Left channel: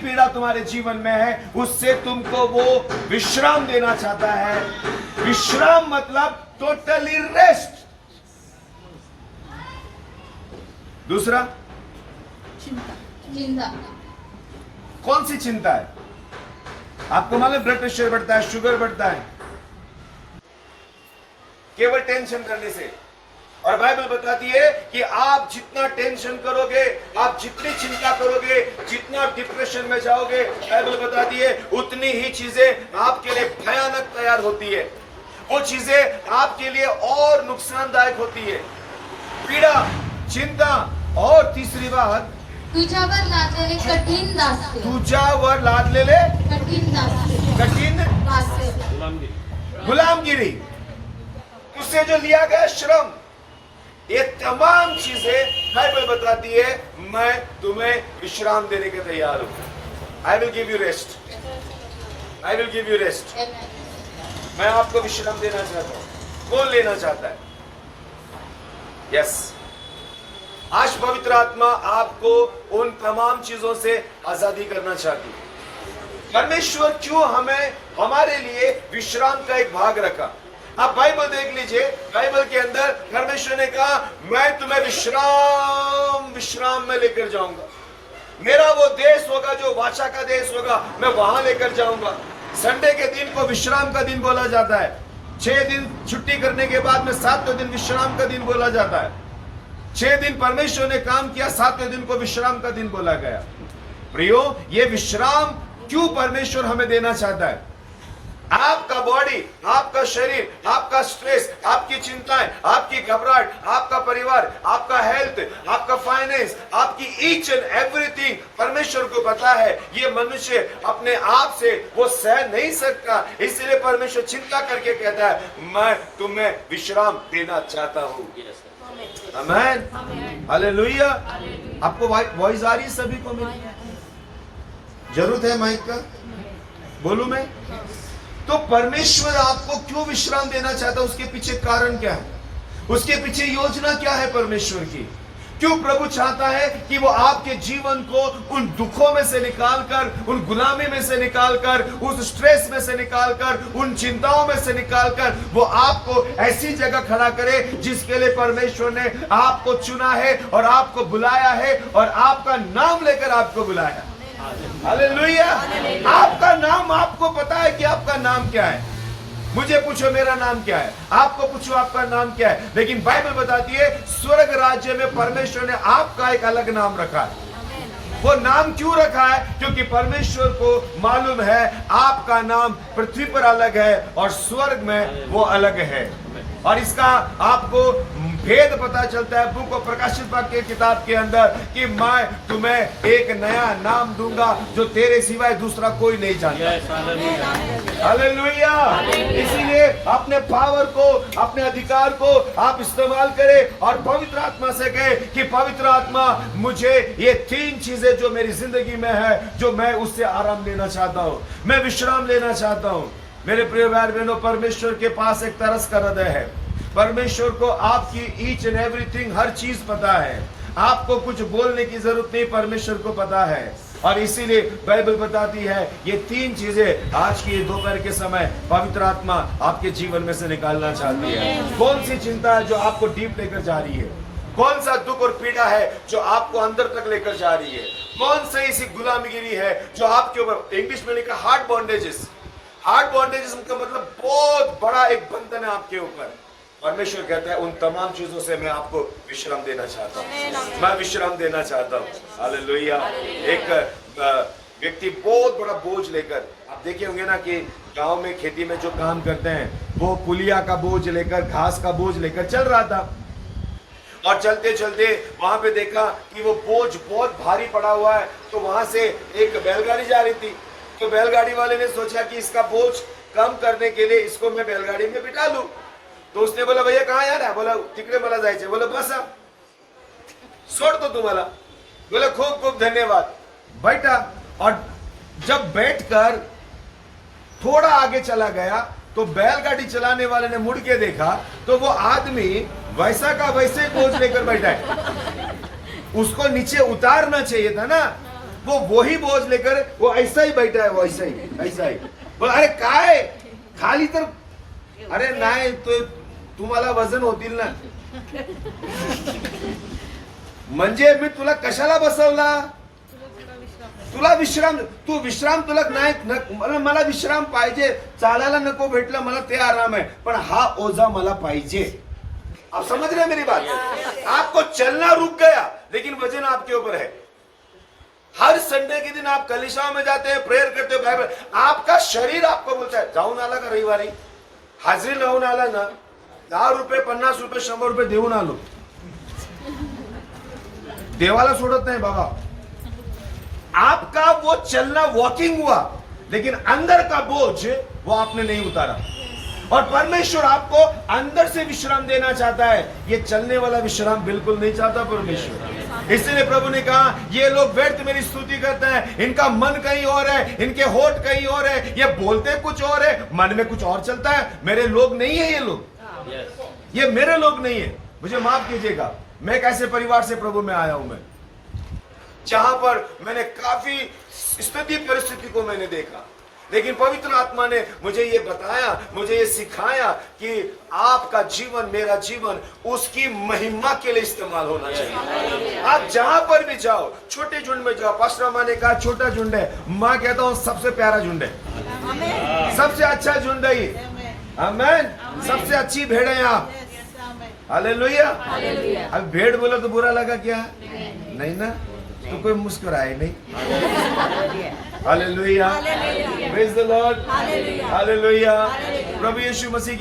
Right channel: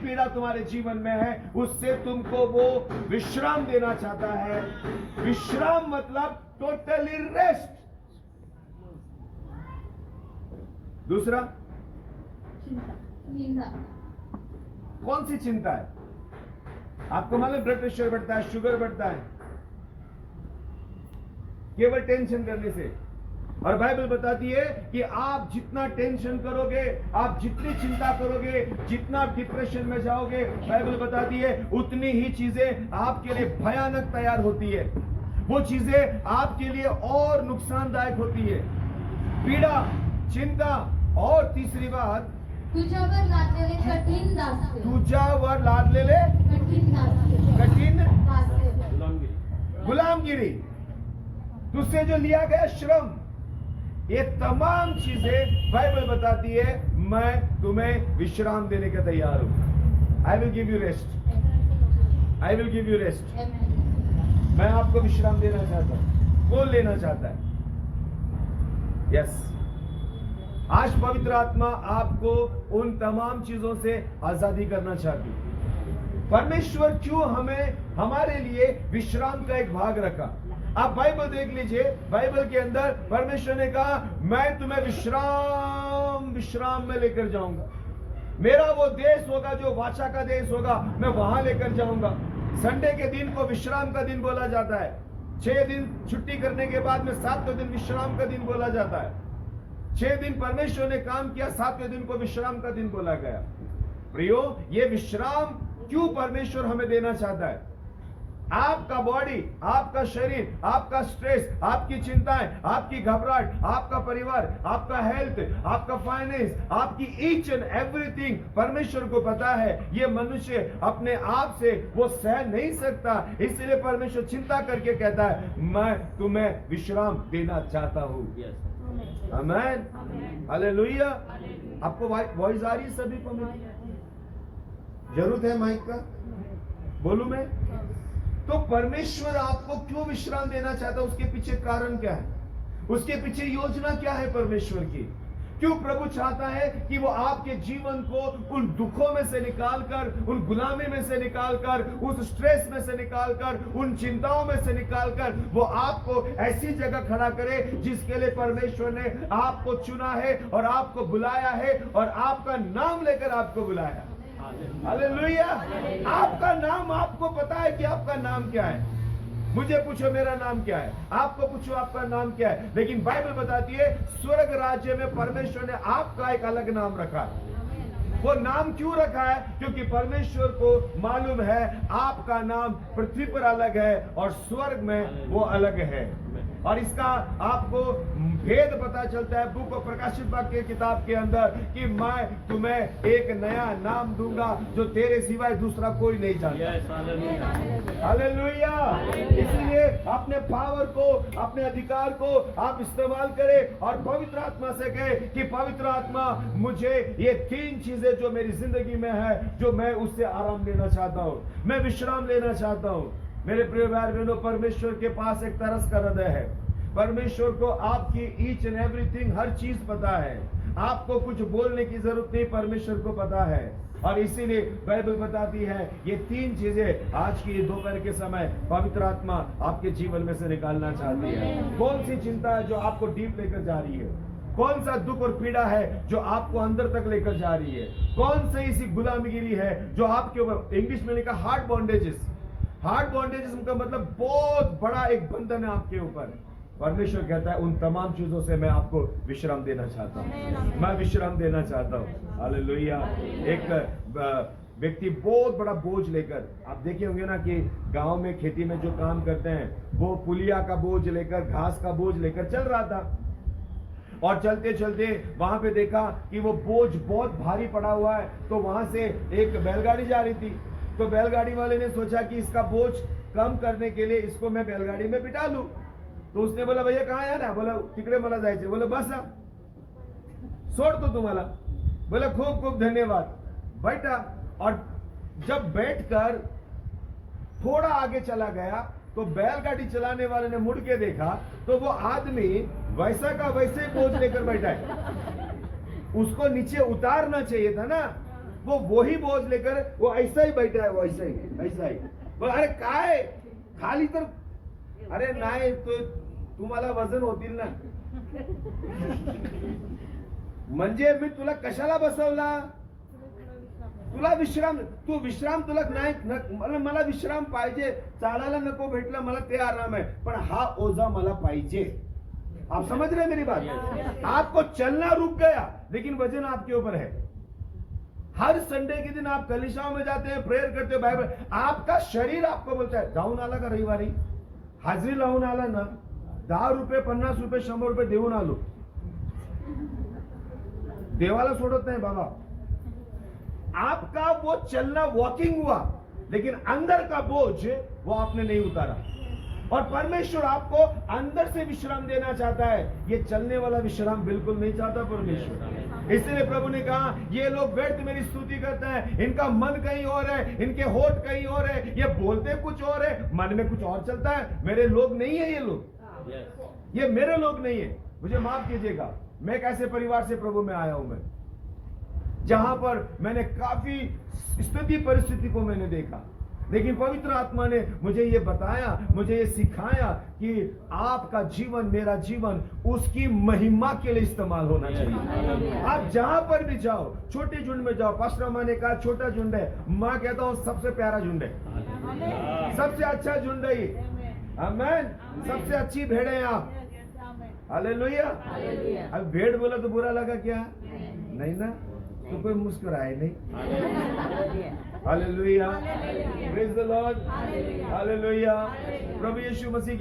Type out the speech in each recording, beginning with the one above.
पीड़ा तुम्हारे जीवन में है उससे तुमको वो विश्राम देना चाहता है। विश्राम मतलब टोटली रेस्ट। दूसरा चिंता। कौन सी चिंता है? आपको मालूम ब्लड प्रेशर बढ़ता है, शुगर बढ़ता है केवल टेंशन करने से। और बाइबल बताती है कि आप जितना टेंशन करोगे, आप जितनी चिंता करोगे, जितना डिप्रेशन में जाओगे, बाइबल बताती है उतनी ही चीजें आपके लिए भयानक तैयार होती है। वो चीजें आपके लिए और नुकसानदायक होती है। पीड़ा, चिंता और तीसरी बात तुझ्यावर लादलेले कठीण दास्य। तुझ्यावर लादलेले कठीण दास्य। कठीण दास्य। गुलामगिरी, तुझसे जो लिया गया श्रम, ये तमाम चीजें बाइबल बताती है मैं तुम्हें विश्राम देने के तैयार हूं। I will give you rest. I will give you rest. मैं आपको विश्राम देना चाहता हूं। कौन लेना चाहता है? यस। आज पवित्र आत्मा आपको उन तमाम चीजों से आजादी करना चाहती है। परमेश्वर क्यों हमें हमारे लिए विश्राम का एक भाग रखा? आप बाइबल देख लीजिए, बाइबल के अंदर परमेश्वर ने कहा मैं तुम्हें विश्राम में लेकर जाऊंगा। मेरा वो देश होगा जो वाचा का देश होगा, मैं वहां लेकर जाऊंगा। संडे के दिन को विश्राम का दिन बोला जाता है। 6 दिन छुट्टी करने के बाद में 7वें दिन विश्राम का दिन बोला जाता है। 6 दिन परमेश्वर ने काम किया, 7वें दिन को विश्राम का दिन बोला गया। प्रियो, ये विश्राम क्यों परमेश्वर हमें देना चाहता है? आपका बॉडी, आपका शरीर, आपका स्ट्रेस, आपकी चिंताएं, आपकी घबराहट, आपका परिवार, आपका हेल्थ, आपका फाइनेंस, आपकी ईच एंड एवरीथिंग परमेश्वर को पता है। ये मनुष्य अपने आप से वो सह नहीं सकता, इसलिए परमेश्वर चिंता करके कहता है मैं तुम्हें विश्राम देना चाहता हूं। आमीन, हालेलुया। आपको वॉइस आ रही है? सभी को मिली? जरूरत है माइक का? बोलूं मैं? तो परमेश्वर आपको क्यों विश्राम देना चाहता है? उसके पीछे कारण क्या है? उसके पीछे योजना क्या है परमेश्वर की? क्यों प्रभु चाहता है कि वो आपके जीवन को उन दुखों में से निकालकर, उन गुलामी में से निकालकर, उस स्ट्रेस में से निकालकर, उन चिंताओं में से निकालकर वो आपको ऐसी जगह खड़ा करे जिसके लिए परमेश्वर ने आपको चुना है और आपको बुलाया है और आपका नाम लेकर आपको बुलाया। हालेलुया। आपका नाम, आपको पता है कि आपका नाम क्या है? मुझे पूछो मेरा नाम क्या है, आपको पूछो आपका नाम क्या है। लेकिन बाइबल बताती है स्वर्ग राज्य में परमेश्वर ने आपका एक अलग नाम रखा है। वो नाम क्यों रखा है? क्योंकि परमेश्वर को मालूम है आपका नाम पृथ्वी पर अलग है और स्वर्ग में वो अलग है। और इसका आपको भेद पता चलता है बुक ऑफ प्रकाशित वाक्य किताब के अंदर कि मैं तुम्हें एक नया नाम दूंगा जो तेरे सिवाय दूसरा कोई नहीं जानता। हालेलुया। इसीलिए अपने पावर को, अपने अधिकार को आप इस्तेमाल करें और पवित्र आत्मा से कहे कि पवित्र आत्मा मुझे ये 3 चीजें जो मेरी जिंदगी में है, जो मैं उससे आराम लेना चाहता हूँ, मैं विश्राम लेना चाहता हूँ। मेरे प्रिय भाई बहनों, परमेश्वर के पास एक तरस का हृदय है। परमेश्वर को आपकी ईच एंड एवरीथिंग, हर चीज पता है। आपको कुछ बोलने की जरूरत नहीं, परमेश्वर को पता है। और इसीलिए बाइबल बताती है ये 3 चीजें आज की दोपहर के समय पवित्र आत्मा आपके जीवन में से निकालना चाहती है। कौन सी चिंता है जो आपको डीप लेकर जा रही है? कौन सा दुख और पीड़ा है जो आपको अंदर तक लेकर जा रही है? कौन सी ऐसी गुलामगिरी है जो आपके ऊपर, इंग्लिश में लिखा हार्ट बॉन्डेजेस। हार्ट बॉन्डेजेस का मतलब बहुत बड़ा एक बंधन है आपके ऊपर। परमेश्वर कहता है उन तमाम चीजों से मैं आपको विश्राम देना चाहता हूँ, मैं विश्राम देना चाहता हूँ। हालेलुया। एक व्यक्ति बहुत बड़ा बोझ लेकर, आप देखे होंगे ना कि गांव में खेती में जो काम करते हैं वो पुलिया का बोझ लेकर, घास का बोझ लेकर चल रहा था। और चलते चलते वहां पे देखा कि वो बोझ बहुत भारी पड़ा हुआ है, तो वहां से एक बैलगाड़ी जा रही थी। तो बैलगाड़ी वाले ने सोचा कि इसका बोझ कम करने के लिए इसको मैं बैलगाड़ी में बिठा लूं। तो उसने बोला भैया कहाँ जा रहा है? बोला तिकडे मला जायचे। बोला बसा, सोडतो तुम्हाला। बोला खूब खूब धन्यवाद। बैठा, और जब बैठकर थोड़ा आगे चला गया तो बैलगाड़ी चलाने वाले ने मुड़ के देखा तो वो आदमी वैसा का वैसे बोझ लेकर बैठा है। उसको नीचे उतारना चाहिए था ना, वो वही बोझ लेकर वो ऐसा ही बैठा है, वो ऐसा ही बोला अरे काय खाली तर अरे नाही तो तुम्हाला वजन होतील ना, म्हणजे मी तुला कशाला बसवला, तुला विश्राम, तू विश्राम तुला नाही, मला विश्राम पाहिजे, चालायला नको भेटलं मला ते आराम है, पण हा ओझा मला पाहिजे। आप समझ रहे हैं मेरी बात? आपको चलना रुक गया लेकिन वजन आपके ऊपर है। हर संडे के दिन आप कलीसिया में जाते हैं, प्रेयर करते हो, बाइबल, आपका शरीर आपको बोलता है जाऊन आला का रविवारी, हाजरी लावून आला ना, 10 रुपये 50 रुपये 100 रुपये देऊन आलो, देवाला सोडत नाही बाबा। आपका वो चलना वॉकिंग हुआ लेकिन अंदर का बोझ वो आपने नहीं उतारा, और परमेश्वर आपको अंदर से विश्राम देना चाहता है। ये चलने वाला विश्राम बिल्कुल नहीं चाहता परमेश्वर। इसलिए प्रभु ने कहा ये लोग व्यर्थ मेरी स्तुति करते हैं, इनका मन कहीं और है, इनके होठ कहीं और है, ये बोलते कुछ और है, मन में कुछ और चलता है। मेरे लोग नहीं है ये लोग, ये मेरे लोग नहीं है। मुझे माफ कीजिएगा, मैं एक ऐसे परिवार से प्रभु में आया हूं, मैं जहां पर मैंने काफी स्थिति परिस्थिति को मैंने देखा, लेकिन पवित्र आत्मा ने मुझे ये बताया, मुझे ये सिखाया कि आपका जीवन, मेरा जीवन उसकी महिमा के लिए इस्तेमाल होना चाहिए। आप जहां पर भी जाओ, छोटे झुंड में जाओ, पास्टर माँ ने कहा छोटा झुंड है, मैं कहता हूं सबसे प्यारा झुंड है, सबसे अच्छा झुंड है ये, आमीन, सबसे अच्छी भेड़ है आप, हालेलुया। अब भेड़ बोला तो बुरा लगा क्या? नहीं ना, तो कोई मुस्कुराए नहीं, hallelujah, praise the Lord, hallelujah. प्रभु यीशु मसीह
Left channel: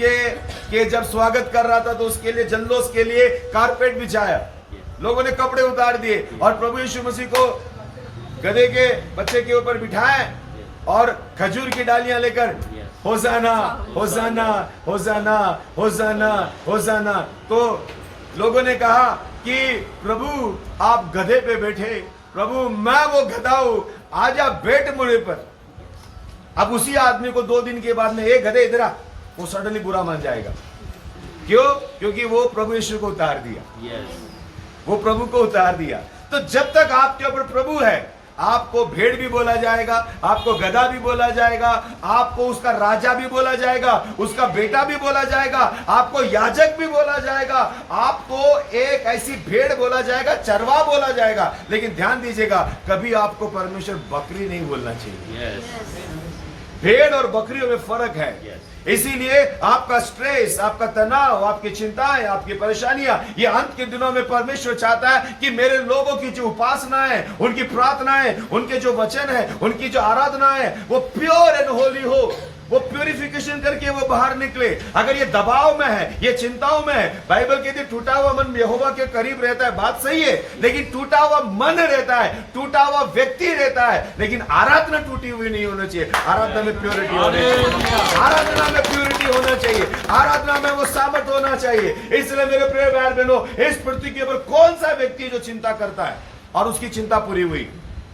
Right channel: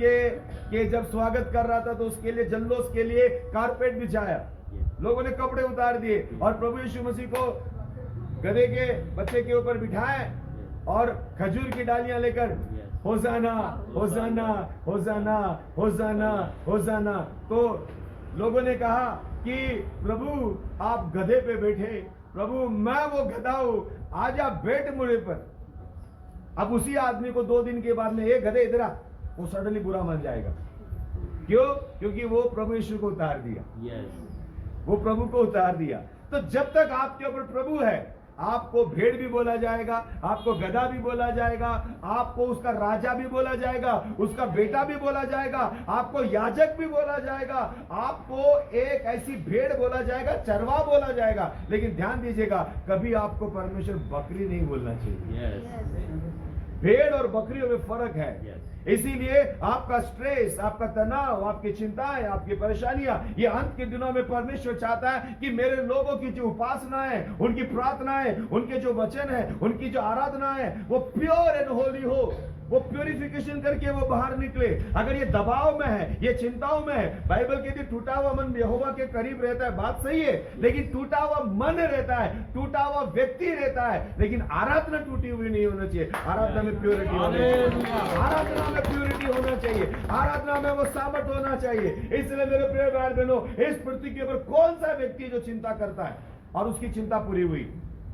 के जब स्वागत कर रहा था तो उसके लिए, जल्लोष के लिए कारपेट बिछाया, लोगों ने कपड़े उतार दिए और प्रभु यीशु मसीह को गधे के बच्चे के ऊपर बिठाए और खजूर की डालियां लेकर होसाना होसाना होसाना होसाना होसाना। तो लोगों ने कहा कि प्रभु आप गधे पे बैठे, प्रभु मैं वो गधा हूं, आजा बैठ मुझे पर। अब उसी आदमी को 2 दिन के बाद में एक गधे इधर आ, वो सडनली बुरा मान जाएगा। क्यों? क्योंकि वो प्रभु यीशु को उतार दिया, वो प्रभु को उतार दिया। तो जब तक आपके ऊपर प्रभु है, आपको भेड़ भी बोला जाएगा, आपको गधा भी बोला जाएगा, आपको उसका राजा भी बोला जाएगा, उसका बेटा भी बोला जाएगा, आपको याजक भी बोला जाएगा, आपको एक ऐसी भेड़ बोला जाएगा, चरवा बोला जाएगा। लेकिन ध्यान दीजिएगा, कभी आपको परमेश्वर बकरी नहीं बोलना चाहिए। भेड़ और बकरियों में फर्क है। इसीलिए आपका स्ट्रेस, आपका तनाव, आपकी चिंताएं, आपकी परेशानियां, ये अंत के दिनों में परमेश्वर चाहता है कि मेरे लोगों की जो उपासना है, उनकी प्रार्थनाएं, उनके जो वचन है, उनकी जो आराधना है, वो प्योर एंड होली हो, वो प्यूरिफिकेशन करके वो बाहर निकले। अगर ये दबाव में है, ये चिंताओं में है, बाइबल कहती है टूटा हुआ मन यहोवा के करीब रहता है, बात सही है, लेकिन टूटा हुआ मन रहता है, टूटा हुआ व्यक्ति रहता है, लेकिन आराधना टूटी हुई नहीं होना चाहिए। आराधना में प्योरिटी होनी चाहिए, आराधना में प्योरिटी होना चाहिए, आराधना में वो सामर्थ होना चाहिए। इसलिए मेरे प्रिय भाई बहनों, इस पृथ्वी के ऊपर कौन सा व्यक्ति जो चिंता करता है और उसकी चिंता पूरी हुई?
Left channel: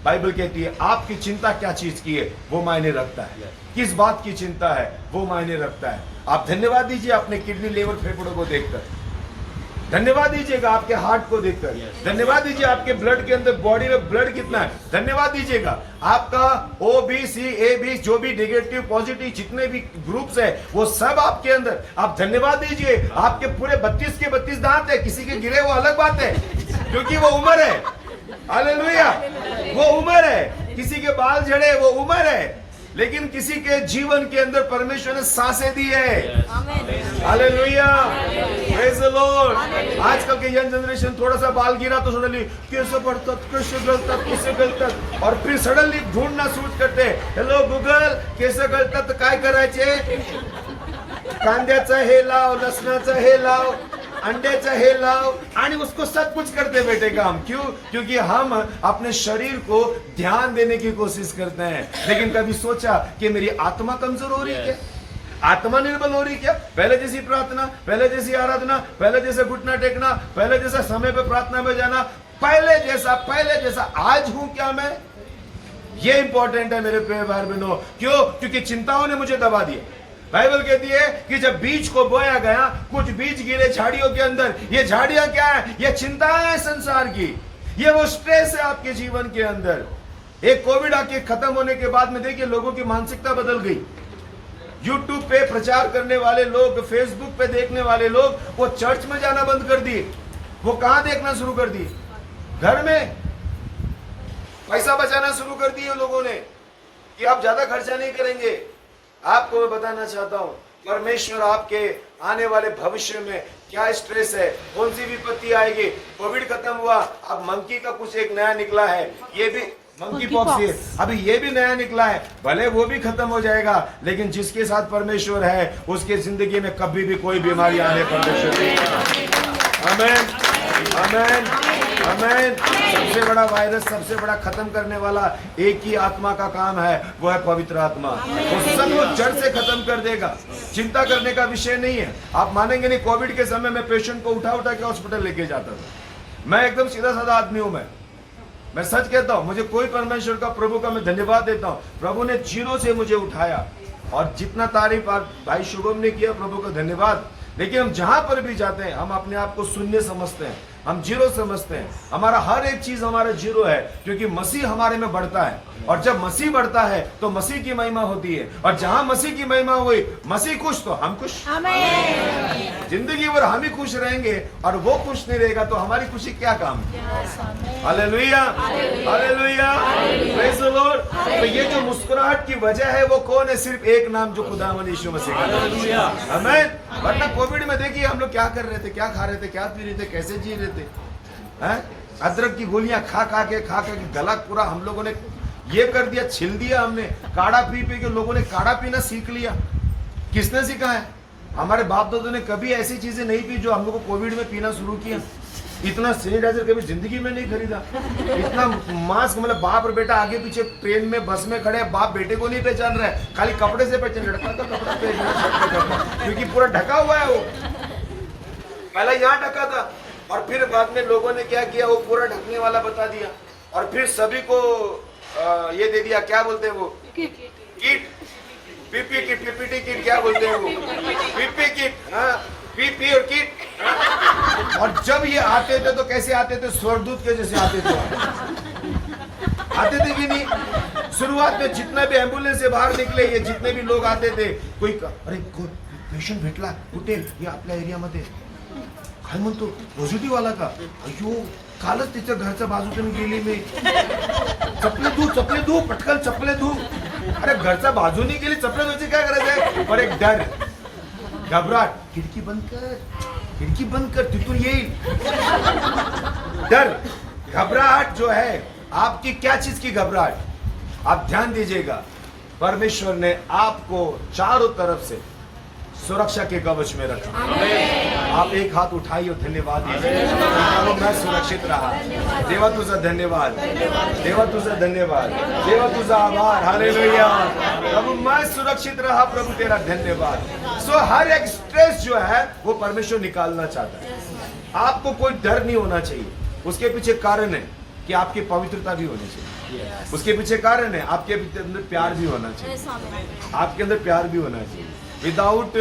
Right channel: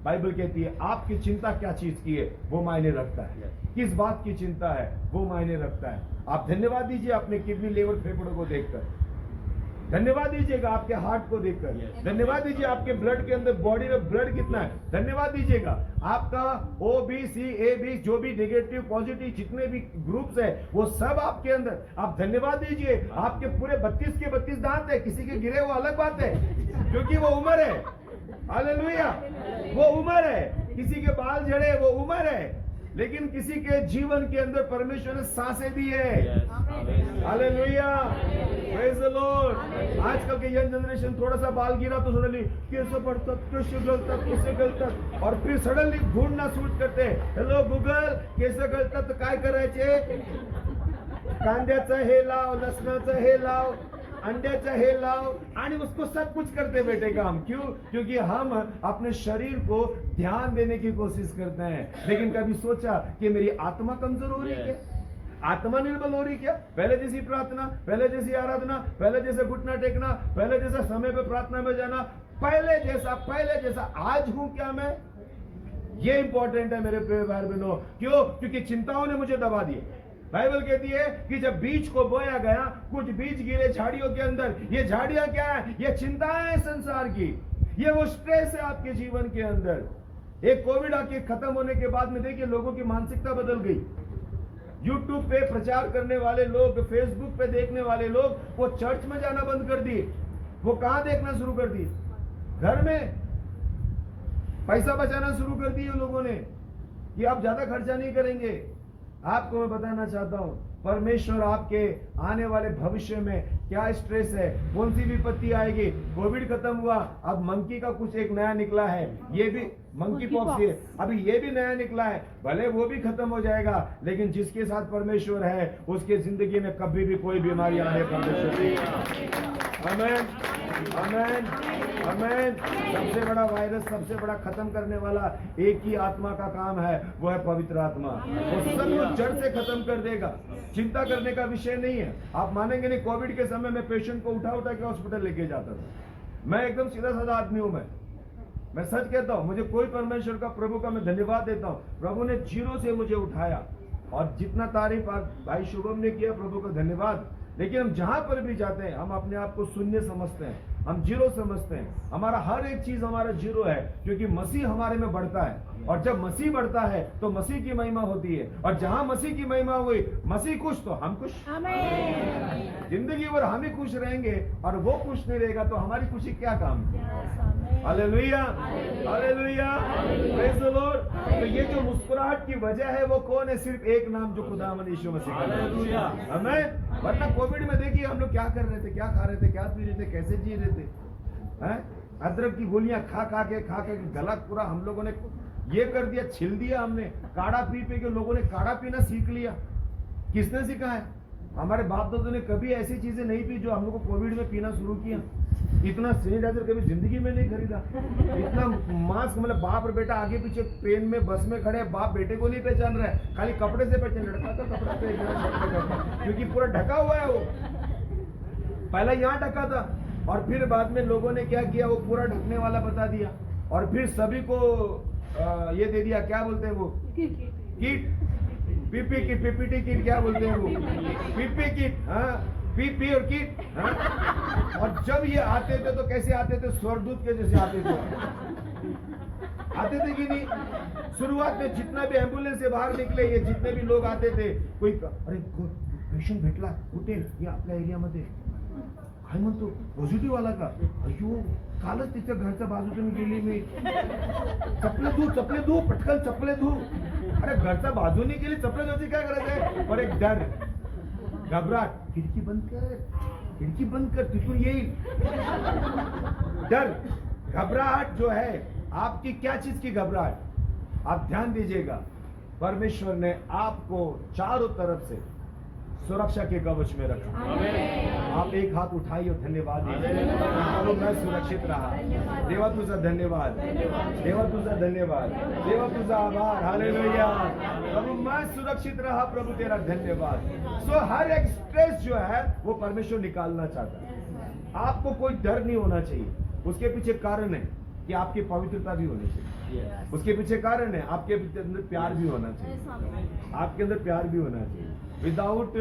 बाइबल कहती है आपकी चिंता क्या चीज की है वो मायने रखता है, किस बात की चिंता है वो मायने रखता है। आप धन्यवाद दीजिए अपने किडनी, लिवर, फेफड़ों को देखकर, धन्यवाद दीजिएगा आपके हार्ट को देखकर, धन्यवाद दीजिए आपके ब्लड के अंदर, बॉडी में ब्लड कितना है, धन्यवाद दीजिएगा आपका OBC AB जो भी नेगेटिव पॉजिटिव जितने भी ग्रुप्स है वो सब आपके अंदर, आप धन्यवाद दीजिए। आपके पूरे 32 के 32 दांत है, किसी के गिरे वो अलग बात है क्योंकि वो उम्र है, हालेलुया, वो उम्र है, किसी के बाल झड़े वो उम्र है, लेकिन किसी के जीवन के अंदर परमेश्वर ने सांसें दी है, हालेलुया, प्रेज द लॉर्ड। आजकल के यंग जनरेशन थोड़ा सा बाल गिरा तो सडनली कैसे बढ़तात, कैसे गलतात, कैसे गलतात, और फिर सडनली ढूंढना सूट करते, हेलो गूगल कैसे गलतात, काय करायचे, कांद्याचं हे लाव, लसणाचं हे लाव, अंड्याचा हे लाव, आणि उसको सब कुछ करते बेटे काम। क्यों? क्योंकि हम अपने शरीर को ध्यान देने की कोशिश करते हैं, लेकिन कभी सोचा कि मेरी आत्मा कमजोर हो रही है क्या, आत्मा निर्बल हो रही क्या? पहले जैसी प्रार्थना, पहले जैसी आराधना, पहले जैसे घुटना टेकना, पहले जैसा समय पे प्रार्थना में जाना, पहले जैसा आज हूं क्या मैं? ये इंपॉर्टेंट है मेरे प्रिय भाई बहनों। क्यों? क्योंकि चिंताओं ने मुझे दबा दिया। बाइबल कहती है कि जब बीज को बोया गया, कुछ बीज गिरे झाड़ियों के अंदर। ये झाड़ियां क्या है? ये चिंताएं है संसार की, ये वो स्ट्रेस है आपके जीवन के अंदर। एक कोविड आके खत्म होने के बाद में देखिए लोगों की मानसिकता बदल गई। यूट्यूब पे प्रचार करने वाले लोग, फेसबुक पे देखने वाले लोग, वो चर्च में जाना बंद कर दिए। वो कहां देखना शुरू कर दिए? घर में। पैसा बचाना शुरू कर दिए लोगों ने कि आप ज्यादा खर्चा नहीं करेंगे। आपको मैं बताना चाहता हूं, परमेश्वर आपके आने वाले भविष्य में क्या स्ट्रेस है, कौन सी विपत्ति आएगी। कोविड खत्म हुआ, अब मंकी का कुछ एक नया निकला है, ये भी मंकी पॉक्स है, अभी ये भी नया निकला है। भले वो भी खत्म हो जाएगा, लेकिन जिसके साथ परमेश्वर है उसके जिंदगी में कभी भी कोई बीमारी आने परमेश्वर नहीं। आमीन, आमीन, आमीन। सबसे बड़ा वायरस, सबसे बड़ा खत्म करने वाला एक ही आत्मा का काम है, वो है पवित्र आत्मा। वो सब जड़ से खत्म कर देगा। चिंता करने का विषय नहीं है। आप मानेंगे नहीं, कोविड के समय में पेशेंट को उठा उठा के हॉस्पिटल लेके जाता था। मैं एकदम सीधा साधा आदमी हूं। मैं सच कहता हूं, मुझे कोई परमेश्वर का, प्रभु का मैं धन्यवाद देता हूं। प्रभु ने जीरो से मुझे उठाया, और जितना तारीफ भाई शुभम ने किया, प्रभु का धन्यवाद। लेकिन हम जहां पर भी जाते हैं, हम अपने आप को शून्य समझते हैं, हम जीरो समझते हैं। हमारा हर एक चीज हमारा जीरो है, क्योंकि मसीह हमारे में बढ़ता है। और जब मसीह बढ़ता है तो मसीह की महिमा होती है, और जहां मसीह की महिमा हुई, मसीह खुश तो हम खुश। जिंदगी भर हम ही खुश रहेंगे, और वो खुश नहीं रहेगा तो हमारी खुशी क्या काम है। Hallelujah, hallelujah, praise the Lord. तो ये जो मुस्कुराहट की वजह है वो कौन है? सिर्फ एक नाम, जो खुदावंद यीशु मसीह का। आमीन। वरना कोविड में देखिए हम लोग क्या कर रहे थे, क्या खा रहे थे, क्या पी रहे थे, कैसे जी रहे थे। अदरक की गोलियां खा खा के गला पूरा हम लोगों ने ये कर दिया, छिल दिया हमने। काढ़ा पी पी के लोगों ने काढ़ा पीना सीख लिया। किसने सिखाया? हमारे बाप दादों ने कभी ऐसी चीजें नहीं पी जो हम लोग को कोविड में पीना शुरू किया। इतना सैनिटाइजर कभी जिंदगी में नहीं खरीदा, इतना मास्क, मतलब बाप और बेटा आगे पीछे ट्रेन में, बस में खड़े, बाप बेटे को नहीं पहचान रहा है, खाली कपड़े से पहचान, लड़का का कपड़ा पहचान, क्योंकि पूरा ढका हुआ है। वो पहला यहाँ ढका था, और फिर बाद में लोगों ने क्या किया, वो पूरा ढकने वाला बता दिया, और फिर सभी को ये दे दिया, क्या बोलते हैं वो, kit, PP kit, PPT kit, क्या बोलते हैं वो, पीपी किट, हाँ, पीपी और किट, हाँ? और जब ये आते थे तो कैसे आते थे? स्वर्गदूत के जैसे आते थे। आते थे कि नहीं? शुरुआत में जितना भी एम्बुलेंस से बाहर निकले, ये जितने भी लोग आते थे, कोई अरे पेशंट भेटला कुठे, ये आपल्या एरियामध्ये काय म्हणतो, पॉझिटिव्ह आला का? अयो, कालच तिच्या घरच्या बाजूतून गेली मी, चपले धू पटकन चपले धू। अरे घरच्या बाजूने गेली, चपले धुवायची काय गरज आहे? पर एक डर, घबराहट, खिड़की बंद कर, तिथून येईल। डर, घबराहट जो है, आपकी क्या चीज की घबराहट? आप ध्यान दीजिएगा, परमेश्वर ने आपको चारों तरफ से सुरक्षा के कवच में रखा। आप एक हाथ उठाइए और धन्यवाद दीजिए, मैं सुरक्षित रहा। देवा तुझा धन्यवाद, देवा तुझा धन्यवाद, देवा तुझा आभार। हालेलुया। प्रभु मैं सुरक्षित रहा, प्रभु तेरा धन्यवाद। सो हर एक स्ट्रेस जो है वो परमेश्वर निकालना चाहता है। आपको कोई डर नहीं होना चाहिए। उसके पीछे कारण है कि आपकी पवित्रता भी होनी चाहिए। उसके पीछे कारण है आपके अंदर प्यार भी होना चाहिए, आपके अंदर प्यार भी होना चाहिए। विदाउट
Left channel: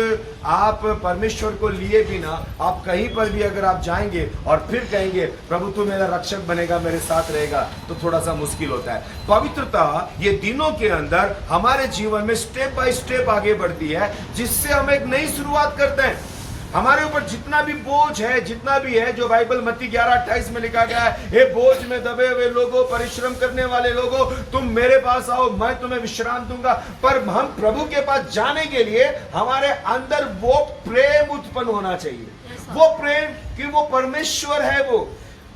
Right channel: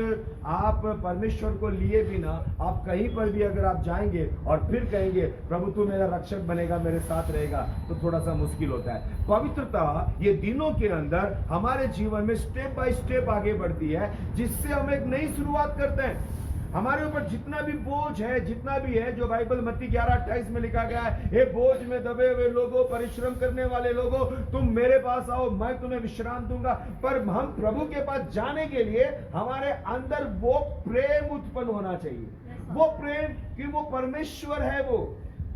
आप परमेश्वर को लिए बिना आप कहीं पर भी अगर आप जाएंगे और फिर कहेंगे प्रभु तू मेरा रक्षक बनेगा, मेरे साथ रहेगा, तो थोड़ा सा मुश्किल होता है। पवित्रता ये दिनों के अंदर हमारे जीवन में स्टेप बाय स्टेप आगे बढ़ती है, जिससे हम एक नई शुरुआत करते हैं। हमारे ऊपर जितना भी बोझ है, जितना भी है, जो बाइबल मत्ती 11:28 में लिखा गया है, हे बोझ में दबे हुए लोगों, परिश्रम करने वाले लोगों, तुम मेरे पास आओ, मैं तुम्हें विश्राम दूंगा। पर हम प्रभु के पास जाने के लिए हमारे अंदर वो प्रेम उत्पन्न होना चाहिए। वो प्रेम कि वो परमेश्वर है। वो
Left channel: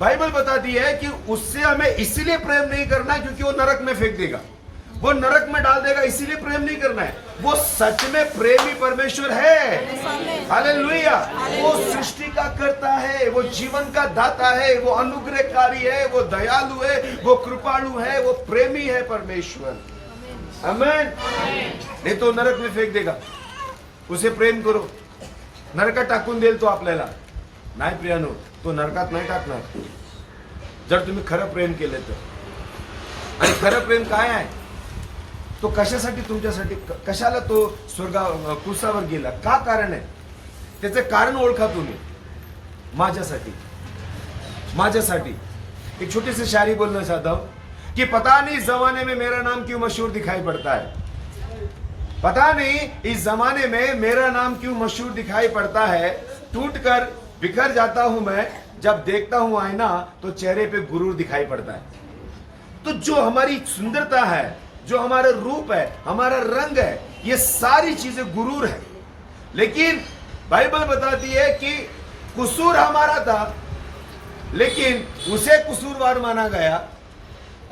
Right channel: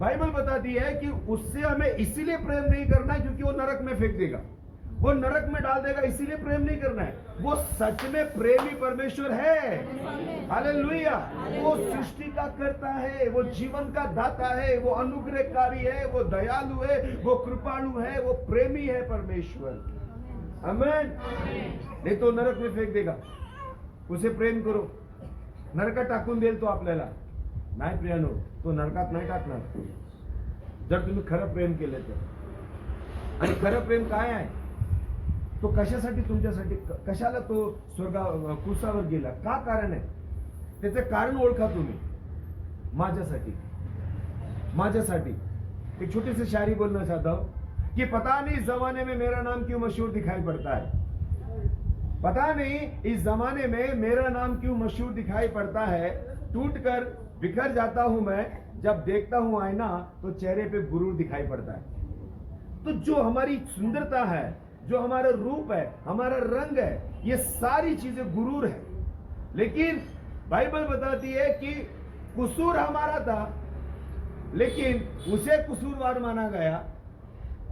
बाइबल बताती है कि उससे हमें इसीलिए प्रेम नहीं करना क्योंकि वो नरक में फेंक देगा, वो नरक में डाल देगा, इसीलिए प्रेम नहीं करना है। वो सच में प्रेमी परमेश्वर है। हालेलुया। वो सृष्टि का करता है, वो जीवन का दाता है, वो अनुग्रहकारी है, वो दयालु है, वो कृपालु है, वो प्रेमी है परमेश्वर। आमीन। नहीं तो नरक में फेंक देगा। उसे प्रेम करो, नरकात टाकून देईल तो आपल्याला नाही प्रियानो, तो नरकात नाही टाकणार जर तुम्ही खरं प्रेम केलं तर। आणि खरं प्रेम काय आहे? तो कशासाठी, तुमच्यासाठी, कशाला तो कुसावर गेला, का कारण आहे त्याचे कारण ओळखा तुम्ही। माझ्यासाठी एक छोटी सी शायरी बोलना चाहता हूं कि पता नहीं इस जमाने में मेरा नाम क्यों मशहूर दिखाई पड़ता है, पता नहीं इस जमाने में मेरा नाम क्यों मशहूर दिखाई पड़ता है। टूटकर बिखर जाता हूं मैं, जब देखता हूं आईना तो चेहरे पे गुरूर दिखाई पड़ता है। तो जो हमारी सुंदरता है, जो हमारा रूप है, हमारा रंग है, ये सारी चीजें गुरूर है। लेकिन बाइबल बताती है कि कसूर हमारा था, लेकिन उसे कसूरवार माना गया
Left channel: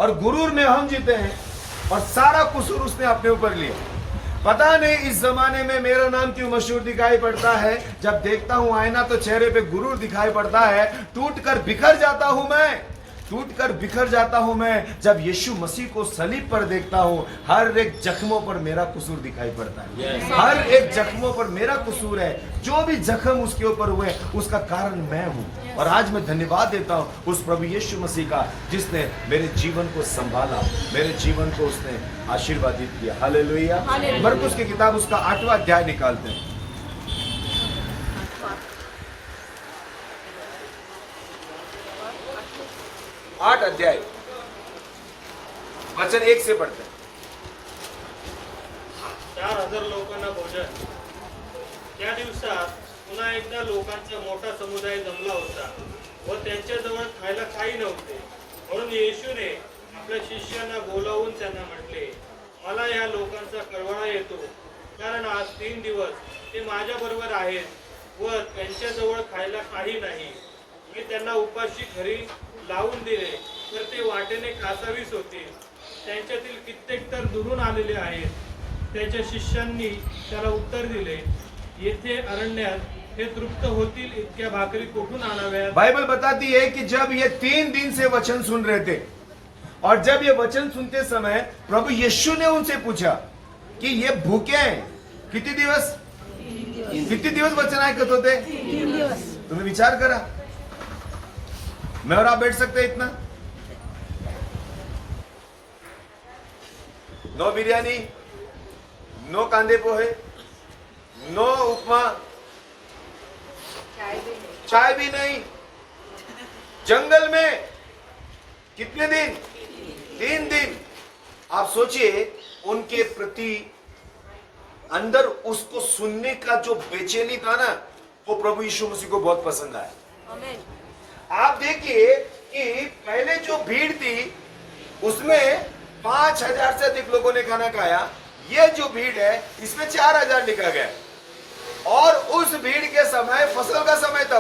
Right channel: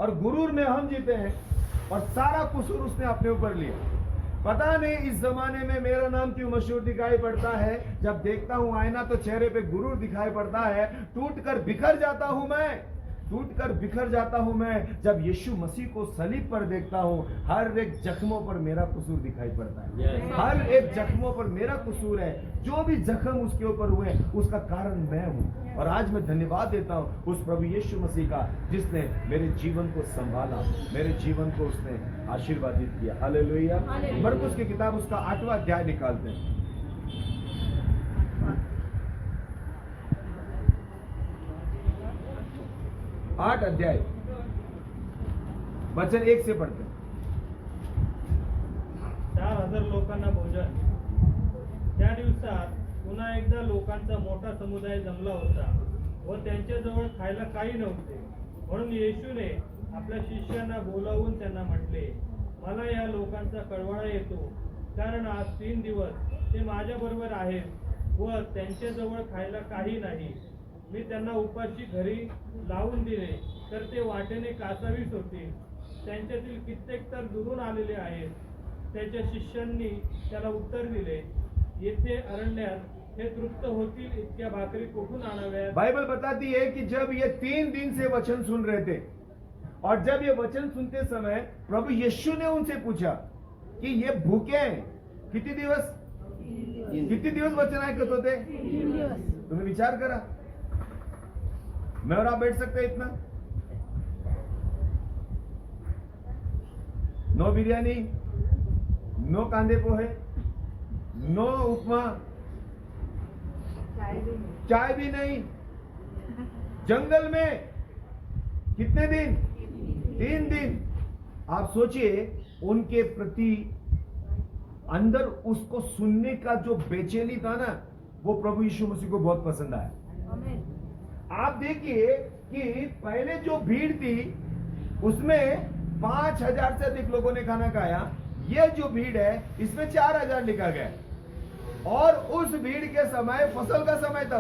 और गुरूर में हम जीते हैं और सारा कसूर उसने अपने ऊपर लिया। पता नहीं इस जमाने में मेरा नाम क्यों मशहूर दिखाई पड़ता है, जब देखता हूं आईना तो चेहरे पे गुरूर दिखाई पड़ता है। टूटकर बिखर जाता हूं मैं, टूटकर बिखर जाता हूं मैं, जब यीशु मसीह को सलीब पर देखता हूं। हर एक जख्मों पर मेरा कसूर दिखाई पड़ता है, हर एक जख्मों पर मेरा कसूर है। जो भी जख्म उसके ऊपर हुए उसका कारण मैं हूं। और आज मैं धन्यवाद देता हूं उस प्रभु यीशु मसीह का, जिसने मेरे जीवन को संभाला, मेरे जीवन को उसने आशीर्वादित किया। हालेलुया। मरकुस की किताब उसका 8वां अध्याय निकालते हैं। 8 अध्याय वचन 1 से पढ़ते हैं। 4000 लोकांना भोजन। त्या दिवसात पुन्हा एकदा लोकांचा मोठा समुदाय जमला होता व त्यांच्याजवळ खायला काही नव्हते. म्हणून येशूने आपल्या शिष्यांना बोलावून त्यांना म्हटले, मला या लोकांचा कळवळा येतो, कारण आज 3 दिवस ते माझ्याबरोबर आहेत व त्यांच्याजवळ खायला काही नाही. मी त्यांना उपाशी घरी लावून दिले तर ते वाटेने कासावीस होतील. त्यांच्यातील कित्येक तर दुरून आलेले आहेत. त्याच्या शिष्यांनी त्याला उत्तर दिले, येथे अरण्यात हे तृप्त होतील इतक्या भाकरी कुठून आणाव्यात? बाइबल बताती है कि जब ये 3 दिन से वचन सुन रहे थे और जब ये वचन सुनते समय प्रभु यीशु ने उनसे पूछा कि ये भूखे हैं किती दिवस, किती दिवस वचन ऐकत होते? 3 दिवस. तुम्हें विचार करा, मैं और आप बैठ सकते हैं इतना? नो बिरयानी, नो कांदे पोहे, नो उपमा, चाय भी नहीं, जंगल में कितने दिन? 3 दिन। आप सोचिए उनके प्रति अंदर उसको सुनने का जो बेचैनी था ना, वो प्रभु यीशु मसीह को बहुत पसंद आया। आप देखिए कि पहले जो भीड़ थी उसमें 5000 से अधिक लोगों ने खाना खाया। ये जो भीड़ है इसमें 4000 लिखा गया और उस भीड़ के समय फसल का समय था,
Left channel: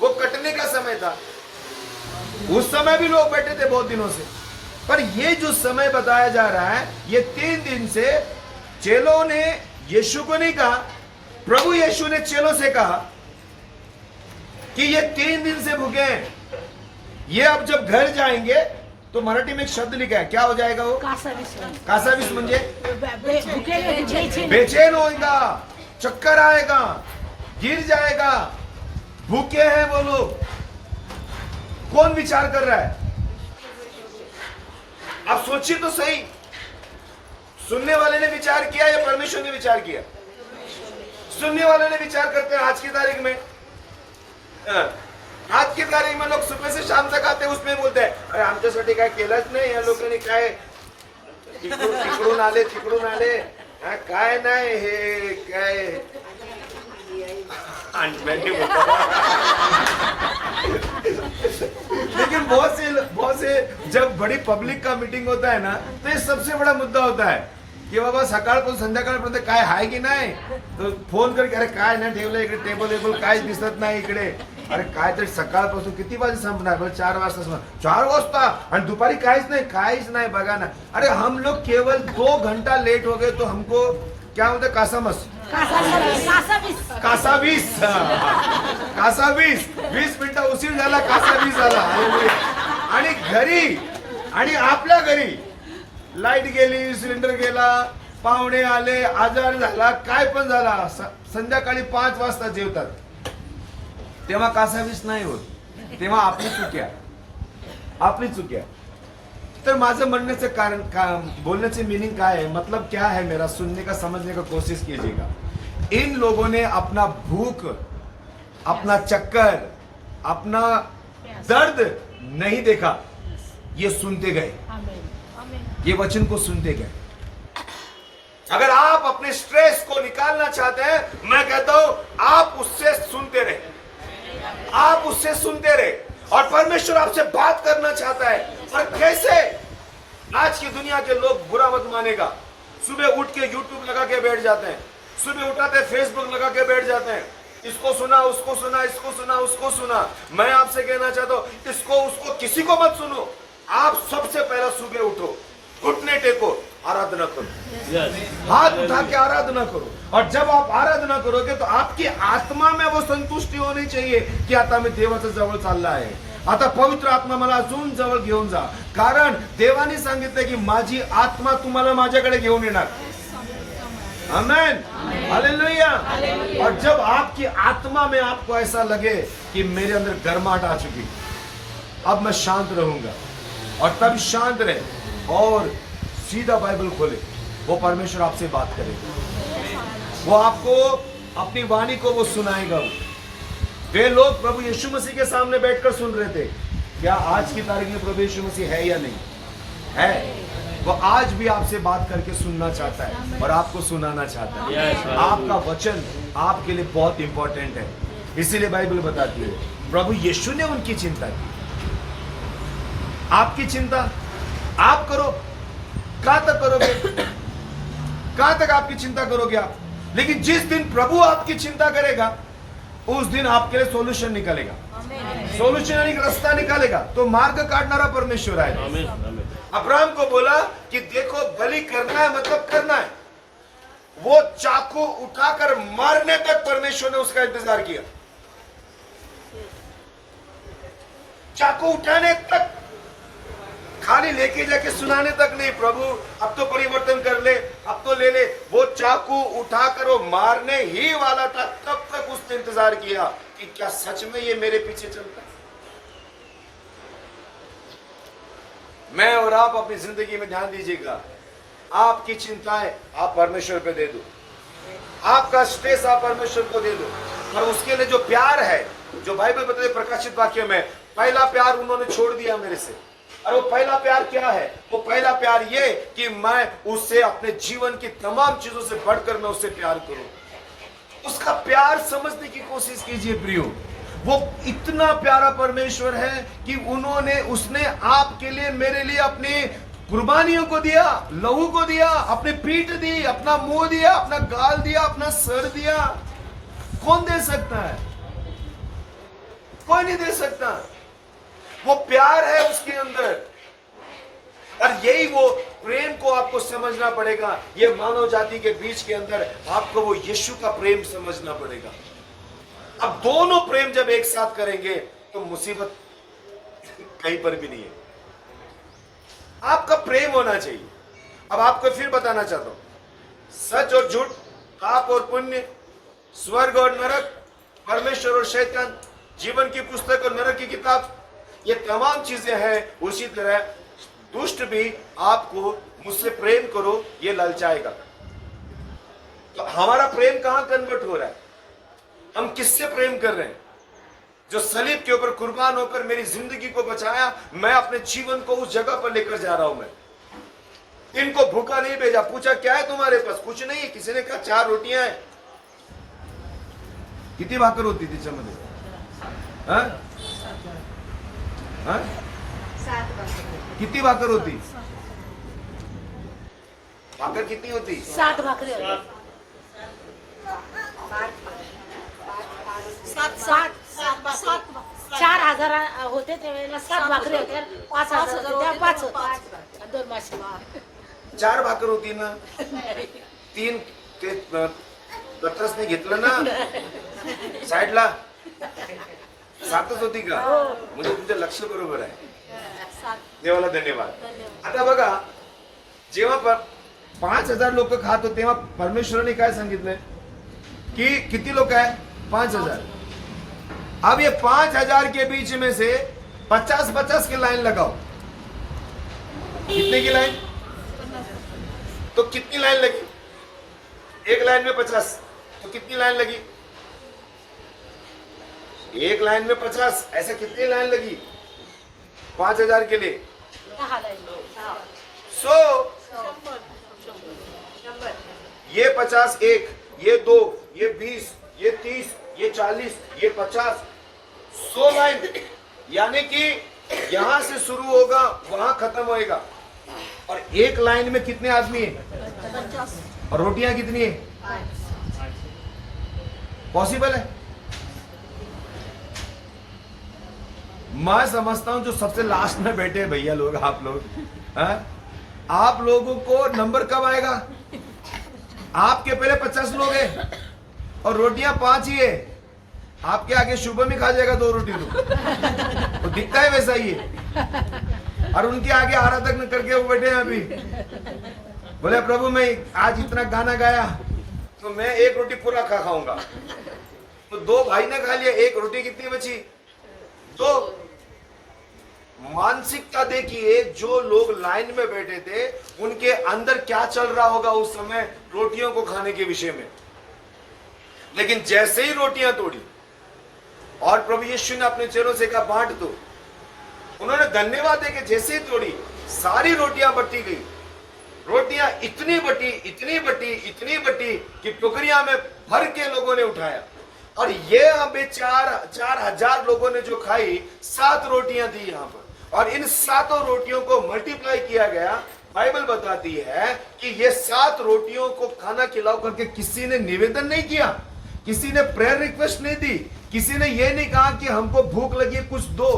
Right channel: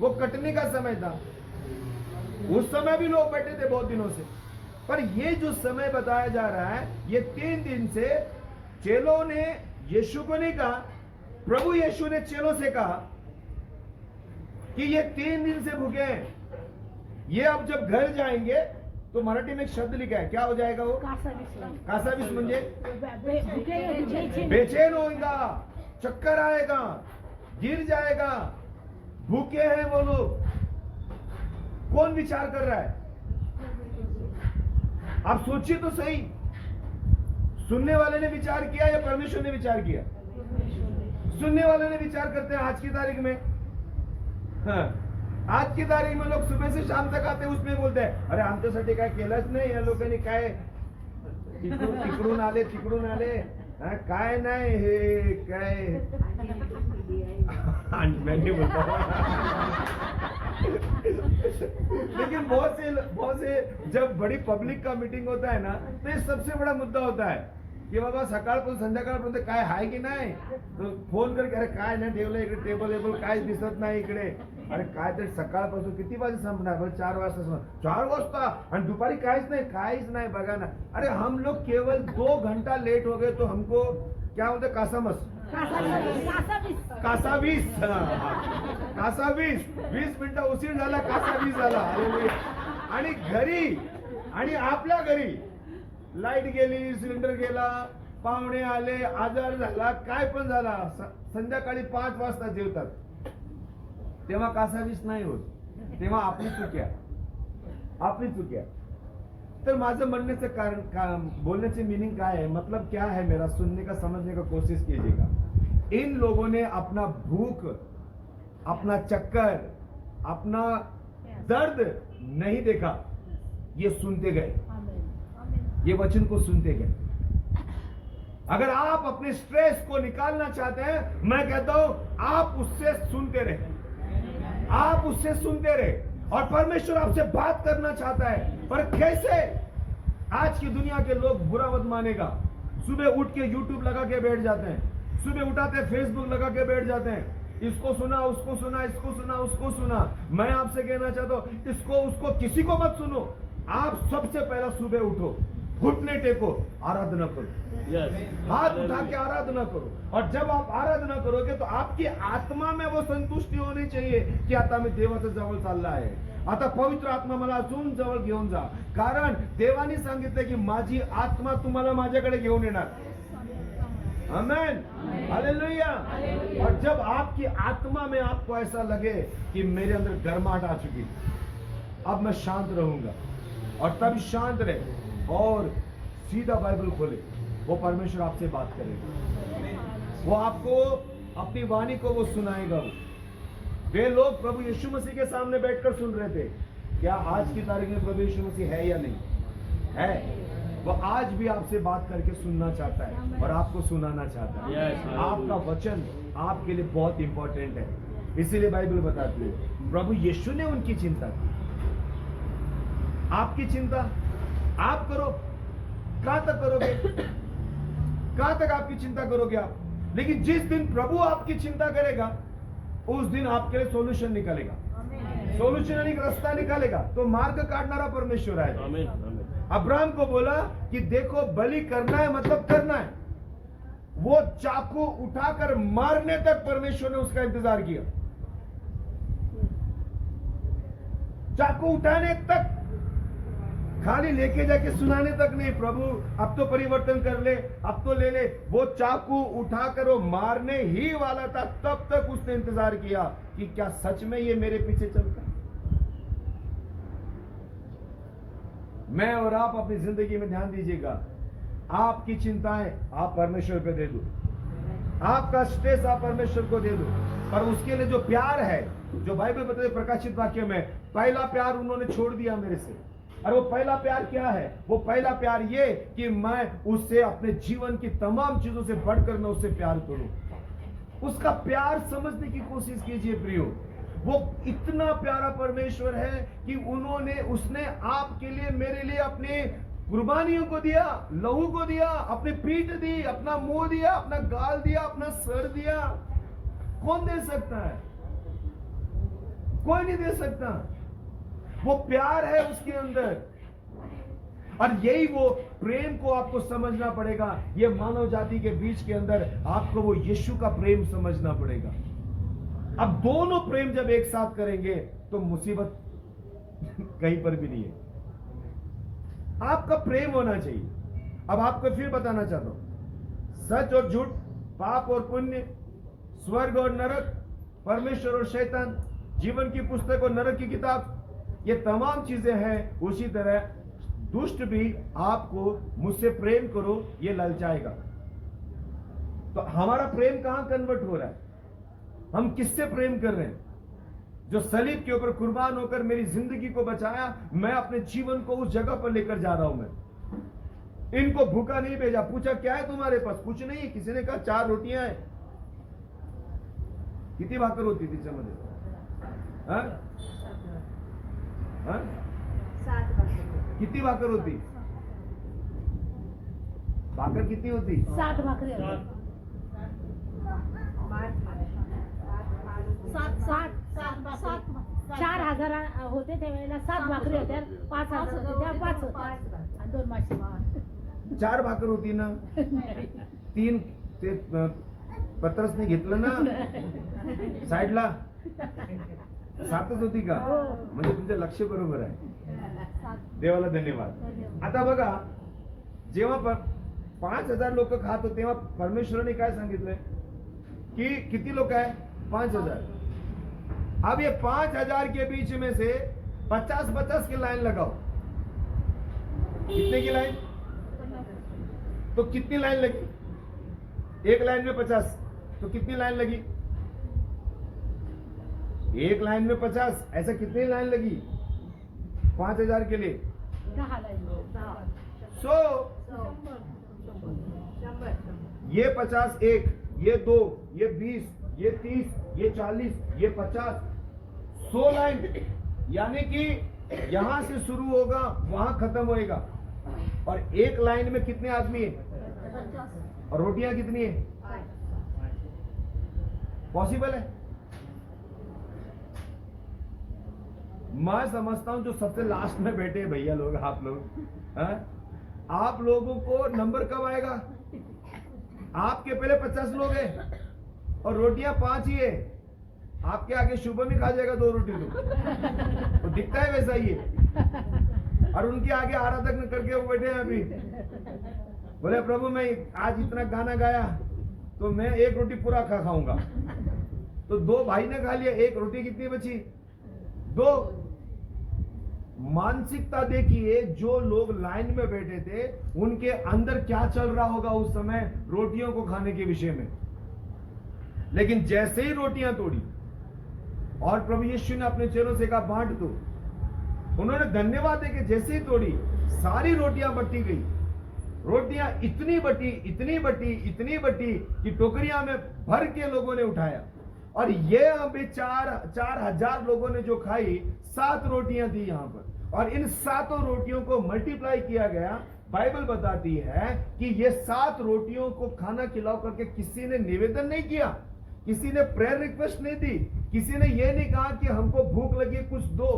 वो कटने का समय था। उस समय भी लोग बैठे थे बहुत दिनों से। पर ये जो समय बताया जा रहा है, ये 3 दिन से चेलों ने यीशु को नहीं कहा, प्रभु यीशु ने चेलों से कहा कि ये 3 दिन से भूखे हैं। ये अब जब घर जाएंगे तो मराठी में एक शब्द लिखा है, क्या हो जाएगा वो? कासावीस. कासावीस म्हणजे भुके बेचैन होगा, चक्कर आएगा, गिर जाएगा। भूखे हैं वो लोग। कौन विचार कर रहा है? आप सोचिए तो सही, सुनने वाले ने विचार किया या परमेश्वर ने विचार किया? सुनने वाले ने विचार करते हैं। आज की तारीख में, हाँ, आज की तारीख में लोग सुबह से शाम तक आते हैं, उसमें बोलते हैं अरे आमच्यासाठी काय केलंच नाही, या लोकांनी काय तिकडून आले, हाँ, काय नाही हे काय लेकिन बहुत से जब बड़ी पब्लिक का मीटिंग होता है ना, तो ये सबसे बड़ा मुद्दा होता है की बाबा सकाळपासून संध्याकाळपर्यंत काय आहे की नाही, तो फोन करके अरे काय नाही ठेवलं इकडे, टेबल काय दिसत नाही इकडे, अरे काय तरी सकाळपासून किती वाजे संपणार? 4 वाजता संपणार. 4 वाजता आणि दुपारी काहीच नहीं बघा ना. अरे हम लोग केवल 2 घंटा लेट हो गए तो हमको क्या होता? कासावीस 20 मिनिटं उशीर झाला, कासावीस झाला. आणि घरी आणि आपल्या घरी लाईट गेली, सिलेंडर गेला, पाहुणे आले, आजार झाला, काय पण झाला, संध्याकाळी 5 वाजता जेवतात, तेव्हा कासावीस नाही होत, तेव्हा आपली चुक्या. तर माझं म्हणण्याचं कारण, बोलण्याचे मीनिंग काय है, मतलब क्या है मेरा, सुनने का समझने का कोशिश कीजिएगा. इन लोगों ने अपना भूख, अपना चक्कर, अपना दर्द नहीं देखा, ये सुनते गए. ये वचन को सुनते गए। अगर आप अपने स्ट्रेस को निकालना चाहते हैं, मैं कहता हूं आप उससे सुनते रहे, आप उससे सुनते रहे। और परमेश्वर आपसे बात करना चाहता है। और कैसे? आज की दुनिया के लोग बुरा मत मानेगा, सुबह उठ के यूट्यूब लगा के बैठ जाते हैं, सुबह उठाते हैं फेसबुक लगा के बैठ जाते हैं, इसको सुना, उसको सुना, इसको सुना, उसको सुना। मैं आपसे कहना चाहता हूं, इसको उसको किसी को मत सुनो। आप सबसे पहला सुबह उठो, घुटने टेको, आराधना करो, हाथ उठा के आराधना करो। और जब आप आराधना करोगे तो आपकी आत्मा में वो संतुष्टी होनी चाहिए की आता मी देवाच्या जवळ चालला आहे, आता पवित्र आत्मा मला अजून जवळ घेऊन जा। कारण देवाने सांगितलं की माझी आत्मा तुम्हाला माझ्याकडे घेऊन येणार। आमेन, हालेलुया। और जब आपकी आत्मा में आपको ऐसा लगे कि मेरे अंदर गर्माहट आ चुकी, अब मैं शांत रहूंगा, और तब शांत रहे और सीधा बाइबल खोले, वो परमेश्वर आपसे बात करेगा, वो आपको अपनी वाणी को वो सुनाएगा। वे लोग प्रभु यीशु मसीह के सामने बैठकर सुन रहे थे। क्या आज की तारीख में प्रभु यीशु मसीह है या नहीं है? वो आज भी आपसे बात करके सुनना चाहता है और आपको सुनाना चाहता है। आपका वचन आपके लिए बहुत इंपॉर्टेंट है। इसीलिए बाइबल बताती है प्रभु यीशु ने उनकी चिंता की। आपकी चिंता आप करो, कहां तक करोगे? कहां तक आपकी चिंता करोगे आप? लेकिन जिस दिन प्रभु आपकी चिंता करेगा, उस दिन आपके लिए सॉल्यूशन निकलेगा, सॉल्यूशन यानी रास्ता निकालेगा। तो मार्ग काटनारा परमेश्वर है। अब्राहम को बोला कि देखो बलि करना है, मतलब करना है। वो चाकू उठाकर मारने तक परमेश्वर ने उसका इंतजार किया, चाकू उठाने तक, खाली लेके जाके सुनाने तक नहीं। प्रभु अब तो परिवर्तन कर ले, अब तो ले ले। वो चाकू उठाकर वो मारने ही वाला था, तब तक उसने इंतजार किया कि क्या सच में ये मेरे पीछे चलता है। मैं और आप अपनी जिंदगी में ध्यान दीजिएगा, आपकी चिंताएं आप परमेश्वर पे दे दो, आपका स्ट्रेस आप परमेश्वर को दे दो। और उसके लिए जो प्यार है, जो बाइबल बताते प्रकाशित वाक्य में, पहला प्यार उन्होंने छोड़ दिया मेरे से। और वो पहला प्यार क्या है? वो पहला प्यार ये कि मैं उससे अपने जीवन की तमाम चीजों से बढ़कर मैं उससे प्यार करूं। उसका प्यार समझने की कोशिश कीजिए प्रियो। वो इतना प्यारा परमेश्वर है कि उसने आपके लिए, मेरे लिए अपनी कुर्बानियों को दिया, लहू को दिया, अपनी पीठ दी, अपना मुंह दिया, अपना गाल दिया, अपना सर दिया। कौन दे सकता है? कोई नहीं दे सकता। वो प्यार है उसके अंदर। और यही वो प्रेम को आपको समझना पड़ेगा। ये मानव जाति के बीच के अंदर आपको वो यीशु का प्रेम समझना पड़ेगा। अब दोनों प्रेम जब एक साथ करेंगे तो मुसीबत कहीं पर भी नहीं है। आपका प्रेम होना चाहिए। अब आपको फिर बताना चाहता हूं, सच और झूठ, पाप और पुण्य, स्वर्ग और नरक, परमेश्वर और शैतान, जीवन की पुस्तक और नरक की किताब, ये तमाम चीजें हैं। उसी तरह दुष्ट भी आपको मुझसे प्रेम करो ये ललचाएगा। तो हमारा प्रेम कहां कन्वर्ट हो रहा है? हम किससे प्रेम कर रहे हैं? जो सलीब के ऊपर कुर्बान होकर मेरी जिंदगी को बचाया, मैं अपने जीवन को उस जगह पर लेकर जा रहा हूं। मैं इनको भूखा नहीं भेजा। पूछा क्या है तुम्हारे पास? कुछ नहीं है। किसी ने कहा 4 रोटियां हैं। कितनी भाकर होती थी चमन? कितनी भाकर होती? भाकर कितनी होती? 7 भाकरी होत्या. 4,000 होते त्यावेळेला 7 भाकरी होत्या. 5,000 होत्या, 5 होत्या आणि 2 मासे. 4 भाकर होती ना, 3 ते पत्रसने घेतलं ना साईडला, 7च होती का? म्हणजे तुमचं लक्ष बरोबर आहे. देवाला धन्यवाद. आता बघा, जेव्हा 5,000 लोक खात होते तेव्हा परमेश्वराने काय सांगितलंय कि किती लोग है? 5,000. अब ये 5,000 के बीच में से 50-50 की लाइन लगाओ. कितने की लाइन? तो कितनी लाइन लगी? एक लाइन में 50, तो कितनी लाइन लगी? एक लाइन में 50, ऐसे कितनी लाइन लगी 5,000 के लिए? 100, ये 50 एक, ये 2, ये 20, ये 30, ये 40, ये 50, 100 लाइन, यानी कि यहां से शुरू होगा वहां खत्म होएगा। और एक लाइन में कितने आदमी हैं और रोटियां कितनी है? पॉसिबल है? मैं समझता हूं जो सबसे लास्ट में बैठे हैं भैया लोग, आप लोग, आप लोगों को नंबर कब आएगा? आपके पहले 50 लोग हैं और रोटियां 5 ही है, आपके आगे शुभम ही खा जाएगा 2 रोटी तो दिखता है वैसा ही है। और उनके आगे आराधक करके वो बैठे हैं अभी, बोले प्रभु मैं आज इतना गाना गाया तो मैं 1 रोटी पूरा खाऊंगा। तो 2 भाई ने खा लिया, 1 रोटी कितनी बची? 2। मानसिकता देखिए, जो लोग लाइन में बैठे थे उनके अंदर क्या चल रहा होगा उस समय रोटियों को खाने के विषय में। लेकिन जैसे ही रोटियां तोड़ी और प्रभु यीशु ने अपने चेलों से कहा बांट दो, उन्होंने धन्यवाद देके जैसे ही तोड़ी सारी रोटियां बटी गई। रोटियां इतनी बटी, इतनी बटी, इतनी बटी कि टोकरियां में भर के लोगों ने उठाया। और ये यहाँ पे 4,000 लोगों ने जो खाई, 7 रोटियां थी यहाँ पर, और इन 7 रोटियों को मल्टीप्लाई किया गया। बाइबल बताती है कि ये 7 रोटियों को खाना खिलाओ करके किसी ने निवेदन नहीं किया, किसी ने प्रेयर रिक्वेस्ट नहीं दी, किसी ने ये नहीं कहा कि हमको भूख लगी है कुछ दो।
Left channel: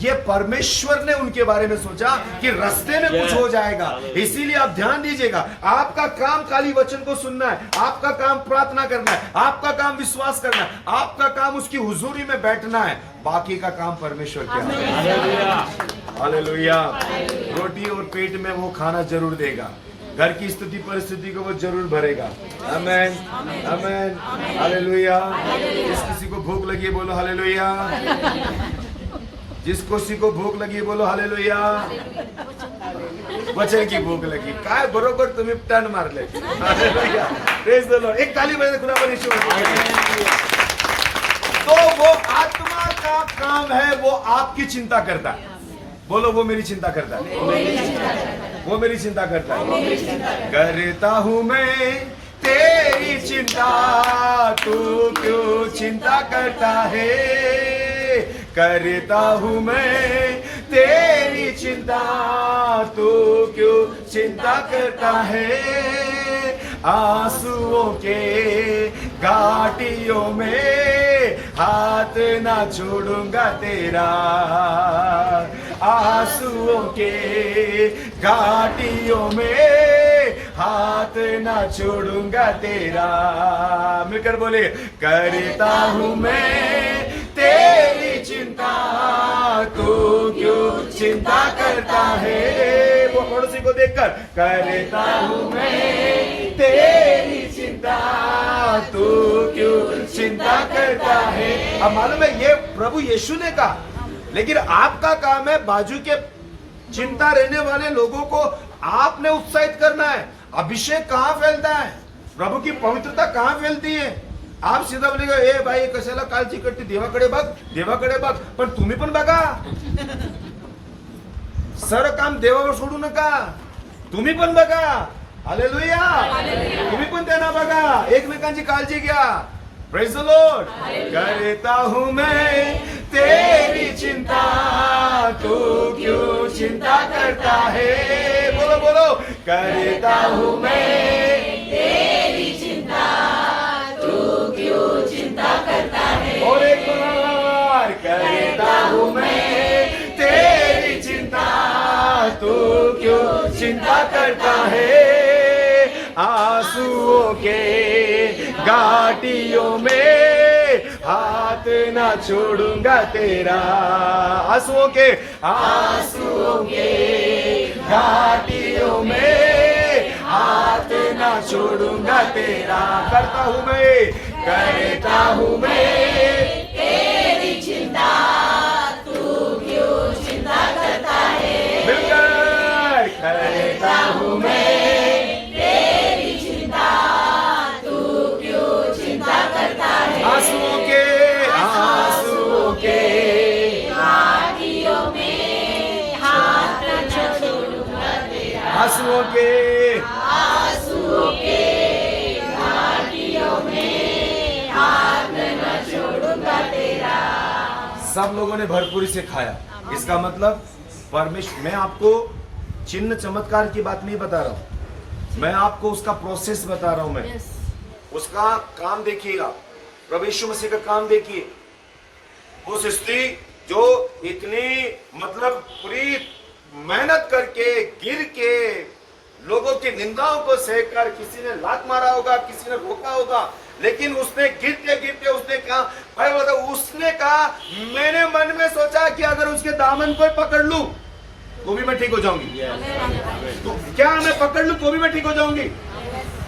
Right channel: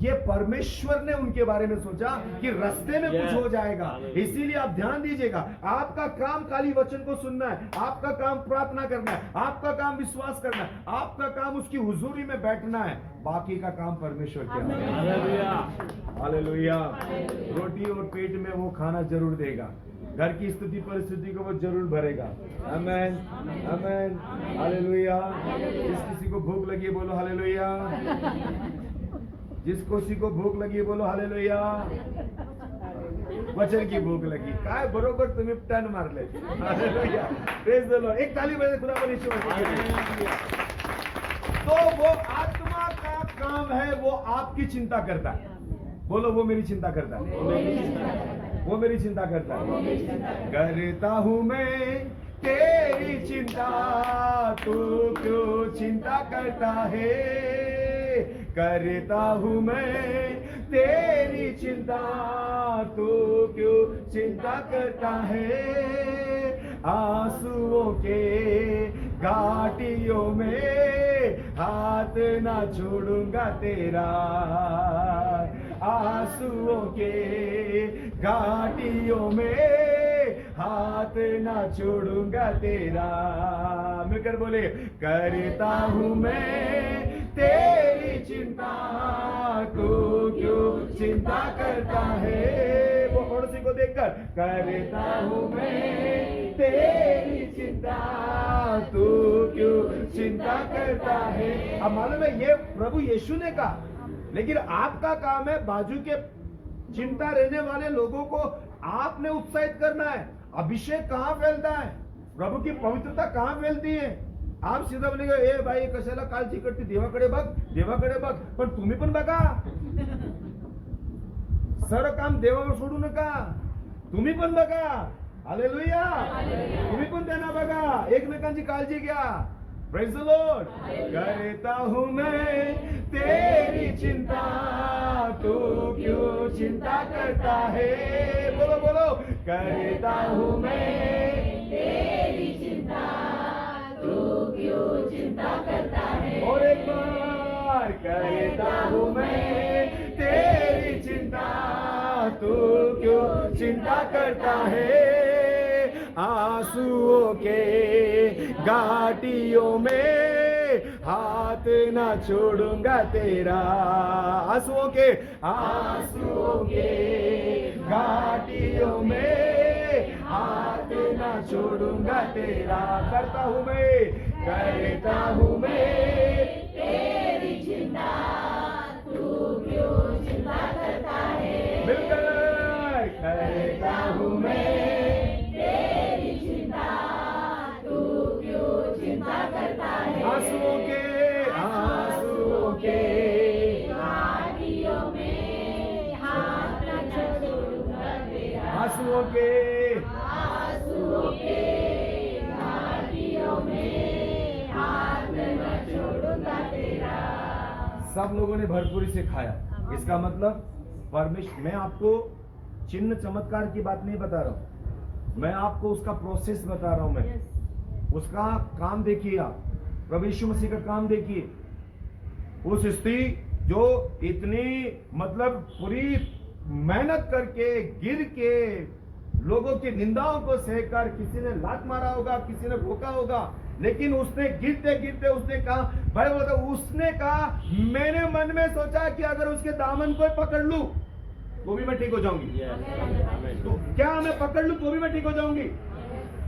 ये परमेश्वर ने उनके बारे में सोचा कि रास्ते में कुछ हो जाएगा। इसीलिए आप ध्यान दीजिएगा, आपका काम खाली वचन को सुनना है, आपका काम प्रार्थना करना है, आपका काम विश्वास करना है, आपका काम उसकी हुजूरी में बैठना है, बाकी का काम परमेश्वर के हाथ में। हालेलुया। रोटी और पेट में वो खाना जरूर देगा, घर की स्थिति परिस्थिति को वो जरूर भरेगा। आमेन, आमेन, हालेलुया। जिस किसी को भूख लगी बोलो हालेलुया, जिस किसी को भूख लगी बोलो हालेलुया। वचन की भूख लगी काय बरोबर तुम्ही टर्न मारले। Hallelujah, praise the Lord. एक ताली बजाते खुदा पर ईश्वर को। तो वो आत्मा का काम है, वो आपकी चिंता करता है। बोलो वो मेरी चिंता करता है, वो मेरी चिंता करता है। करता हूं मैं तेरी चिंता, तू क्यों चिंता करता है? करता हूं मैं तेरी चिंता, तू क्यों चिंता करता है? आंसुओं के घाटियों में हाथ ना छोड़ूंगा तेरा, आंसुओं के घाटियों में हाथ ना छोड़ूंगा तेरा। मिलकर बोले, करता हूं मैं तेरी चिंता, तू क्यों चिंता करता है? वो पड़ोसी को देखकर, करता हूं मैं तेरी चिंता, तू क्यों चिंता करता है? अब मालूम है ये प्रभु यीशु ने कहा, लेकिन आपका काम है बाजू के चिंता रहने वाले लोगों को आपने उत्साहित करना है। अभिषेक कहां फैलता है, प्रभु की पवित्रता कहां फैलती है? आप सीधा बोलेगा, ए भाई कशाला काळजी करते, देवाकडे बघ, देवाकडे बघ, पण तुम्ही पण बघा। सर्व काम देवावर सोडू नका, तुम्ही पण बघा। हालेलुया, तुम्ही पण त्यांना बघा, एकमेकांची काळजी घ्या। Praise the Lord. करता हूं मैं तेरी चिंता, तू क्यों चिंता करता है? बोलो बोलो, करता हूं मैं तेरी चिंता, तू क्यों चिंता करता है? और एक बार, करता हूं मैं तेरी चिंता, तू क्यों चिंता करता है? आंसुओं के घाटियों में हाथ ना छोड़ूंगा तेरा। आंसुओं के घाटियों में हाथ ना छोड़ूंगा तेरा। करता हूं मैं तेरी चिंता, तू क्यों चिंता करता है? मिलकर, करता हूं मैं आंसुओं के घाटियों में हाथ न छोड़ूंगा तेरा। आंसुओं सब लोगों ने भरपूरी से खाया। इसका मतलब परमेश्वर, मैं आपको चिन्ह चमत्कार की बात नहीं बता रहा हूं, मैं आपको उसका प्रोसेस बता रहा हूं। मैं उसका काम देखिएगा, प्रभु यीशु मसीह का काम देखिए। उस स्त्री जो इतनी मतलब पूरी मेहनत करके गिर के लोगों की निंदाओं को सहकर, किसी ने लात मारा होगा, किसी ने रोका होगा, लेकिन उसने गिरते गिरते उसने कहा, भाई बताओ, उसने कहा मैंने मन में सोचा कि अगर उसके दामन को पकड़ लूं तो भी मैं ठीक हो जाऊंगी। तो क्या मैं पकड़ लूं तो भी मैं ठीक हो जाऊंगी?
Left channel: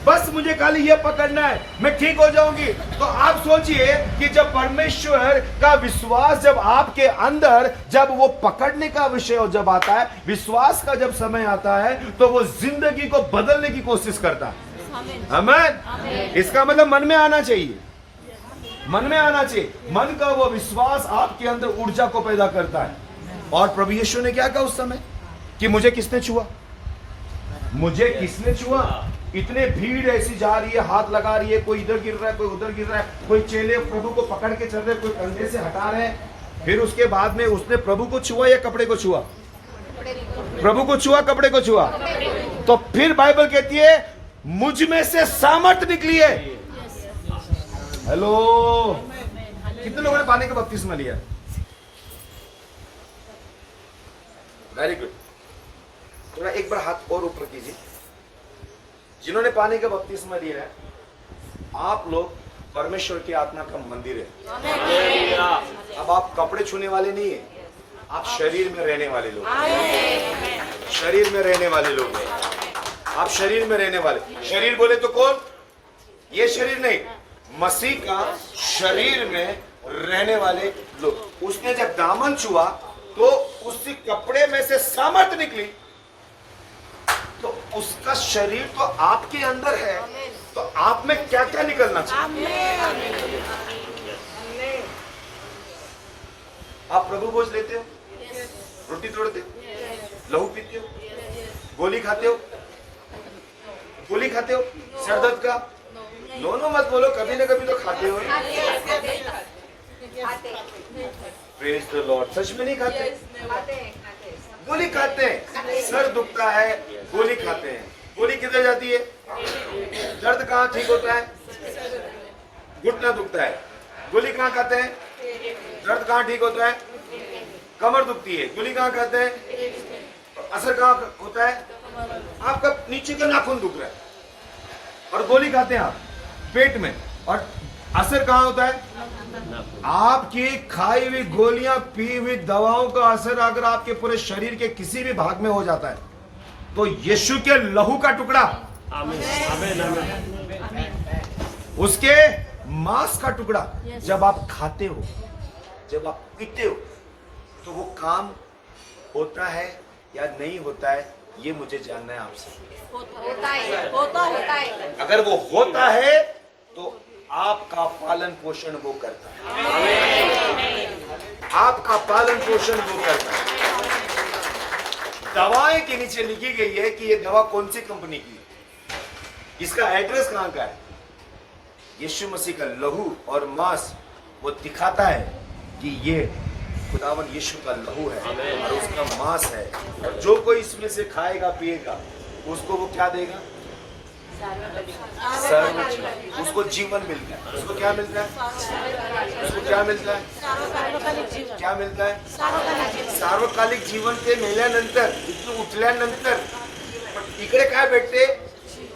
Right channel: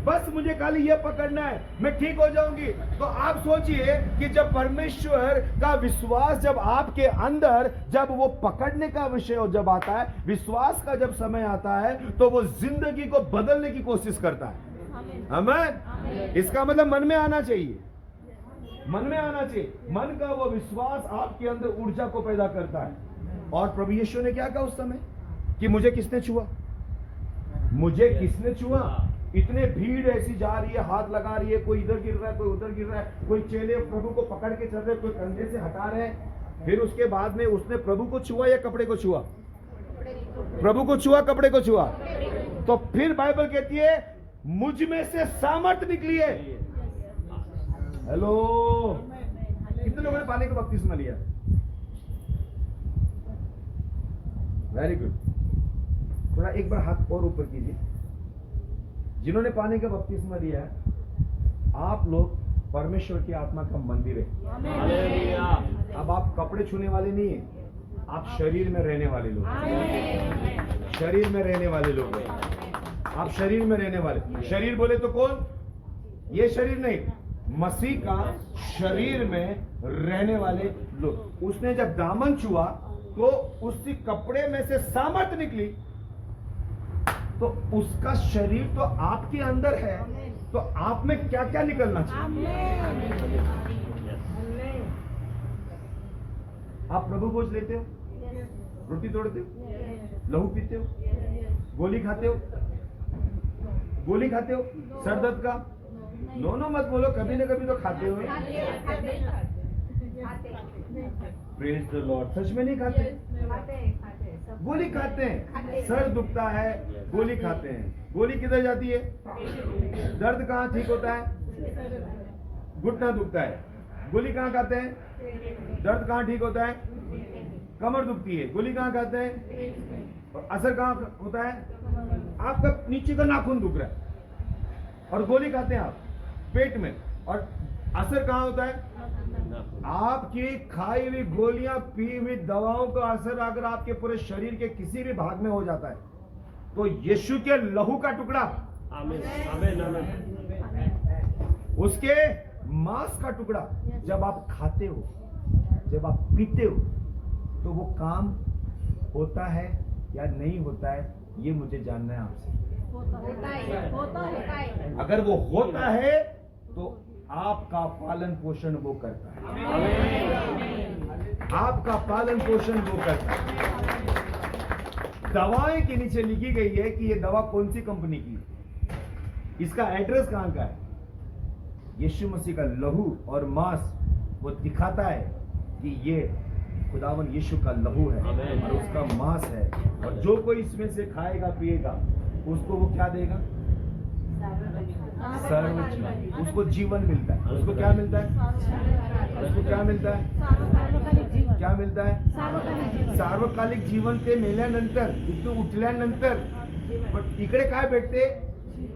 बस मुझे खाली ये पकड़ना है, मैं ठीक हो जाऊंगी। तो आप सोचिए कि जब परमेश्वर का विश्वास जब आपके अंदर, जब वो पकड़ने का विषय जब आता है, विश्वास का जब समय आता है, तो वो जिंदगी को बदलने की कोशिश करता है। आमीन। इसका मतलब मन में आना चाहिए, मन में आना चाहिए। मन का वो विश्वास आपके अंदर ऊर्जा को पैदा करता है। और प्रभु यीशु ने क्या कहा उस समय कि मुझे किसने छुआ, मुझे किसने छुआ? इतने भीड़ ऐसी जा रही है, हाथ लगा रही है, कोई इधर गिर रहा है, कोई उधर गिर रहा है, कोई चेले प्रभु को पकड़ के चल रहे, कोई कंधे से हटा रहे हैं। फिर उसके बाद में उसने प्रभु को छुआ या कपड़े को छुआ? प्रभु को छुआ, कपड़े को छुआ। तो फिर बाइबल कहती है मुझ में से सामर्थ निकली है। हेलो, कितने लोगों ने पानी का बपतिस्मा लिया? Very good. थोड़ा एक बार हाथ और ऊपर कीजिए। जिन्होंने पानी का बपतिस्मा लिया है, आप लोग परमेश्वर की आत्मा का मंदिर है। अब आप कपड़े छूने वाले नहीं है, आप शरीर में रहने वाले लोग, शरीर में रहने वाले लोग, आप शरीर में रहने वाले। शरीर बोले तो कौन? ये शरीर नहीं, मसीह का शरीर में रहने वाले लोग। उसने जब दामन छुआ तो उसी कपड़े में से सामर्थ निकली, तो उसका शरीर तो आपके अंदर है, तो आप में क्या क्या निकलना चाहिए? आप प्रभु भोज लेते हो, रोटी तोड़ते हो, लहू पीते हो, गोली खाते हो, गोली खाते हो सर दर्द का? नो मत बोलो, कभी ना कभी तो खाते हो। Praise the Lord. सच में नहीं खाते? गोली खाते हैं, सर दुखता है, गोली खाते हैं। गोली किधर जाती है? दर्द कहाँ ठीक होता है? घुटना दुखता है, गोली कहाँ खाते हैं? दर्द कहाँ ठीक होता है? कमर दुखती है, गोली कहाँ खाते हैं? असर कहाँ होता है? आपका नीचे का नाखून दुख रहा है और गोली खाते हैं आप पेट में, और असर कहाँ होता है? आपकी खाई हुई गोलियां, पी हुई दवाओं का असर अगर आपके पूरे शरीर के किसी भी भाग में हो जाता है, तो यीशु के लहू का टुकड़ा, उसके मांस का टुकड़ा जब आप खाते हो, जब आप पीते हो, तो वो काम होता है या नहीं होता है, ये मुझे जानना है आपसे। होता है। अगर वो होता है तो आपका पालन पोषण वो करता है, आपका पालन पोषण वो करता है। दवाएं के नीचे लिखी गई है कि ये दवा कौन सी कंपनी की है, इसका एड्रेस कहां का है। यीशु मसीह का लहू और मांस वो दिखाता है कि ये खुदावन यीशु का लहू है और उसका मांस है, और जो कोई इसमें से खाएगा पिएगा उसको वो क्या देगा? सर्वजीवन। उसको जीवन मिलता है। उसको क्या मिलता है? उसको क्या मिलता है? क्या मिलता है? सार्वकालिक जीवन ते मेल्यानंतर, इथून उठल्यानंतर इकडे काय भेटते?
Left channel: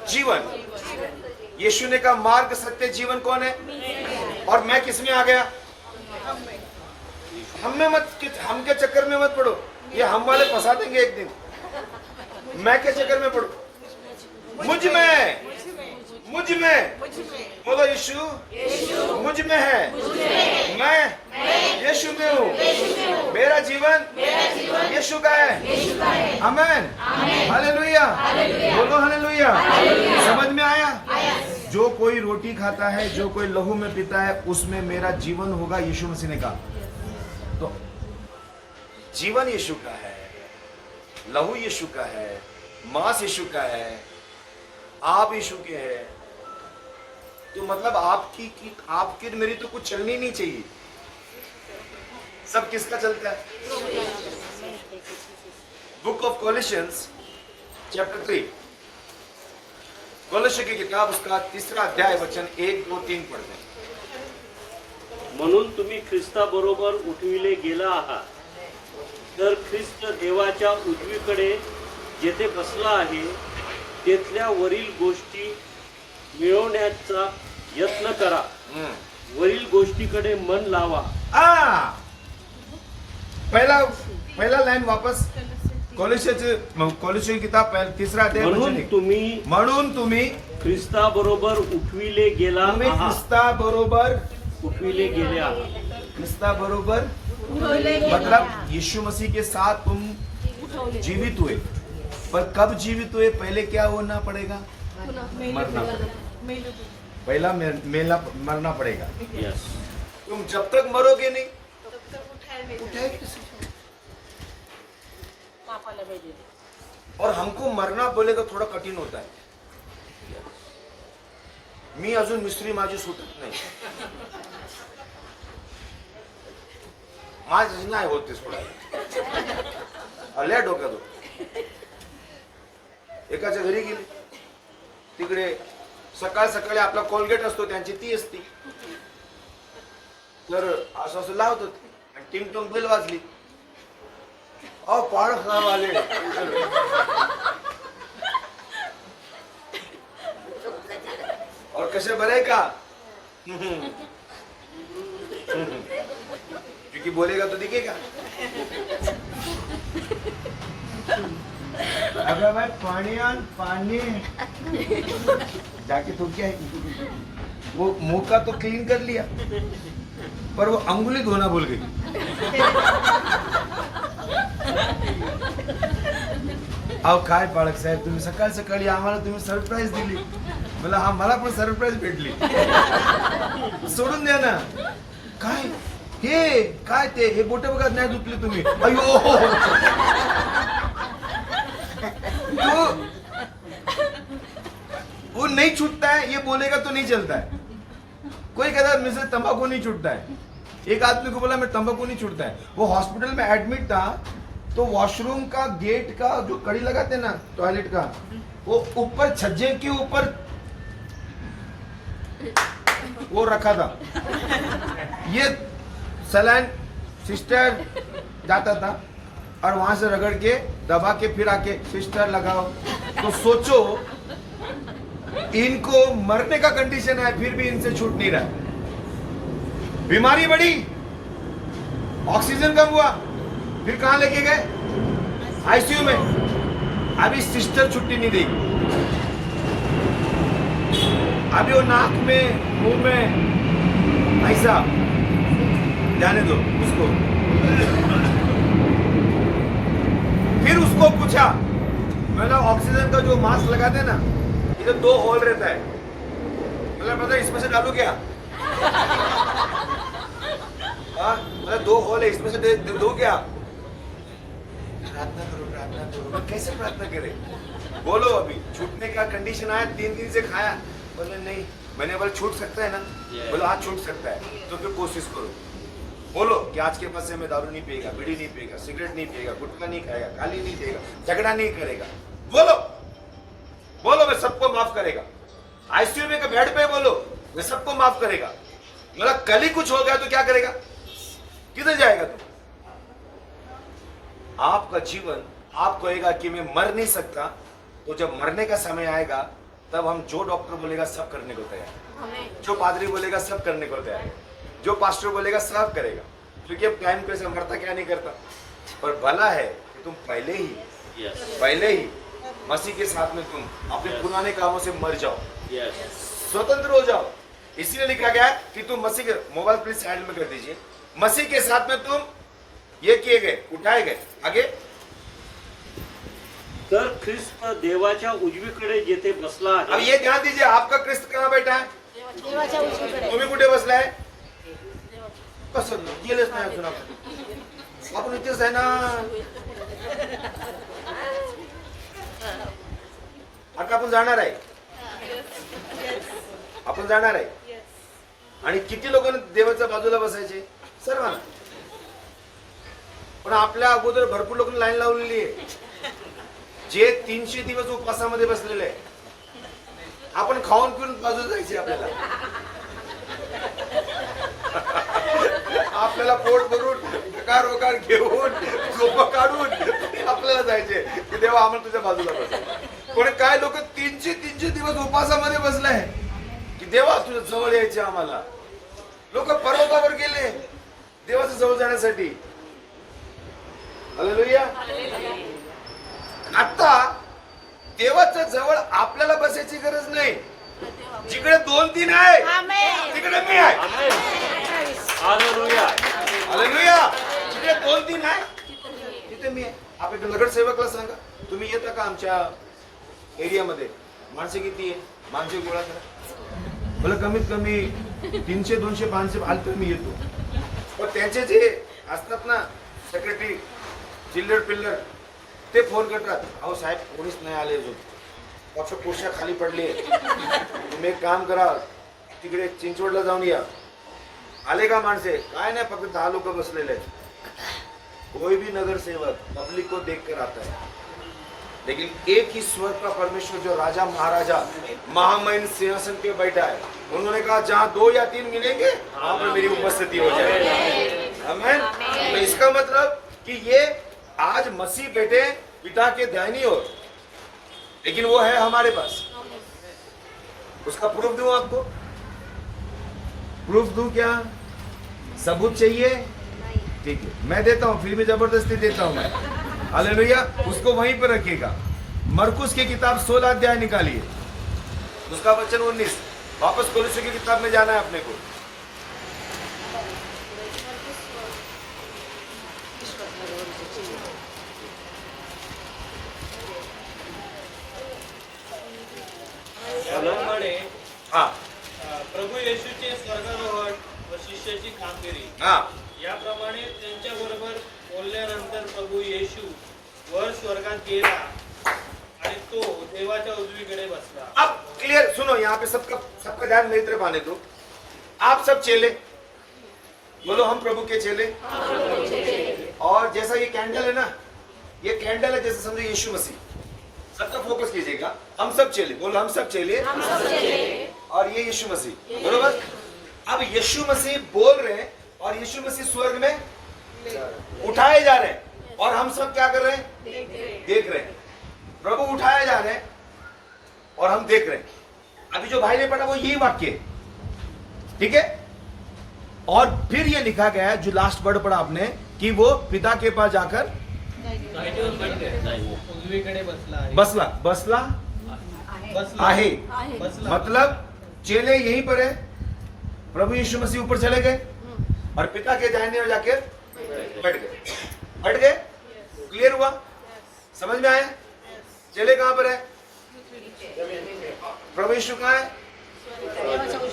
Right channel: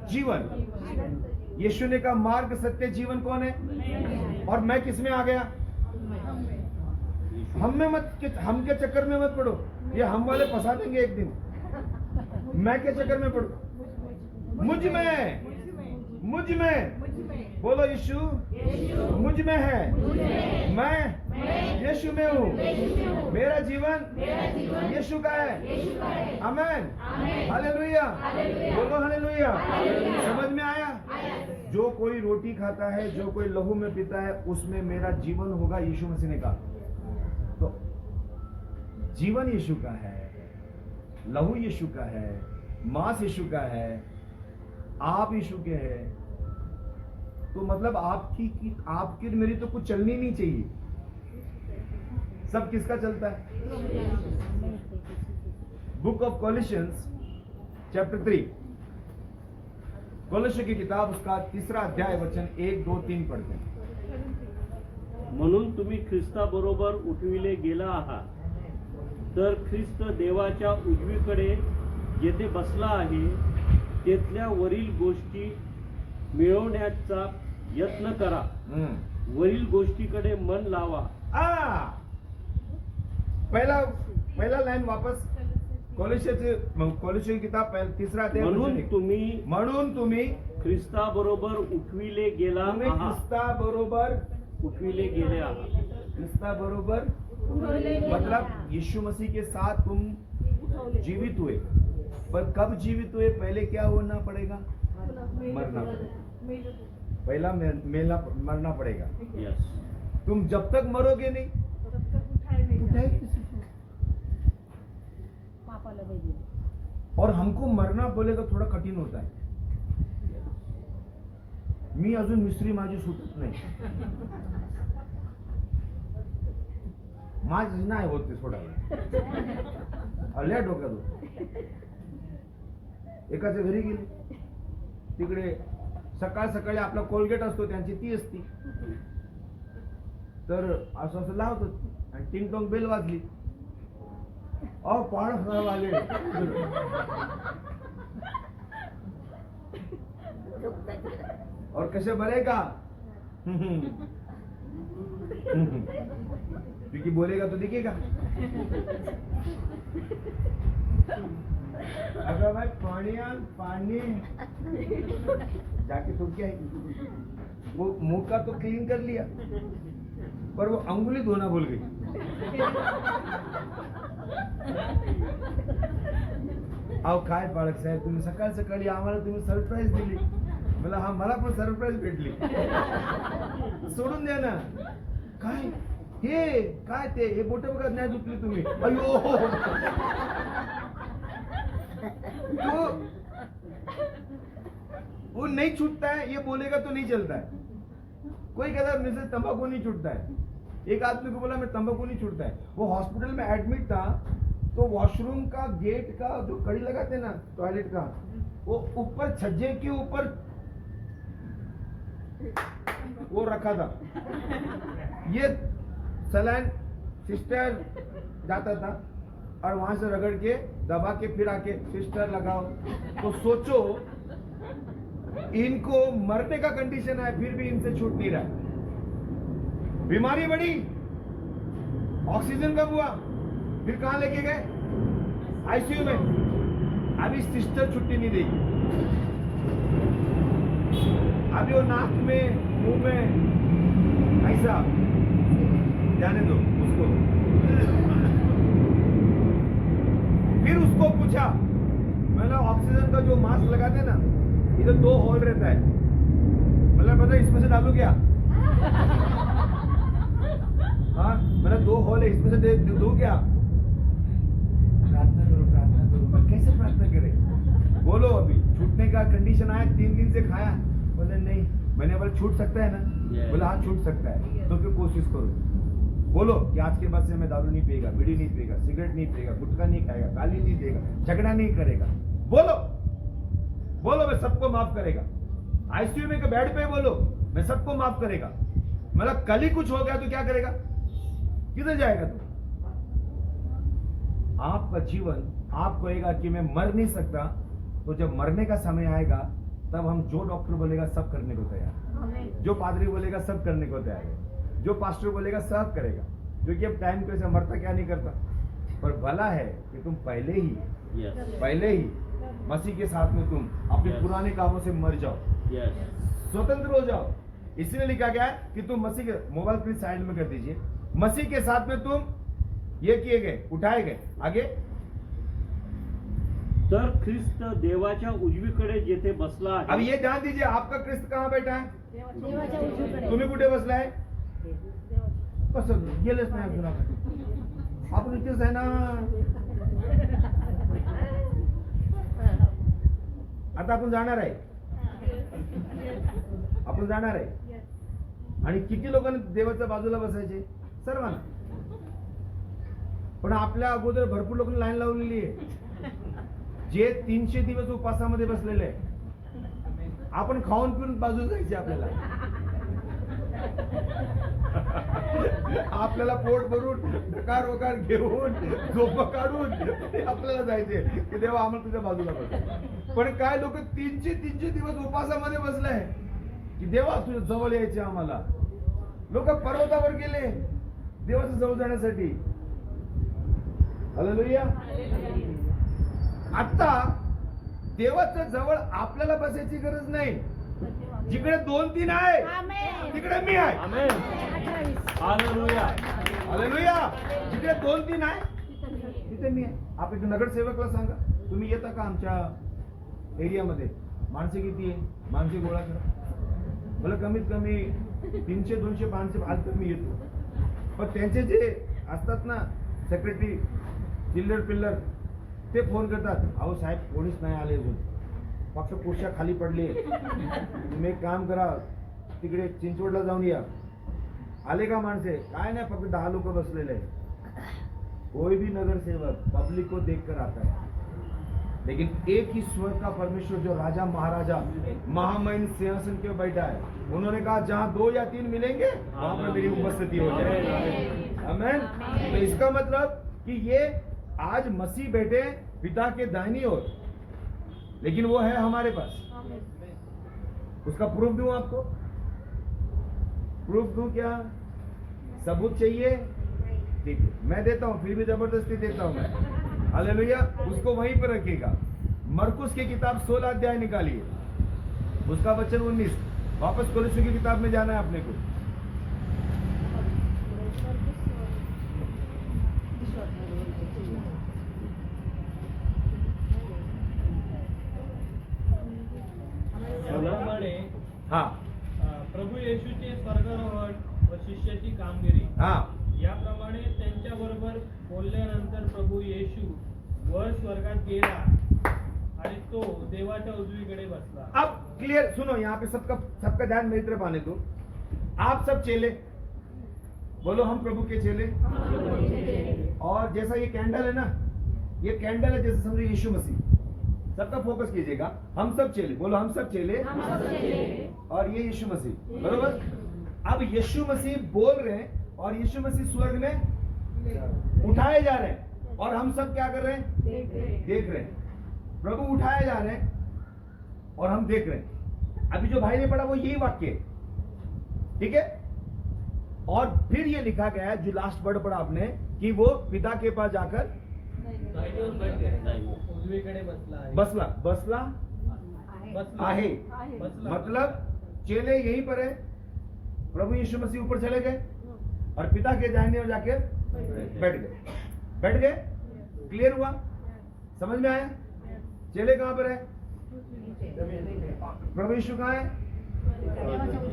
जीवन। यीशु ने कहा मार्ग सत्य जीवन कौन है? और मैं किस में आ गया? हम के चक्कर में मत पड़ो, ये हम वाले फंसा देंगे एक दिन। मैं के चक्कर में पड़ो? मुझ में बोलो यीशु मुझ में है, मैं यीशु में हूँ, मेरा जीवन यीशु का है। आमीन, हालेलुया, बोलो हालेलुया। समझ में आया? जो कोई रोटी खाता है, जो कोई लहू में पीता है, उसमें मेरा जीवन होगा, यीशु मसीह ने कहा। तो जीवन यीशु का है, लहू यीशु का है, मांस यीशु का है, आप यीशु के हैं। तो मतलब आपकी मेरी तो कुछ चलनी नहीं चाहिए। सब किसका चलता है? बुक ऑफ कॉलिशियंस चैप्टर 3, कॉलिशिय की किताब उसका 3रा अध्याय वचन 1, 2, 3 पढ़ते हैं. म्हणून तुम्ही ख्रिस्ताबरोबर उठविले गेला आहात, तर ख्रिस्त देवाच्या उजवीकडे जेथे बसला आहे तेथल्या वरील गोष्टी मिळवण्याचा यत्न करा. वरील गोष्टीकडे मन लावा. पहला लाइन वापस. कॉलिशिय की किताब 3रा अध्याय वचन 1. म्हणून तुम्ही ख्रिस्ताबरोबर उठविले गेला आहात. ख्रिस्ताबरोबर उठविले गेले आहात. ख्रिस्ताबरोबर मतलब यीशु मसीह के साथ तुम जीवित हुए. पर कब जीवित हुए? पहले क्या होना पड़ेगा? मरना पड़ेगा. पहला मरना पड़ेगा. यस. तुम जब तक मरोगे नहीं उठाएंगे किसी को? पापाला पाहिजे. और हमको मरना बोलेगा थोड़ा कठीण होता है. मी अजून मिस्त्री माझी सुटत नाही. माझी नाही होते सोडायला. आल्या डोक्यात होत. एकाच्या घरी गेली, तिकडे सकाळ सकाळी आपला कोलगेट असतो, त्यांची ती असती. तर असं असं लावत होती आणि टिंग टोंग बेल वाजली. पाड़ खराब आले. और कैसे भरेगा? क्योंकि बोलेगा तो दिखेगा. अगर भाई पानी आन पानी जाके तो क्या है, वो मुंह का तो क्लीन कर लिया पर वो अंगुली धोना भूल गई. अहो काय पाळक साहेब, तुम्ही सकाळ सकाळी आम्हाला तुम्ही सरप्राईज दिली. मला हा मला पण सरप्राईज भेटली. सोडून द्या ना. काय हे काय ते हे बोट बघा नाही धुतली तुम्ही. अयो तो वो नहीं छूटता है. ये बोलेगा तो नहीं चलता है. कोई कहता है मुझसे तंबाकू नहीं छूटता है. एक आदमी को बोला मैं तंबाकू नहीं छूटता है. वो हॉस्पिटल में एडमिट था तो वॉशरूम का गेट का जो कड़ी लगाते ना टॉयलेट का, वो ऊपर छज्जे के ऊपर वो रखा था. ये सलाइन सिस्टर जाता था और वहां से रगड़ के दबा के फिर आके सिस्टर लगाओ. तो सोचो इनको मरने का कंडीशन है फिर भी इनसे छूट नहीं रहा. बीमारी बढ़ी, ऑक्सीजन कम हुआ, फिर कहां लेके गए? आईसीयू में. अभी सिस्टर छुट्टी नहीं देगी. अभी वो नाक में मुंह में ऐसा जाने दो उसको. फिर उसको पूछा, मैंने ऑक्सीजन का जो मास्क लगाते ना इधर 2 होल रहता है, मतलब पता इसमें से डालू क्या? हाँ मतलब 2 होल है, इसमें से दो क्या? प्रार्थना करो प्रार्थना करो. कैसे प्रार्थना करे? बोलो अभी छूटने का कंडीशन आया, 3 दिन से खाया. बोले नहीं. मैंने बोला छूट सकता है ना? बोलो हाँ छूट सकता है. तो फिर कोशिश करो. बोलो कि आज के बाद से मैं दारू नहीं पिएगा, बीड़ी नहीं पिएगा, सिगरेट नहीं पिएगा, गुटखा नहीं खाएगा, गाली नहीं देगा, झगड़ा नहीं करेगा. बोलो बोलो मैं सबको माफ करेगा. आईसीयू में का बेड पे बोलो मैं सबको माफ करेगा. मतलब कल ही कुछ हो गया तो क्या करेगा? किधर जाएगा तू? आपका जीवन आप कहेगा कि मैं मर नहीं सकता. तो जब मरने का समय आएगा तब हम जो डॉक्टर बोलेगा सब करने को तैयार, जो पादरी बोलेगा सब करने को तैयार है, जो पास्टर बोलेगा सब करेगा. क्योंकि अब टाइम कैसे मरता क्या नहीं करता. पर भला है कि तुम पहले ही मसीह के साथ में तुम अपने पुराने कामों से मर जाओ, स्वतंत्र हो जाओ. इसलिए लिखा गया है कि तुम मसीह के, मोबाइल प्लीज साइड में कर दीजिए, मसीह के साथ में तुम ये किए गए, उठाए गए. आगे. तर ख्रिस्त देवाच्या उजवीकडे जेथे बसला अब आहे. ये ध्यान दीजिए, आपका क्रिस्त कहाँ बैठा है? देवाच्या उजवीकडे. तुम्ही कुठे बसलाय? कसं गेलेच नाही अजून आपण. आपण इथेच आहे ना. आता आपण जाणार आहे. आपण जाणार आहे. आणि किती लोकांना देवाच्या बाजूला बसायचे? सर्वांना. पण आपल्या अगोदर भरपूर लोक लाईन लावलेली आहे जे 300 दिवस उपवासामध्ये बसलेले आहे. आपण खाऊन पिऊन बाजूला जायचे आपल्याला. आपल्याला पोट भरून कार घेऊन झोप काढून आपल्याला जायचे की देवा आम्हाला तुझ्या बाजूला बस. पण काय लोक 300 दिवस उपवासामध्ये बसलाय की देवा तुझ्या जवळ यायचे आम्हाला. लोक पर्वतावर गेले देवाच्या जवळ जाण्यासाठी. हालेलुया. आता देवाच्या जवळ आपल्याला बसायची गरज नाही. जिकडे 2-3 आहे आमेन. तिकडे मी आहे. आमेन. हालेलुया. हालेलुया. जिकडे 2-3 आहे तिथे मी आहे. आपण नगरसेवकला सांगा तुम्ही येता का आमच्या एरियामध्ये, माणसे किती आहे, माणसे गोळा करा. मला कमीत कमी 300, 200, 500 आले तर मी येतो. पण त्यांचे जे असतात ना सेक्रेटरी चिल्लर पिल्लर ते फोन करतात, अहो साहेब कोणीच नाही आले अजून, फक्त कुर्स्या खाली पडली. तुम्ही एक काम करा तिकडे चिंचवडला जाऊन या. आले का माणसे? काय नाही, फक्त 10 लोक बसलेले आहेत. कोई भी नगर सेवक पब्लिक को देख कर आता है, लेकिन एक ही स्वर्ग का परमेश्वर जो राजा महाराजा महामहिम सिंहासन पे बैठा है, उन्होंने कहा जहाँ 2 या 3 मिलेंगे वहां पर मेरी उपस्थिति हो जाएगी. आमीन. तो इसका मतलब कि ये आज मसीह बैठे पिता के दाहिनी ओर, लेकिन वो है हमारे पास. उसका प्रूफ दूं आपको? प्रूफ दूं क्या? सबूत चाहिए? ठीक है मैं देता हूं, फिर भी जबरदस्ती देता हूं मैं. हालेलुया. उसको वहीं पर रखिएगा. मरकुस की किताब 16 अध्याय निकालिए, उसका वचन 19. वापस कोलोसी की किताब में जाना है अपने को. त्याप्रमाणे हा प्रभू येशूचे स्वर्गारोहण व शिष्याची कामगिरी हा याप्रमाणे त्यांच्या बरोबर बोलल्यानंतर प्रभू येशू वर स्वर्गात गेला आणि तो देवाच्या उजवीकडे बसला. अब क्लियर सुनो, यहाँ पे सबका ध्यान मेरी तरफ आने दो. आप सब चेले बोलो, हम प्रभु के चेले. और जैसा ये कैंडल है ना, ये कैंडल है जैसे समझो यीशु मसीह. सबका फोकस कीजिएगा. हम सब चेले बोलो, हम सब चेले. और ये यीशु मसीह, बरोबर. अब यीशु मसीह बोल रहे हैं और यीशु मसीह स्वर्ग में उठाए जा रहे हैं और हम सब क्या कर रहे हैं? देख रहे हैं. प्रभु उठाए जा रहे हैं और हम देख रहे हैं. अभी जो भाई ने पढ़ा वो यही वाक्य है, ठीक है. और फिर ये लिखा गया है जो लास्ट वर्ड पढ़ा आपने कि वो पिता के पास जाकर उजवीकडे बसला आहे. बसला बसला बसला आहे. बसला. मतलब चेले यहीं पर है. प्रभु यीशु मसीह ऊपर चले गए और पिता के दाहिने ओर जाकर बैठ गए. क्लियर हुआ? समझ में आया? चेले कहां पर है? प्रभु यीशु कहां है?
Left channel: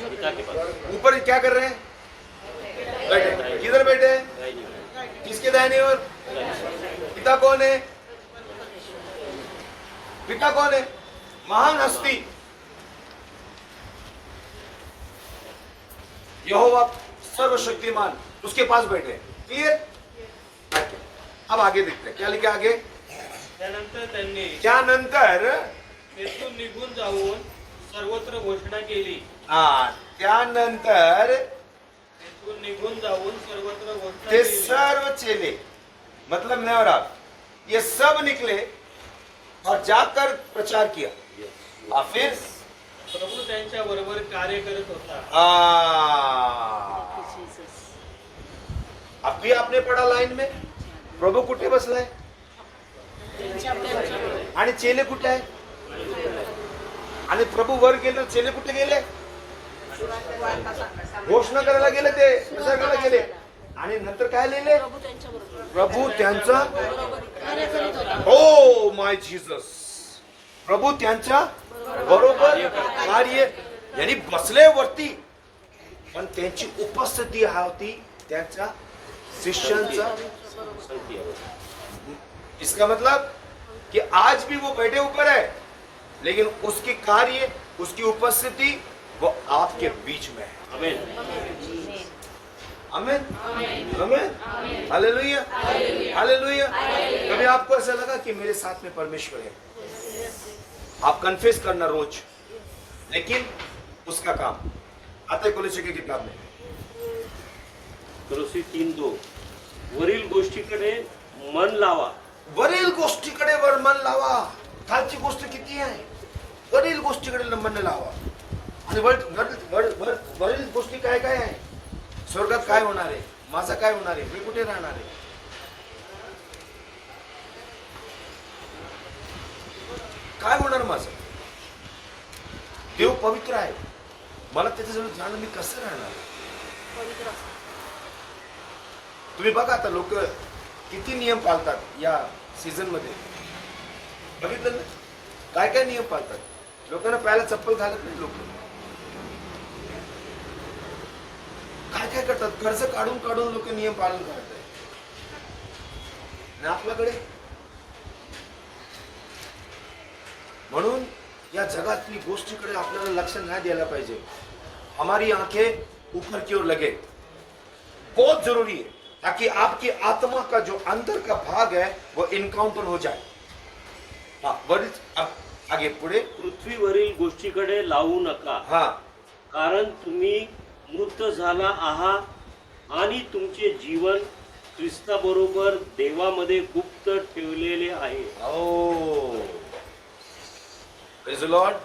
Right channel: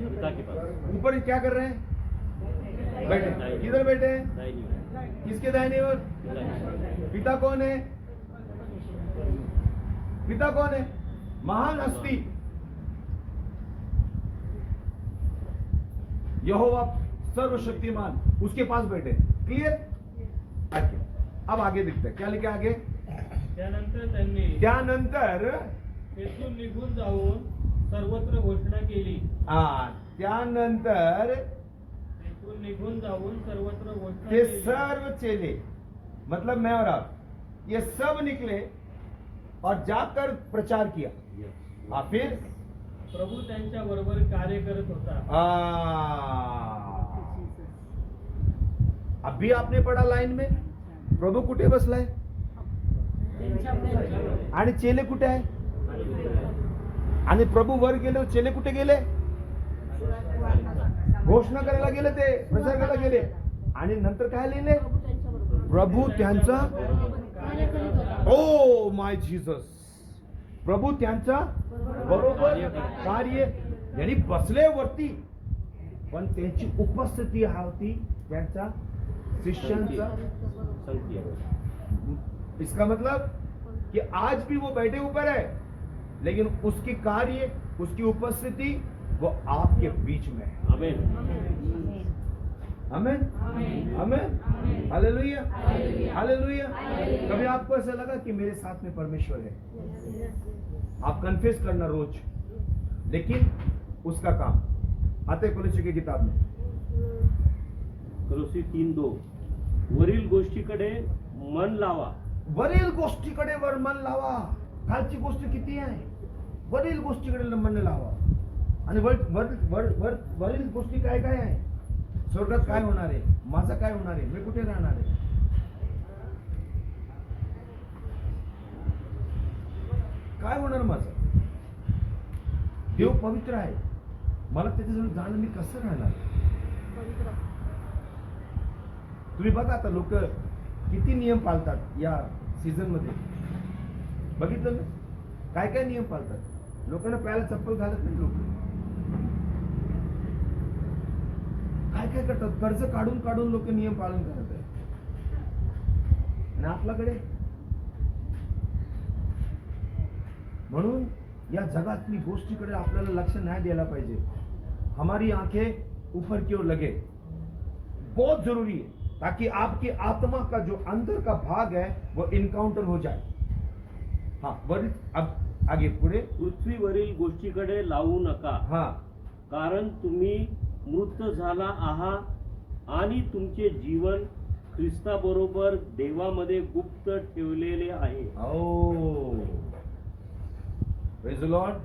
पिता के पास. ऊपर क्या कर रहे हैं? बैठे. किधर बैठे हैं? किसके दाहिने ओर? पिता कौन है? पिता कौन है? महान हस्ती यहोवा सर्वशक्तिमान, उसके पास बैठे. क्लियर? अब आगे देखते हैं क्या लिखा आगे. त्यानंतर त्यांनी त्यानंतर तेथून निघून जाऊन सर्वत्र घोषणा केली. त्यानंतर तेथून निघून जाऊन सर्वत्र घोषणा ते केली. सर्व चेले, मतलब मैं और आप, ये सब निकले और जाकर प्रचार किया. और फिर प्रभू त्यांच्या बरोबर कार्य करत होता. अभी आपने पढ़ा लाइन में, प्रभू कुठे बसलाय आणि चेले कुठे आहे? आणि प्रभू वर गेले, चेले कुठे गेले? घोषणा करायला गेले, ते प्रचार करायला गेले. आणि नंतर काय लिहिले? प्रभू त्यांचा, ओ माय जीसस, प्रभू त्यांच्या बरोबर कार्य, यांनी बसले वरती पण त्यांची उपस्थिती होती त्यांच्या शिष्यांचा. इसका मतलब कि आज भी वो बैठे ऊपर है, लेकिन उसकी कार्य, उसकी उपस्थिति वो आपके बीच में है. आमेन. आमेन आमेन हालेलुया हालेलुया। कभी आपको ऐसा लगा कि मेरे साथ में परमेश्वर है? आप कन्फेस करना रोज, लेकिन उसका काम आते कोलोसी की किताब में कोलोसी 3:2 वरील गोष्टीकडे मन लावा. वरील गोष्टीकडे मन लावा. खालची गोष्ट किती आहे? वरील गोष्टीकडे मन लावा. आणि वरील गोष्टी काय काय आहे? स्वर्गात काय होणार आहे? माझं काय होणार आहे? मी कुठे राहणार आहे? काय होणार माझं? देव पवित्र आहे, मला त्याच्याजवळ जाणं, मी कसं राहणार? तुम्ही बघा आता लोक किती नियम पाळतात या सीझन मध्ये, बघितलं ना? काय काय नियम पाळतात. लोकांना पायाला चप्पल घालत नाही लोक. काय काय करतात, कर्ज काढून काढून लोक नियम पालन करत आहे. आणि आपल्याकडे म्हणून या जगातली गोष्टीकडे आपल्याला लक्ष नाही द्यायला पाहिजे. हमारी आंखें ऊपर की ओर लगे, बहुत जरूरी है, ताकि आपकी आत्मा का जो अंदर का भाग है वो इनकाउंटर हो जाए. हाँ वरील, अब आगे पुढे. पृथ्वीवरील गोष्टीकडे लावू नका, हा कारण तुम्ही मृत झाला आहात आणि तुमचे जीवन ख्रिस्ताबरोबर देवामध्ये गुप्त ठेवलेले आहे. ओ प्रेज द लॉर्ड.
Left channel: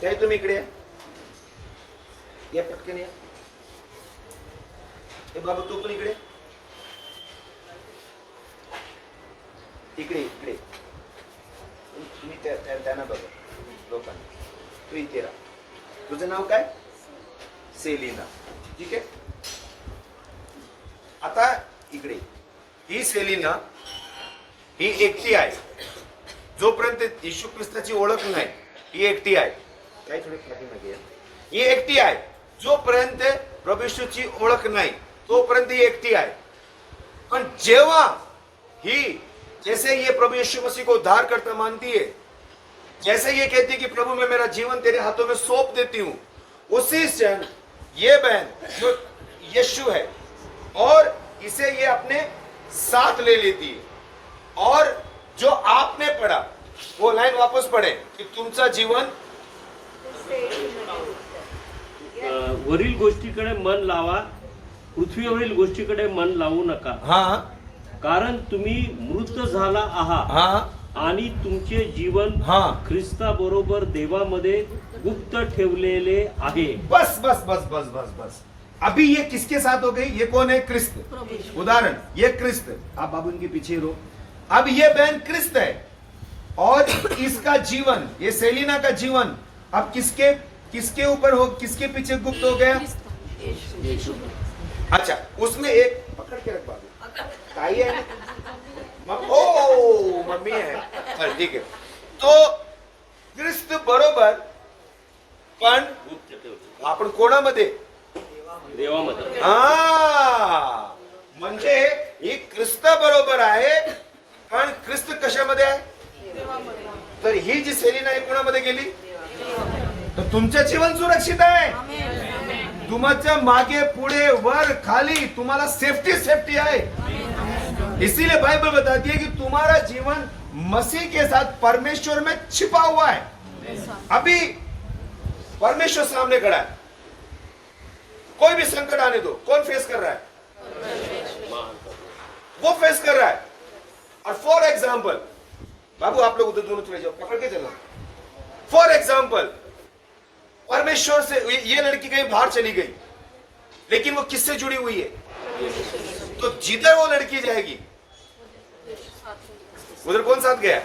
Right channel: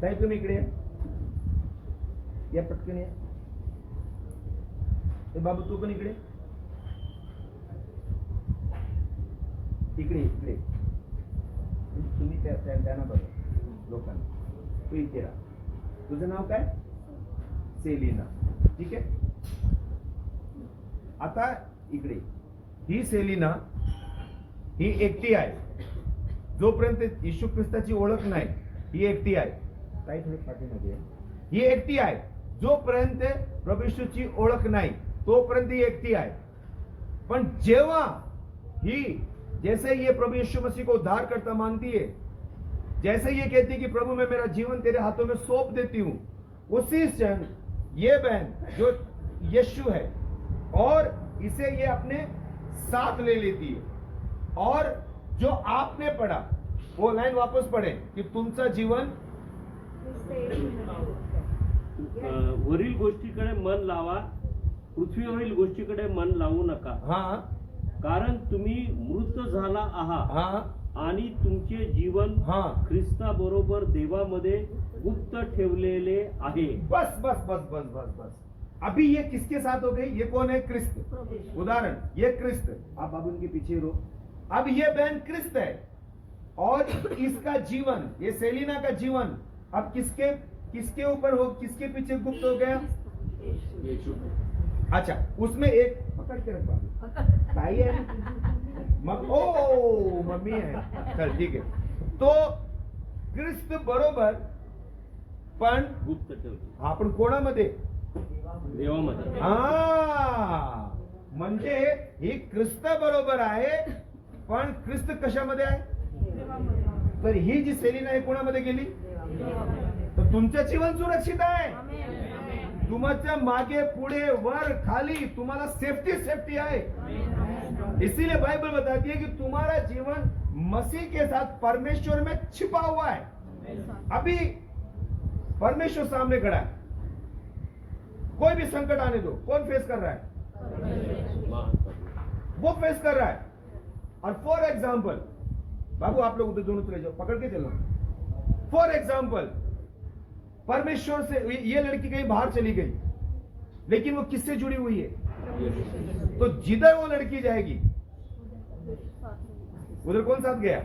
काय तुम्ही इकडे या, पटकन या. ए बाबा तू पण इकडे इकडे इकडे. तुम्ही त्यांना बघा लोकांना. तू इथे राहा. तुझं नाव काय? सेलिना. ठीक आहे. आता इकडे ही सेलिना ही एकटी आहे. जोपर्यंत येशू ख्रिस्ताची ओळख नाही, ही एकटी आहे. काय थोडे पाठीमागे या. ही एकटी आहे. जोपर्यंत प्रभू येशूची ओळख नाही तोपर्यंत ही एकटी आहे. पण जेव्हा ही जैसे ये प्रभु यीशु मसीह को उद्धार करता मानती है, जैसे ये कहती है कि प्रभु मैं मेरा जीवन तेरे हाथों में सौंप देती हूं, उसी क्षण ये बहन जो यीशु है और इसे ये अपने साथ ले लेती है. और जो आपने पढ़ा वो लाइन वापस पढ़े कि तुमचा जीवन वरील गोष्टीकडे मन लावा, पृथ्वीवरील गोष्टीकडे मन लावू नका, हाँ कारण तुम्ही मृत झाला आहात हाँ आणि तुमचे जीवन हाँ. ख्रिस्ताबरोबर देवामध्ये गुप्त ठेवलेले आहे. बस बस बस बस बस बस. अभी ये किसके साथ हो गई? ये कौन है? क्रिस्त. उदाहरण, ये क्रिस्त. आप बाबू इनके पीछे रहो. अब ये बहन क्रिस्त है और इसका जीवन, ये सेलिना का जीवन अब किसके किसके ऊपर हो, किसके पीछे गुप्त हो गया? अच्छा, उसमें एक पकड़ के रख बाबू. ताई है ना? ओ मम्मी है. चल ठीक आहे. तो ख्रिस्त बरोबर, पण गुप्त ठेवले आपण कोणामध्ये? देवामध्ये. हा, म्हणजे ही ख्रिस्त बरोबर आहे, पण ख्रिस्त कशामध्ये आहे? तर ही जी सेलिना आहे कोणामध्ये गेली? तर तुमचं जीवन सुरक्षित आहे. तुमच्या मागे पुढे वर खाली तुम्हाला सेफ्टी आहे. इसीलिए बाइबल बताती है कि तुम्हारा जीवन मसीह के साथ परमेश्वर में छिपा हुआ है. अभी परमेश्वर सामने खड़ा है. कोई भी संकट आने दो, कौन फेस कर रहा है? वो फेस कर रहा है. और फॉर एग्जाम्पल, बाबू आप लोग उधर दोनों चले जाओ, पकड़ के चलो. फॉर एग्जाम्पल, परमेश्वर से ये लड़की कहीं बाहर चली गई, लेकिन वो किससे जुड़ी हुई है? तो जिधर वो लड़की जाएगी उधर कौन साथ गया?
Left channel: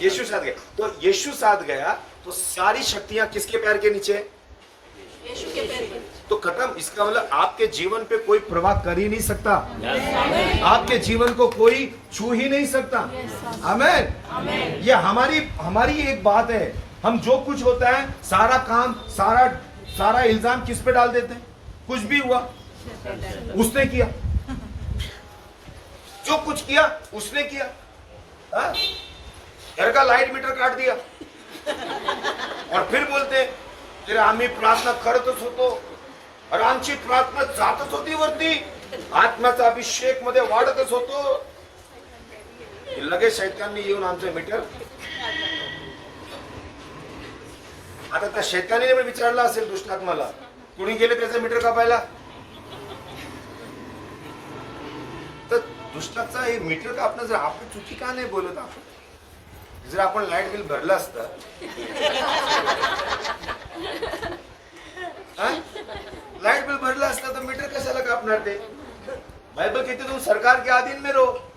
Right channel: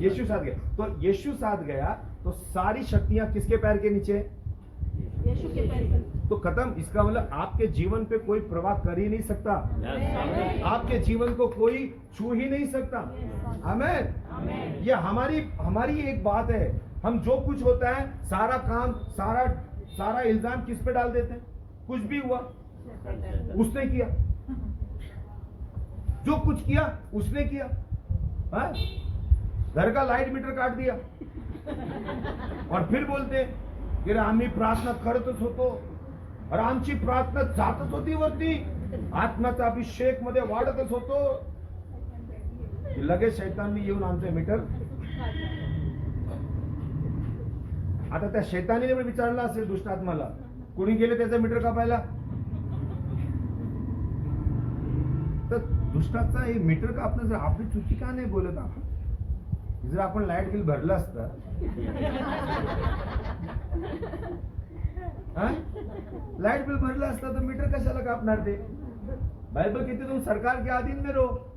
यीशु साथ गया. तो यीशु साथ गया तो सारी शक्तियां किसके पैर के नीचे? यीशु के पैर पर. तो खत्म. इसका मतलब आपके जीवन पे कोई प्रभाव कर ही नहीं सकता. आपके जीवन को कोई छू ही नहीं सकता. आमीन. ये हमारी एक बात है. हम जो कुछ होता है सारा काम सारा इल्जाम किस पे डाल देते हैं? कुछ भी हुआ उसने किया, जो कुछ किया उसने किया. हाँ? घर का लाइट मीटर काट दिया, और फिर बोलते की आम्ही प्रार्थना करतच होतो, अरे आमची प्रार्थना जातच होती वरती, आत्म्याचा अभिषेक मध्ये वाढतच होतो. की लगेच शैतानने येऊन आमचं मीटर, आता त्या शैतानीने पण विचारलं असेल दुष्ट आत्माला, कुणी गेले त्याचं मीटर कापायला? तर दुष्टाचा हे मीटर कापणं जर आपली चुकी का नाही बोलत आपण? जर आपण लाईट बिल भरलं असतं, लाईट बिल भरलं असतं तर मीटर कशाला कापणार ते? बाइबल कहते तुम सरकार के अधीन में रहो,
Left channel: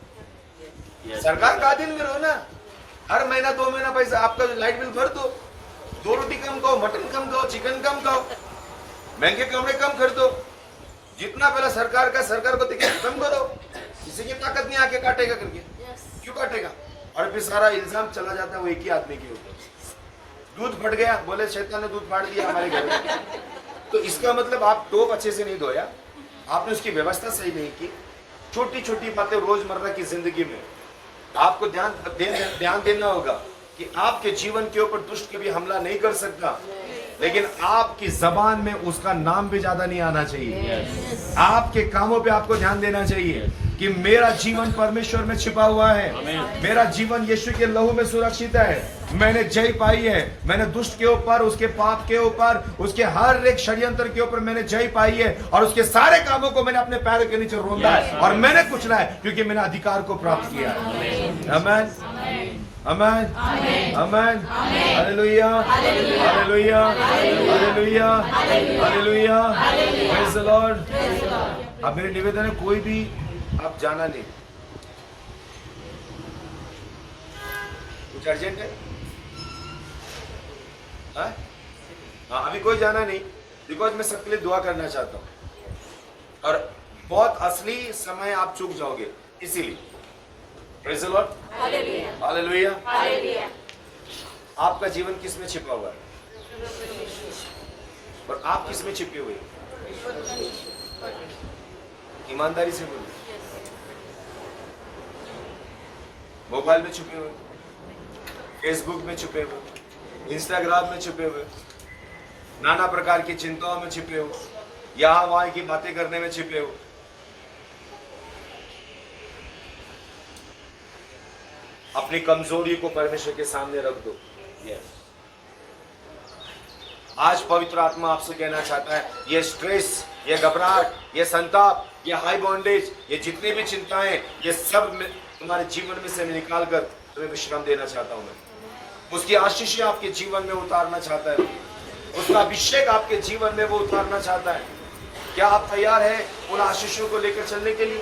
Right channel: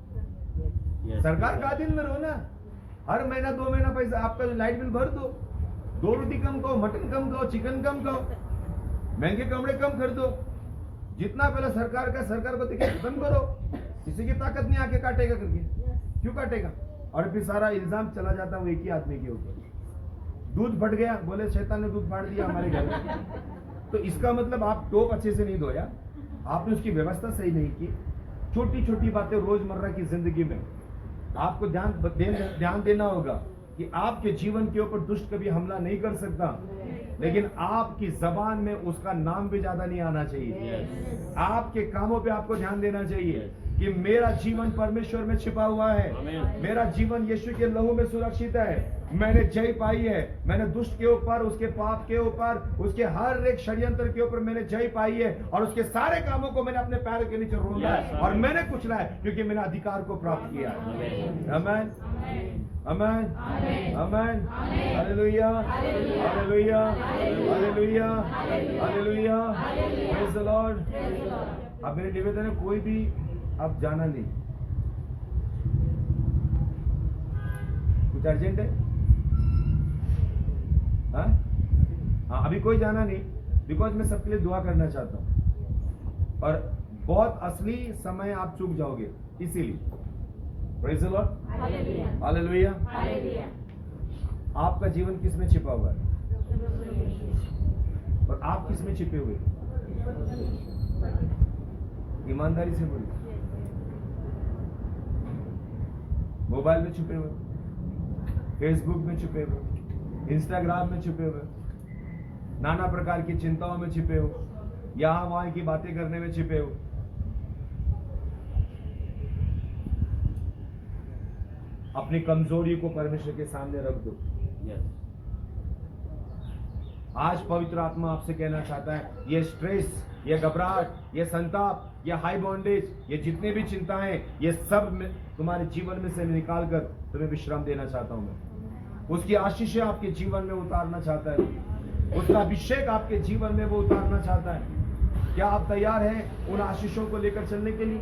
सरकार के अधीन में रहो ना. हर महीना 2 महीना पैसा आपका लाइट बिल भर दो, 2 रोटी कम खाओ, मटन कम खाओ, चिकन कम खाओ, महंगे कपड़े कम खरीदो, जितना पहला सरकार का सरकार को टिकट खत्म करो. किसी की ताकत नहीं आके काटेगा करके, क्यों काटेगा? और फिर सारा इल्जाम चला जाता है वो एक ही आदमी के ऊपर. दूध फट गया, बोले शैतान ने दूध फाड़ दिया हमारे घर में. तो इसका मतलब आप टोप अच्छे से नहीं धोया, आपने उसकी व्यवस्था सही नहीं की. छोटी छोटी बातें रोजमर्रा की जिंदगी में आपको ध्यान देना होगा कि आपके जीवन के ऊपर दुष्ट कभी हमला नहीं कर सकता, लेकिन आपकी जबान में उसका नाम भी ज्यादा नहीं आना चाहिए. आपके कामों पे आपको ध्यान देना चाहिए कि मेरा जीवन परमेश्वर में छिपा हुआ है, मेरा जीवन यीशु के लहू में सुरक्षित है, मैंने जय पाई है, मैंने दुष्ट के ऊपर, उसके पाप के ऊपर, उसके हर एक षड्यंत्र के ऊपर मैंने जय पाई है, और उसके सारे कामों को मैंने अपने पैरों के नीचे रोंदा है और मैंने कुचला है, क्योंकि मैंने अधिकार को प्राप्त किया है. आमीन, आमीन, आमीन, hallelujah, hallelujah, hallelujah, hallelujah, praise the Lord. अब मेरे निवेदन है, कोई भी आप जाना नहीं. कुछ अर्जेंट है? हाँ, अभी कोई जाना नहीं, बिकॉज मैं सबके लिए दुआ करना चाहता हूं और बहुत असली समय आप चूक जाओगे, इसीलिए. Praise the Lord, hallelujah, hallelujah. आपका जीवन किस में छिपा हुआ है और आप किस में छिपे हुए? ईमानदारी से बोलो. मोबाइल में छुपे हुए, फेसबुक में छुपे हुए, इंस्टाग्राम में छुपे हुए, नाना प्रकार की चिंताओं में छिपे हो, यहाँ वहां की बातें करने में छिपे हो. अपनी कमजोरी को परमेश्वर के सामने रख दो. आज पवित्र आत्मा आपसे कहना चाहता है, ये स्ट्रेस, ये घबराहट, ये संताप, ये हाई बॉन्डेज, ये जितनी भी चिंताएं, ये सब तुम्हारे जीवन में से निकाल कर तुम्हें विश्राम देना चाहता हूं मैं. उसकी आशीषें आपके जीवन में उतारना चाहता है, उसका अभिषेक आपके जीवन में वो उतारना चाहता है. क्या आप तैयार हैं उन आशीषों को लेकर चलने के लिए?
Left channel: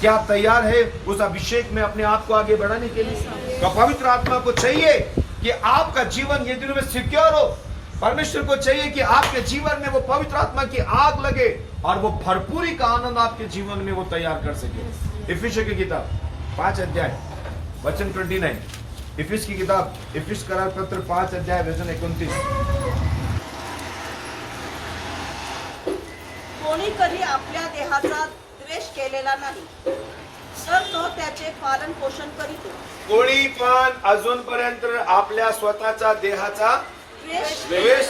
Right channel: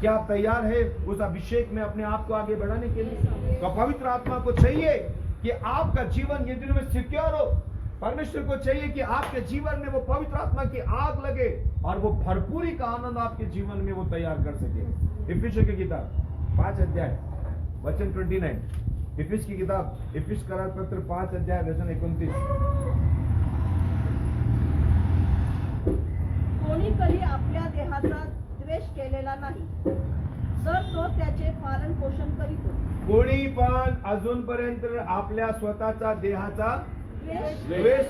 क्या आप तैयार हैं उस अभिषेक में अपने आप को आगे बढ़ाने के लिए? तो पवित्र आत्मा को चाहिए कि आपका जीवन ये दिनों में सिक्योर हो. परमेश्वर को चाहिए कि आपके जीवन में वो पवित्र आत्मा की आग लगे और वो भरपूरी का आनंद आपके जीवन में वो तैयार कर सके. इफिसियों की किताब 5 अध्याय वचन 29. इफिस की किताब, इफिस करार पत्र 5 अध्याय वचन 29. कोणी कधी आपल्या देहाचा द्वेष केलेला नाही, तर तो त्याचे पालन पोषण करीतो. कोणी पण अजूनपर्यंत आपल्या स्वतःच्या देहाचा द्वेष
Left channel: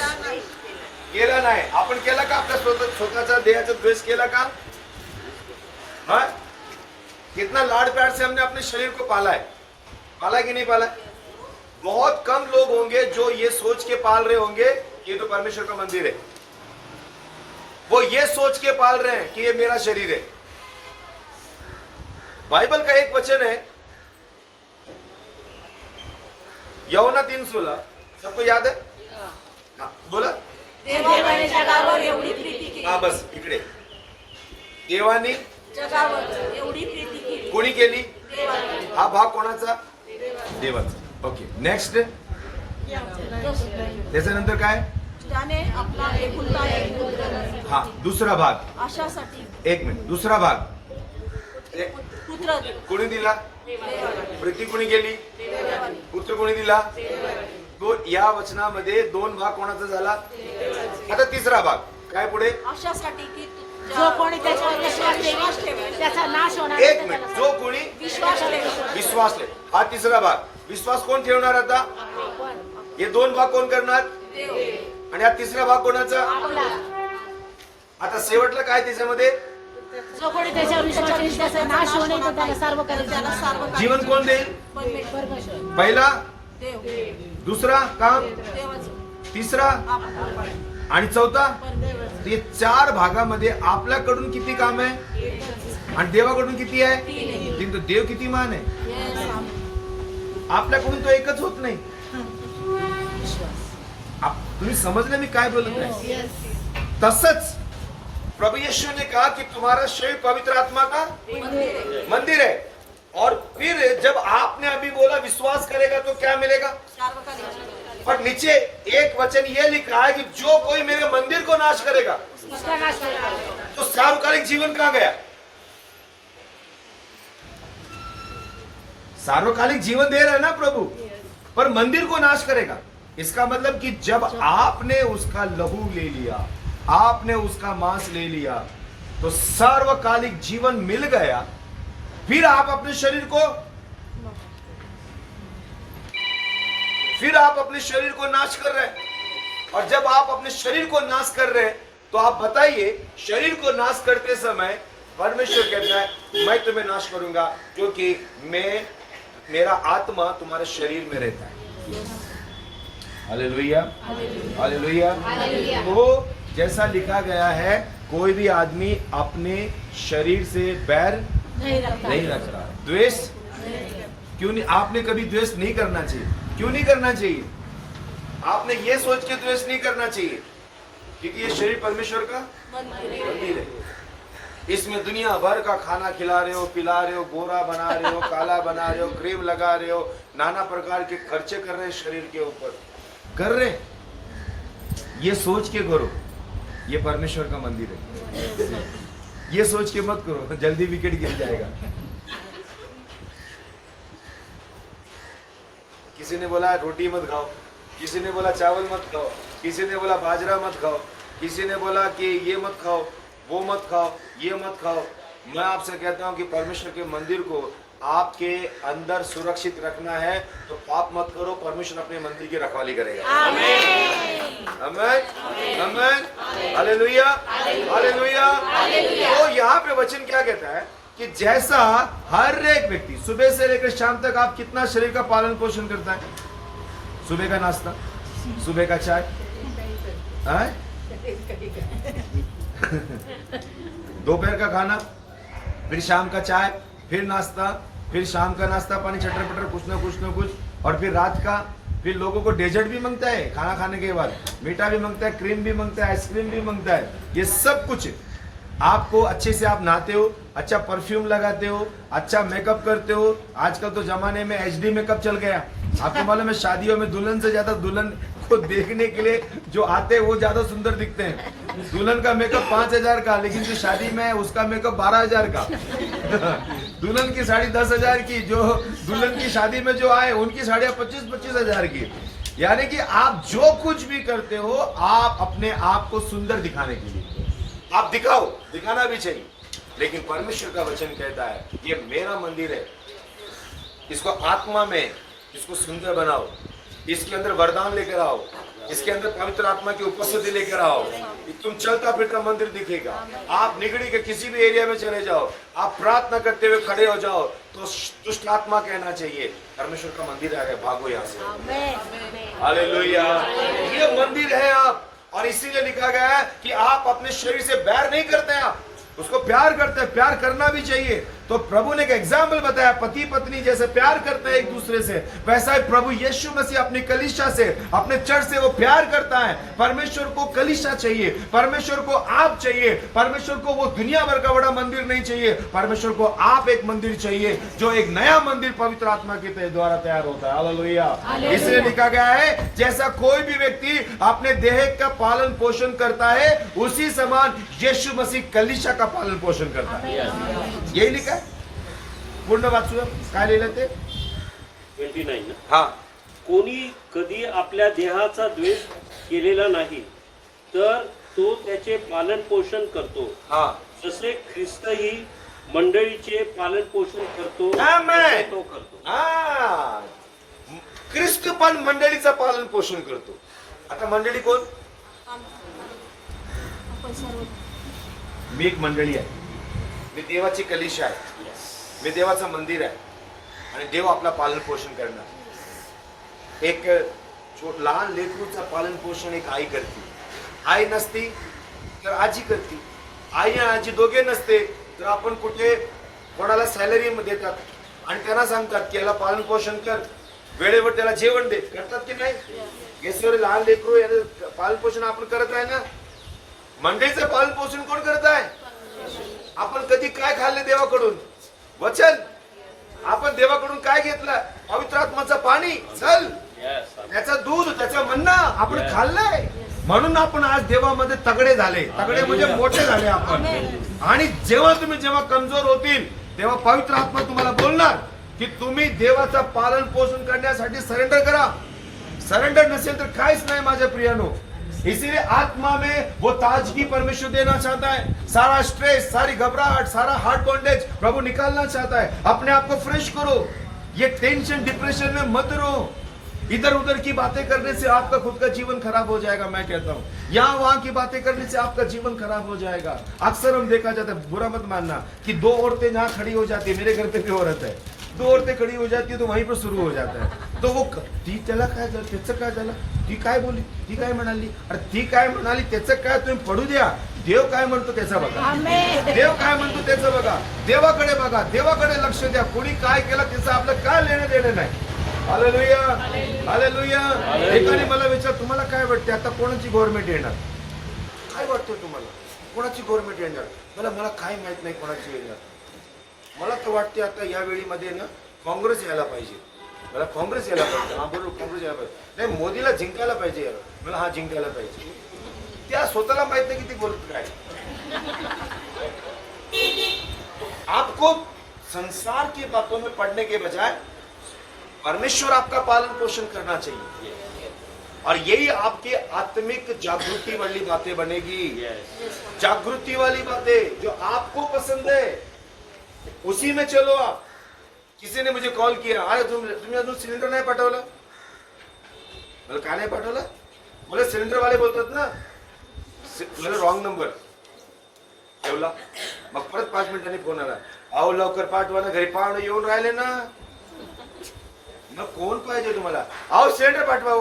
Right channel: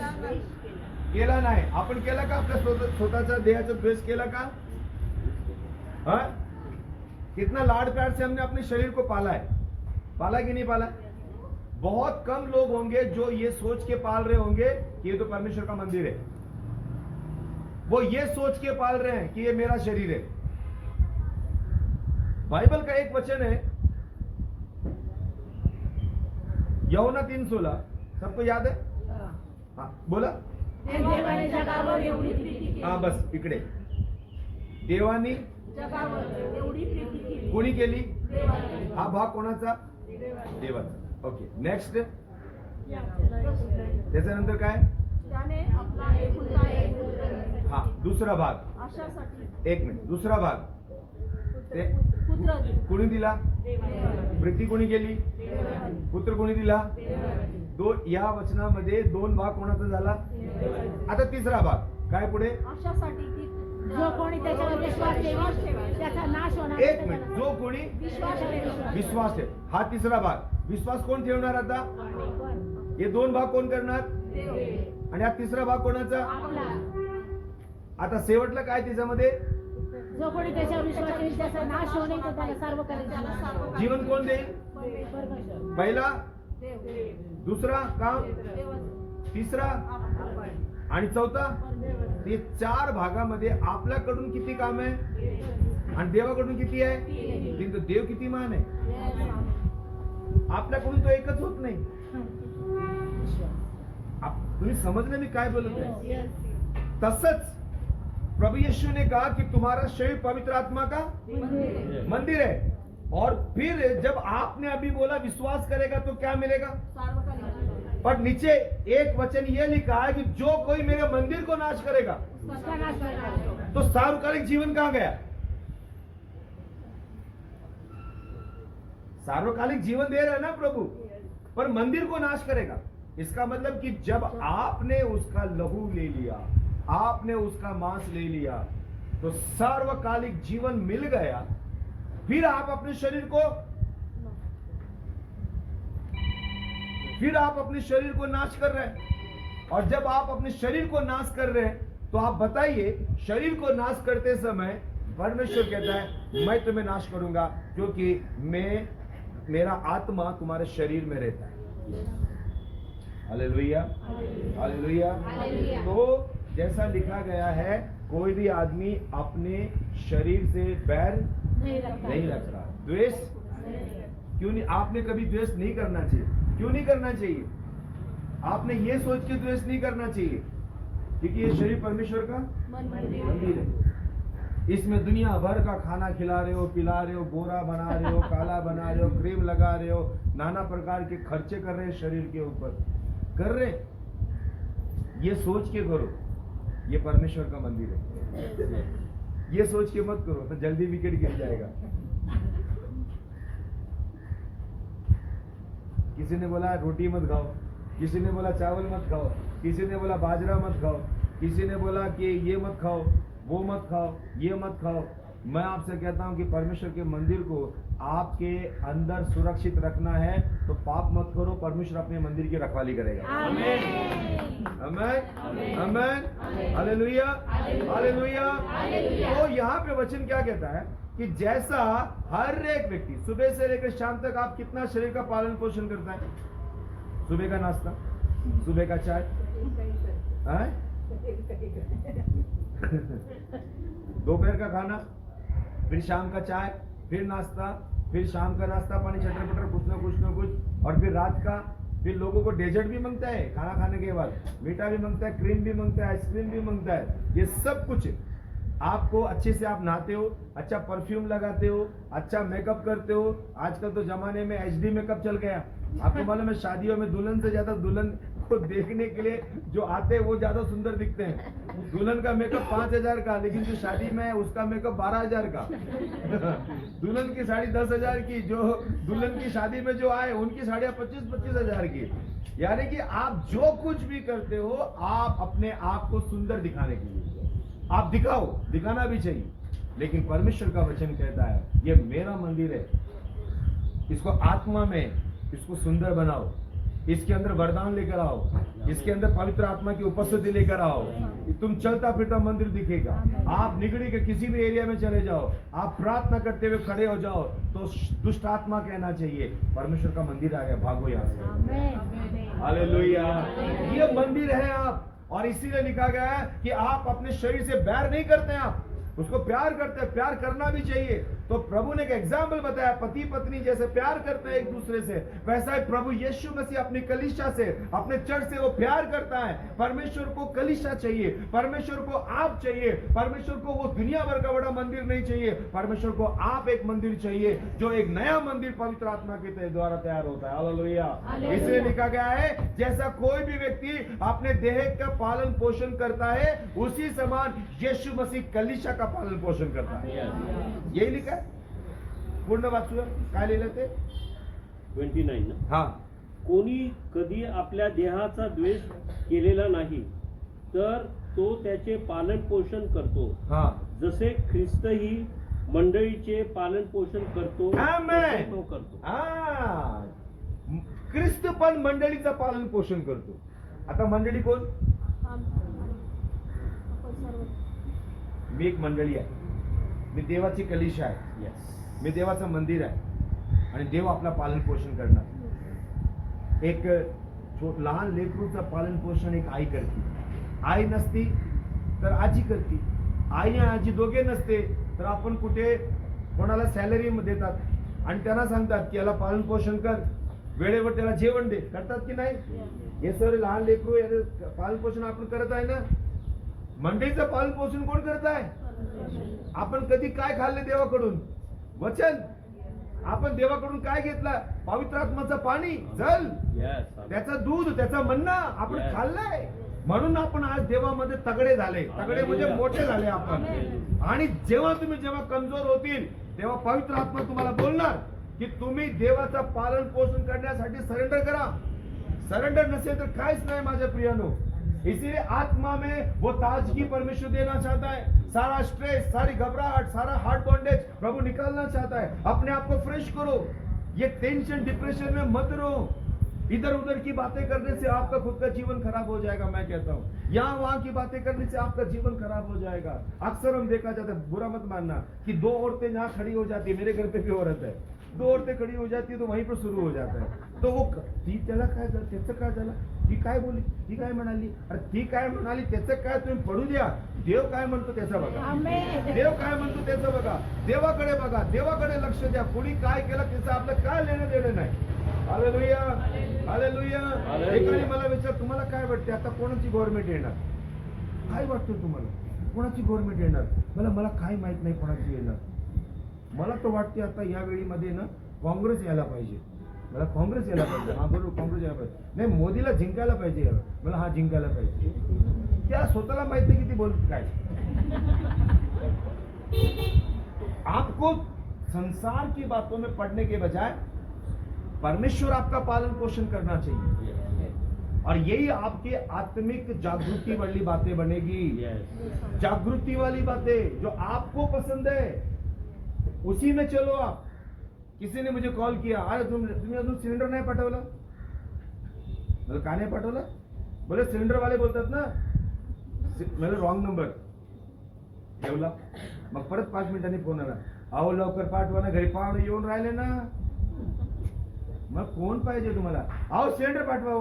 केला नाही. आपण केला का? आपल्या स्वतःच्या देहाचा द्वेष केला का? हाँ? कितना लाड प्यार से हमने अपने शरीर को पाला है, पाला कि नहीं पाला? बहुत कम लोग होंगे जो ये सोच के पाल रहे होंगे कि ये तो परमेश्वर का मंदिर है. वो ये सोच के पाल रहे हैं कि ये मेरा शरीर है. बाइबल का एक वचन है, यूहन्ना 3:16. सबको याद है? हाँ, बोला. देवाने जगावर एवढी प्रीती केली. हाँ, बस इकडे. देवाने जगावर एवढी प्रीती केली. कोणी केली? देवाने. हा भाग कोणाचा? देवाचा. Okay, next. त्याच्यानंतर काय? त्याने आपला एकुलता एक पुत्र हा, दुसरा भाग. अशासाठी एक मिनिट, दुसरा भाग. पुत्र कोणी दिला? प्रीती कोणी केली? पुत्र कोणी दिला? या वचनामध्ये 2 भाग कोणाचा झाला? आता तिसरा भाग काय पुढे? अशासाठी की जो कोणी त्याच्यावर विश्वास ठेवेल त्याचा नाश होणार एक नाही. मिनिट, जो कोणी विश्वास ठेवेल. विश्वास आहे. हा तिसरा भाग. विश्वास कोण ठेवणार आता? हे 2 भाग कोण करणार? आणि हा तिसरा भाग कोणाचा? आता शेवटला काय त्याच्यामध्ये? जो कोणी त्याच्यावर विश्वास ठेवेल त्याचा नाश होऊ नये, तर त्याला सार्वकालिक त्याला सार्वकालिक जीवन कोण देईल? परमेश्वर. पहिला, देव, दुसरा काम, देवच तिसरा आणि चौथा. हे 4 भागामध्ये आपल्याकडून किती काम आहे आणि देवाकडून किती आहे? किंतु देव किती मान आहे? आपल्याकडून तो एकच होत नाही. तुम्ही समजले मी काय बोलत आहे? तसंच प्रभु यीशु ने कहा कि तुम्हारा शरीर पवित्र आत्मा का मंदिर है. और फिर जब आपने अभी बोला विश्वास करेगा तो क्या मिलेगा? सार्वकालिक. और नीचे एक वचन ये लिखा है कि जो कोई मेरे मंदिर को नाश करेगा उसका नाश करेगा. तो सार्वकालिक जीवन कहां गया? सार्वकालिक जीवन दे रहे हैं ना प्रभु, पर मंदिर को नाश करेगा. इसका मतलब कि जब आपने उसका लहू ले लिया, आपने उसका मांस ले लिया, तो सार्वकालिक जीवन मिल गया. फिर आप अपने शरीर को नाश कर रहे हैं. और जब आप अपने शरीर को नाश कर रहे हैं, तो आप बताइए, शरीर को नाश करते समय परमेश्वर कहता है मैं तुम्हें नाश करूंगा, क्योंकि मेरा आत्मा तुम्हारे शरीर में रहता है. Hallelujah, hallelujah. तो जैसा लिखा गया है, कोई भी आदमी अपने शरीर से बैर नहीं रखता. नहीं रखता. द्वेष क्यों नहीं? आपने कभी द्वेष नहीं करना चाहिए. क्यों नहीं करना चाहिए? आपने ये सोच के द्वेष नहीं करना चाहिए, क्योंकि ये शरीर परमेश्वर का मंदिर है. इसमें दुनिया भर का खाना खिला रहे हो, पिला रहे हो, गोरा बना रहे हो, काला बना रहे हो, क्रीम लगा रहे हो, नाना प्रकार के खर्चे कर रहे हैं शरीर के ऊपर. कर रहे, ये सोच के करो ये परमेश्वर का मंदिर है. ये सोच के मत करो, जल्दी विकेट गिर जाएगा. किसी ने बोला रोटी मत खाओ, किसी ने बोला चावल मत खाओ, किसी ने बोला बाजरा मत खाओ, किसी ने बोला कि ये मत खाओ, वो मत खाओ, ये मत खाओ. मैं आपसे कहता हूं कि परमेश्वर के मंदिर को आपके अंदर सुरक्षित रखना है, तो पाप मत करो. परमेश्वर अपने मंदिर की रखवाली करेगा. आमीन, आमीन, हालेलुया, हालेलुया. तो यहाँ पे वचन क्या कहता है कि जैसा हर एक व्यक्ति सुबह से लेकर शाम तक आप कितना शरीर का पालन पोषण करता है? सुबह का नाश्ता, सुबह का चाय, दोपहर का खाना, फिर शाम का चाय, फिर नाश्ता, फिर शाम का नाश्ता पानी चटर पटर कुछ ना कुछ, और फिर रात का. फिर लोगों को डेजर्ट भी मांगता है खाना खाने के बाद, मीठा भी मांगता है, क्रीम भी मांगता है, आइसक्रीम भी मांगता है. ये सब कुछ आपको अच्छे से आप नहाते हो, अच्छा परफ्यूम लगाते हो, अच्छा मेकअप करते हो. आजकल तो जमाने में HD मेकअप चल गया. आपको मालूम है शादियों में दुल्हन से ज्यादा दुल्हन को देखने के लिए जो आते हैं वो ज्यादा सुंदर दिखते हैं. दुल्हन का मेकअप 5,000 का, लेकिन जो शादी में है उसका मेकअप 12,000 का. दुल्हन की साड़ी 10,000 की, जो दुल्हन की शादी में जो आए उनकी साड़ियाँ 25,000 की. यानी कि आप जो कुछ भी करते हो, आप अपने आप को सुंदर दिखाने के लिए आप दिखाओ, दिखाना भी चाहिए. लेकिन परमेश्वर का वचन कहता है ये मेरा मंदिर है, इसको आत्मा में इसको सुंदर बनाओ, इसके अंदर वरदान लेकर आओ, इसके अंदर पवित्र आत्मा की उपस्थिति लेकर आओ. तुम चलता फिरता मंदिर दिखेगा. आप निगड़ी के किसी भी एरिया में चले जाओ, आप प्रार्थना करते हुए खड़े हो जाओ, तो दुष्ट आत्मा कहना चाहिए परमेश्वर का मंदिर आ गया, भागो यहाँ से. आमीन. हालेलुया. ये मंदिर है आप, और इसीलिए लिखा गया है कि आप अपने शरीर से बैर नहीं करते हैं, आप उसको प्यार करते हैं. प्यार करना भी चाहिए. तो प्रभु ने एक एग्जाम्पल बताया, पति पत्नी जैसे प्यार करते हैं एक दूसरे से, वैसा ही प्रभु यीशु मसीह अपनी कलीसिया से, अपने चर्च से वो प्यार करता है. परमेश्वर को कलीसिया चाहिए, परमेश्वर को आप चाहिए, परमेश्वर को वो दुनिया भर का बड़ा मंदिर नहीं चाहिए. परमेश्वर को आप एक मंदिर चाहिए, जो एक नया मंदिर पवित्र आत्मा के द्वारा तैयार होता है. हालेलुया. इसलिए लिखा गया है जैसा कोई भी व्यक्ति अपने देह का पालन पोषण करता है, उसी समान यीशु मसीह कलीसिया का पालन पोषण करता है. यही लिखा है. पूर्ण वाचूया काय लिहिलं ते 29 ना. हा. कोणी कधी आपल्या देहाचा द्वेष केलेला नाही, तर तो त्याचे पालन पोषण करतो, हा. जसे ख्रिस्तही मंडळीचे पालन पोषण करतो आमेन. तसे तो करतो. हाँ, क्रिस्त आपण मंडळीचं पालन पोषण करतो. आता मंडळी कोण? मी एक मंडळी आहे, मी देवाची कलिशा आहे, मी देवाचं मंदिर आहे आणि देव आपला पालन पोषण करणार. एक लहान लेकरूचं पालन पोषण एक आई करते. आई नसती तर आजी करते. आई आणि आजी दोघे नसते तर आपण कुठे कोणाला सॅलरी देतात आणि त्यांना सांगतात की याला पालन पोषण कर, वेळेवर त्याला जेवण दे. करतात की नाही? गेसवर लहान लेकरू याचं पालन पोषण आपण करत आहे ना. मंडळीचं पालन पोषण कोण करत आहे? आपण कधी काय खाल्ले देवाकडून? वचन. आपण देवाकडून काय घेतलं? पवित्र आत्माचं पाणी, जल, त्याचं दूध, त्याचं म्हणणं आपण खाल्लंय. म्हणून आपण आज देवामध्ये तगडे झाले. तगडे म्हणजे मोठे झाले आपण. आणि जेव्हा कमजोर होतील तेव्हा पवित्र आत्मा तुम्हाला बोलणार की तुम्ही देवाचं पालन पोषण करण्यासाठी सरेंडर करा. सरेंडर नसेल तर काहीच नाही माझ्या प्रियानो. इसीलिए आत्मा में वो ताजगी परमेश्वर देना चाहता है. सारा स्ट्रेस, सारी घबराहट, सारा हार्ट बॉन्डेज प्रभु निकालना चाहता है. अपने आप को फ्रेश करो. ये टेंशन डिप्रेशन में मत रहो. इधर उधर की बातें करने से आपका खुद का जीवन खराब हो जाएगा. मैं कहता हूँ यहाँ वहां की बातें करने से आपका जीवन खराब हो जाएगा. अक्सर हम देखा जाता है, बुरा मत मानना, कि दो औरतें जहाँ खड़ी हो जाती है, मेरे घर पे भी औरत है, दो औरतें खड़ी हो जाती है तो वहीं पर शुरू हो जाता है. तो वो ती त्याला काय झालं, त्याचं काय झालं, ती काय बोलली, ती काय म्हणाली, अरे ती काय म्हणाली, त्याचं काय तुम्ही पडू द्या. देव काय म्हणतो त्याचं बघा. देव काय म्हणतो त्याचं बघा. देवाकडे बघा, देवाकडे लक्ष द्या. कोणी काय केलं त्याचं आपलं काय लेणं देणं नाही. Hallelujah, hallelujah. एकाने मला विचार, तुम्हाला काय वाटते आता कोणाची गव्हर्नमेंट येणार? काय वाटतं तुम्हाला कोणाची गव्हर्नमेंट येणार? मला काय माहित नाही कोणाची येणार. मला तर वाटते आता या वेळीमध्ये ना काँग्रेस यायला पाहिजे. मला काँग्रेस यायला पाहिजे. हा बरोबर, काँग्रेस यायला पाहिजे. नाही, मोदीला जिंकायला पाहिजे. मला हा जिंकायला पाहिजे. त्या स्वतःला माहित नाही किती बोलत काय. आपको संसार की बातों में पढ़ने के बजाय परमेश्वर आपका पालन पोषण करना चाहिए. और यही आपके आत्मिक जागृति वाली बातें बनेगी. जागृति वाली बातें जो आपको पसंद है उसी में चलो आप. किसी ने मुझे कॉल किया, अरे तुम्ही अजून सिलेंडर नाही पाठवलं. मला का नाही पाठवलं? बोले सिलेंडर वाले बोलतात ना. मला रॉंग नंबर ठेवला. मग परत 5 मिनिटांनी फोन आला, अहो लवकर पाठवा ना, घरी पाहुणे येऊन राहिले ना. मग कोण पाहिजे तुम्हाला? अहो सिलेंडर पाठवा.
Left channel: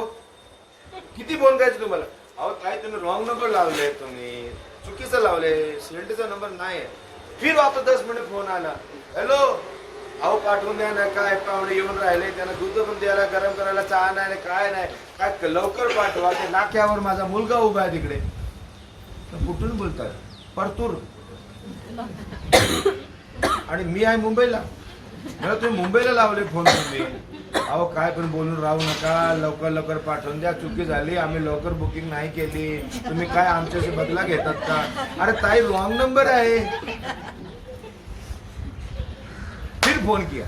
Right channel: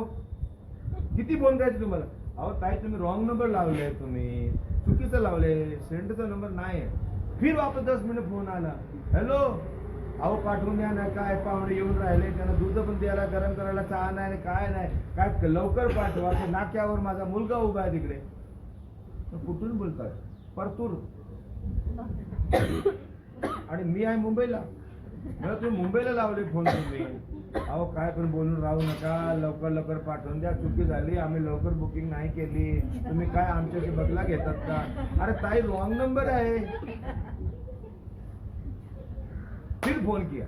किती फोन करायचे तुम्हाला? अहो काय तुम्ही रॉंग नंबर लावले, तुम्ही चुकीचं लावले, सिलेंडरचा नंबर नाही आहे. फिर वापस 10 मिनिट फोन आला, हॅलो अहो पाठवून द्या ना, काय पाहुणे येऊन राहिले, त्यांना दूध पण द्यायला, गरम करायला चहा नाही, काय नाही, काय लवकर पाठवा. ते नाक्यावर माझा मुलगा उभा आहे तिकडे. कुठून बोलतात? परतूर. आणि मी आहे मुंबईला. मला तुम्ही मुंबईला लावले फोन तुम्ही. अहो काय पण बोलून राहू नका, लवकर लवकर पाठवून द्या, चुकी झाली, आम्ही लवकर बुकिंग नाही केली, तुम्ही काय आमच्याशी बदला घेतात का? अरे ताई रॉंग नंबर आहे. फिर फोन किया,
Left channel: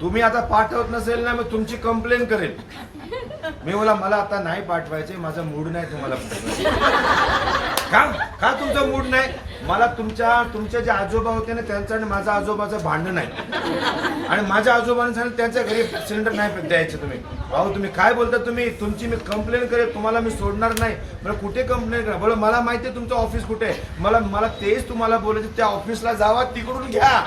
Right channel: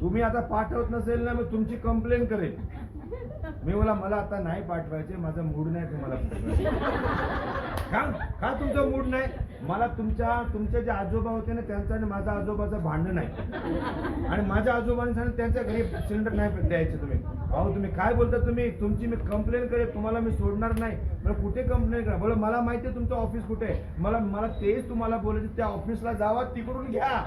तुम्ही आता पाठवत नसेल ना मग तुमची कंप्लेन करेल. मी बोला मला आता नाही पाठवायचे, माझा मूड नाही तुम्हाला का तुमचा मूड नाही? मला तुमच्या जे आजोबा होते ना त्यांचं आणि माझा आजोबाचं भांडण आहे आणि माझ्या आजोबाने सांगितलं त्यांच्या घरी सिलेंडर नाही द्यायचे. तुम्ही अहो तुम्ही काय बोलता? तुमची मी कंप्लेन करेल, तुम्हाला मी सोडणार नाही. मला कुठे कंप्लेन करा? बोला मला माहिती आहे तुमचं ऑफिस कुठे आहे. मला तेच तुम्हाला बोलायचं, त्या ऑफिसला जावा, तिकडून घ्या.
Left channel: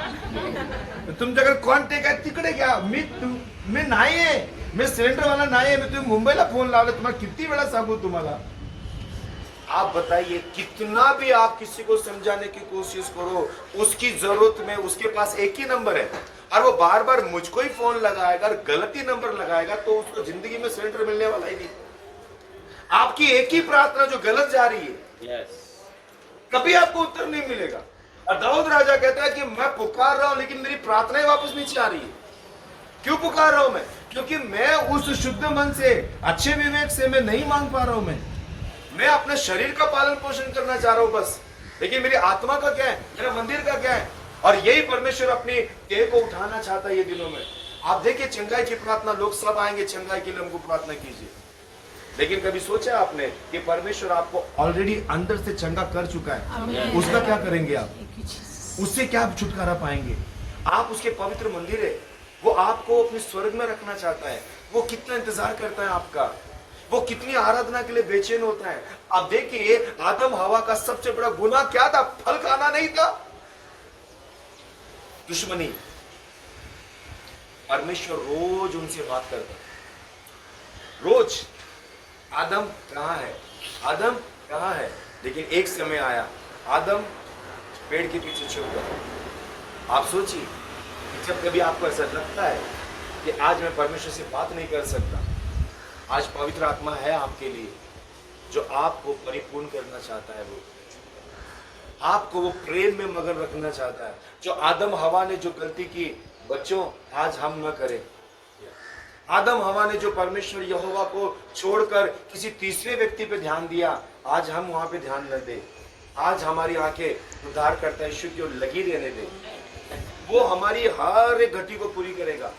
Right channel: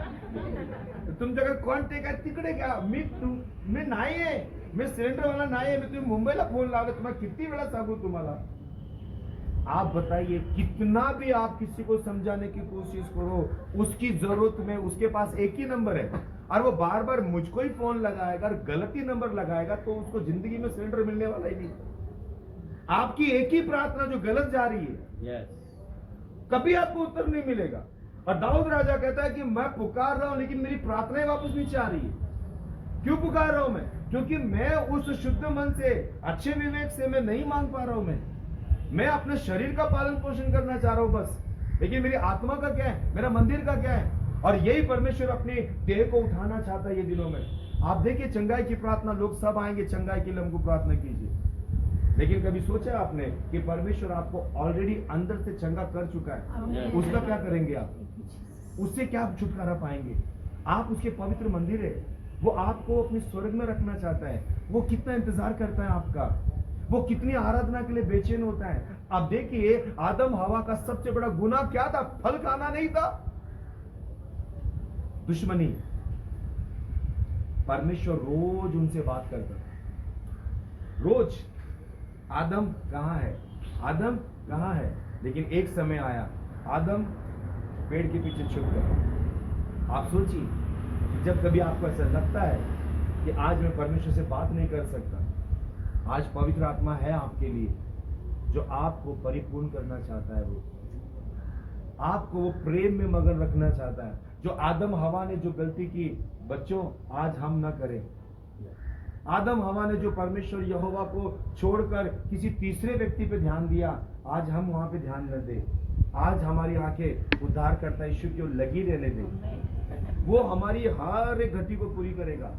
तुमच्याकडे कॉन्टॅक्ट आहे तिकडे घ्या. मी नाहीये, मी सिलेंडरवाला नाहीये. मी तुम्ही मुंबईला फोन लावला, तुम्हाला किती वेळा सांगू तुम्हाला? आप बताइए, कितना भी आप किसी को समझाने की कोशिश करो, उसकी जरूरत में उसके पास एक ही नंबर है और वो बार बार मुझको ही फोन लगाएगा और गलत ही नंबर लगाएगा तो उसको जिंदगी में सिलेंडर मिलने वाला ही नहीं. आपकी एक ही प्रार्थना जो गलत जा रही है, कभी आपको उत्तर नहीं मिलेगा. और दाऊद राजा कहता है कि मैं पुकार रहा हूं लेकिन मेरी प्रार्थनाएं वापस नीचे आ रही है. क्यों पुकार रहा हूं मैं? क्योंकि मैं उस शुद्ध मन से, अच्छे विवेक से मैं नहीं मांग पा रहा हूं. मैं अपने शरीर का पालन पोषण करना चाह रहा हूं बस, लेकिन मेरी आत्मा का क्या है, मेरा मंदिर का क्या है? और यही परमेश्वर अपनी देह को उठाना चाहता है ये दिनों में. आप देखिए चंगाई की प्रार्थना, लोग सब आएंगे चंगाई के लिए, हमको प्रार्थना कीजिए. लेकिन कभी सोचा आपने कि परमेश्वर आपको ऑलरेडी अंदर से चंगा कर चुका है, उसका क्या करेंगे आप? उससे क्या छुटकारा पाएंगे? आप उसके पवित्र मंदिर है. वो आपको अपने स्वर्ग में रखना चाहता है। वो कितना इंतजार करता है आपका, वो कितनी आराधना के लिए बेचैन होता है। आप देखिए आदम हवा का सबसे बड़ा गुनाह क्या था? फल खाना नहीं था, दुश्मनी। परमेश्वर रोज उनसे बात करता, रोज। आदम कहां है, आदम कहां है? लेकिन एक समय आया, आदम पेड़ के पीछे छुप गया। आप सोचिए, जब कभी आपको ऐसा लगता है कि आज मैं परमेश्वर से बात नहीं कर सकता, आज पवित्र आत्मा है आपके लिए जो आपको परिपूर्ण करना चाहता है। वो आपको वो प्रेम में मगन रखना चाहता है। जो आदम हवा ने जो गलती की, बच्चों आज हम न करें। आदम हवा ने जो परमेश्वर यहोवा को छोड़कर किसी तीसरे व्यक्ति पे ध्यान दिया, आज हम वहां पे ध्यान न दें। आज हमारी आंखें उद्धार करता यीशु की ओर लगी रहने दें। वो हमारी हर एक घटी को पूरी करेगा।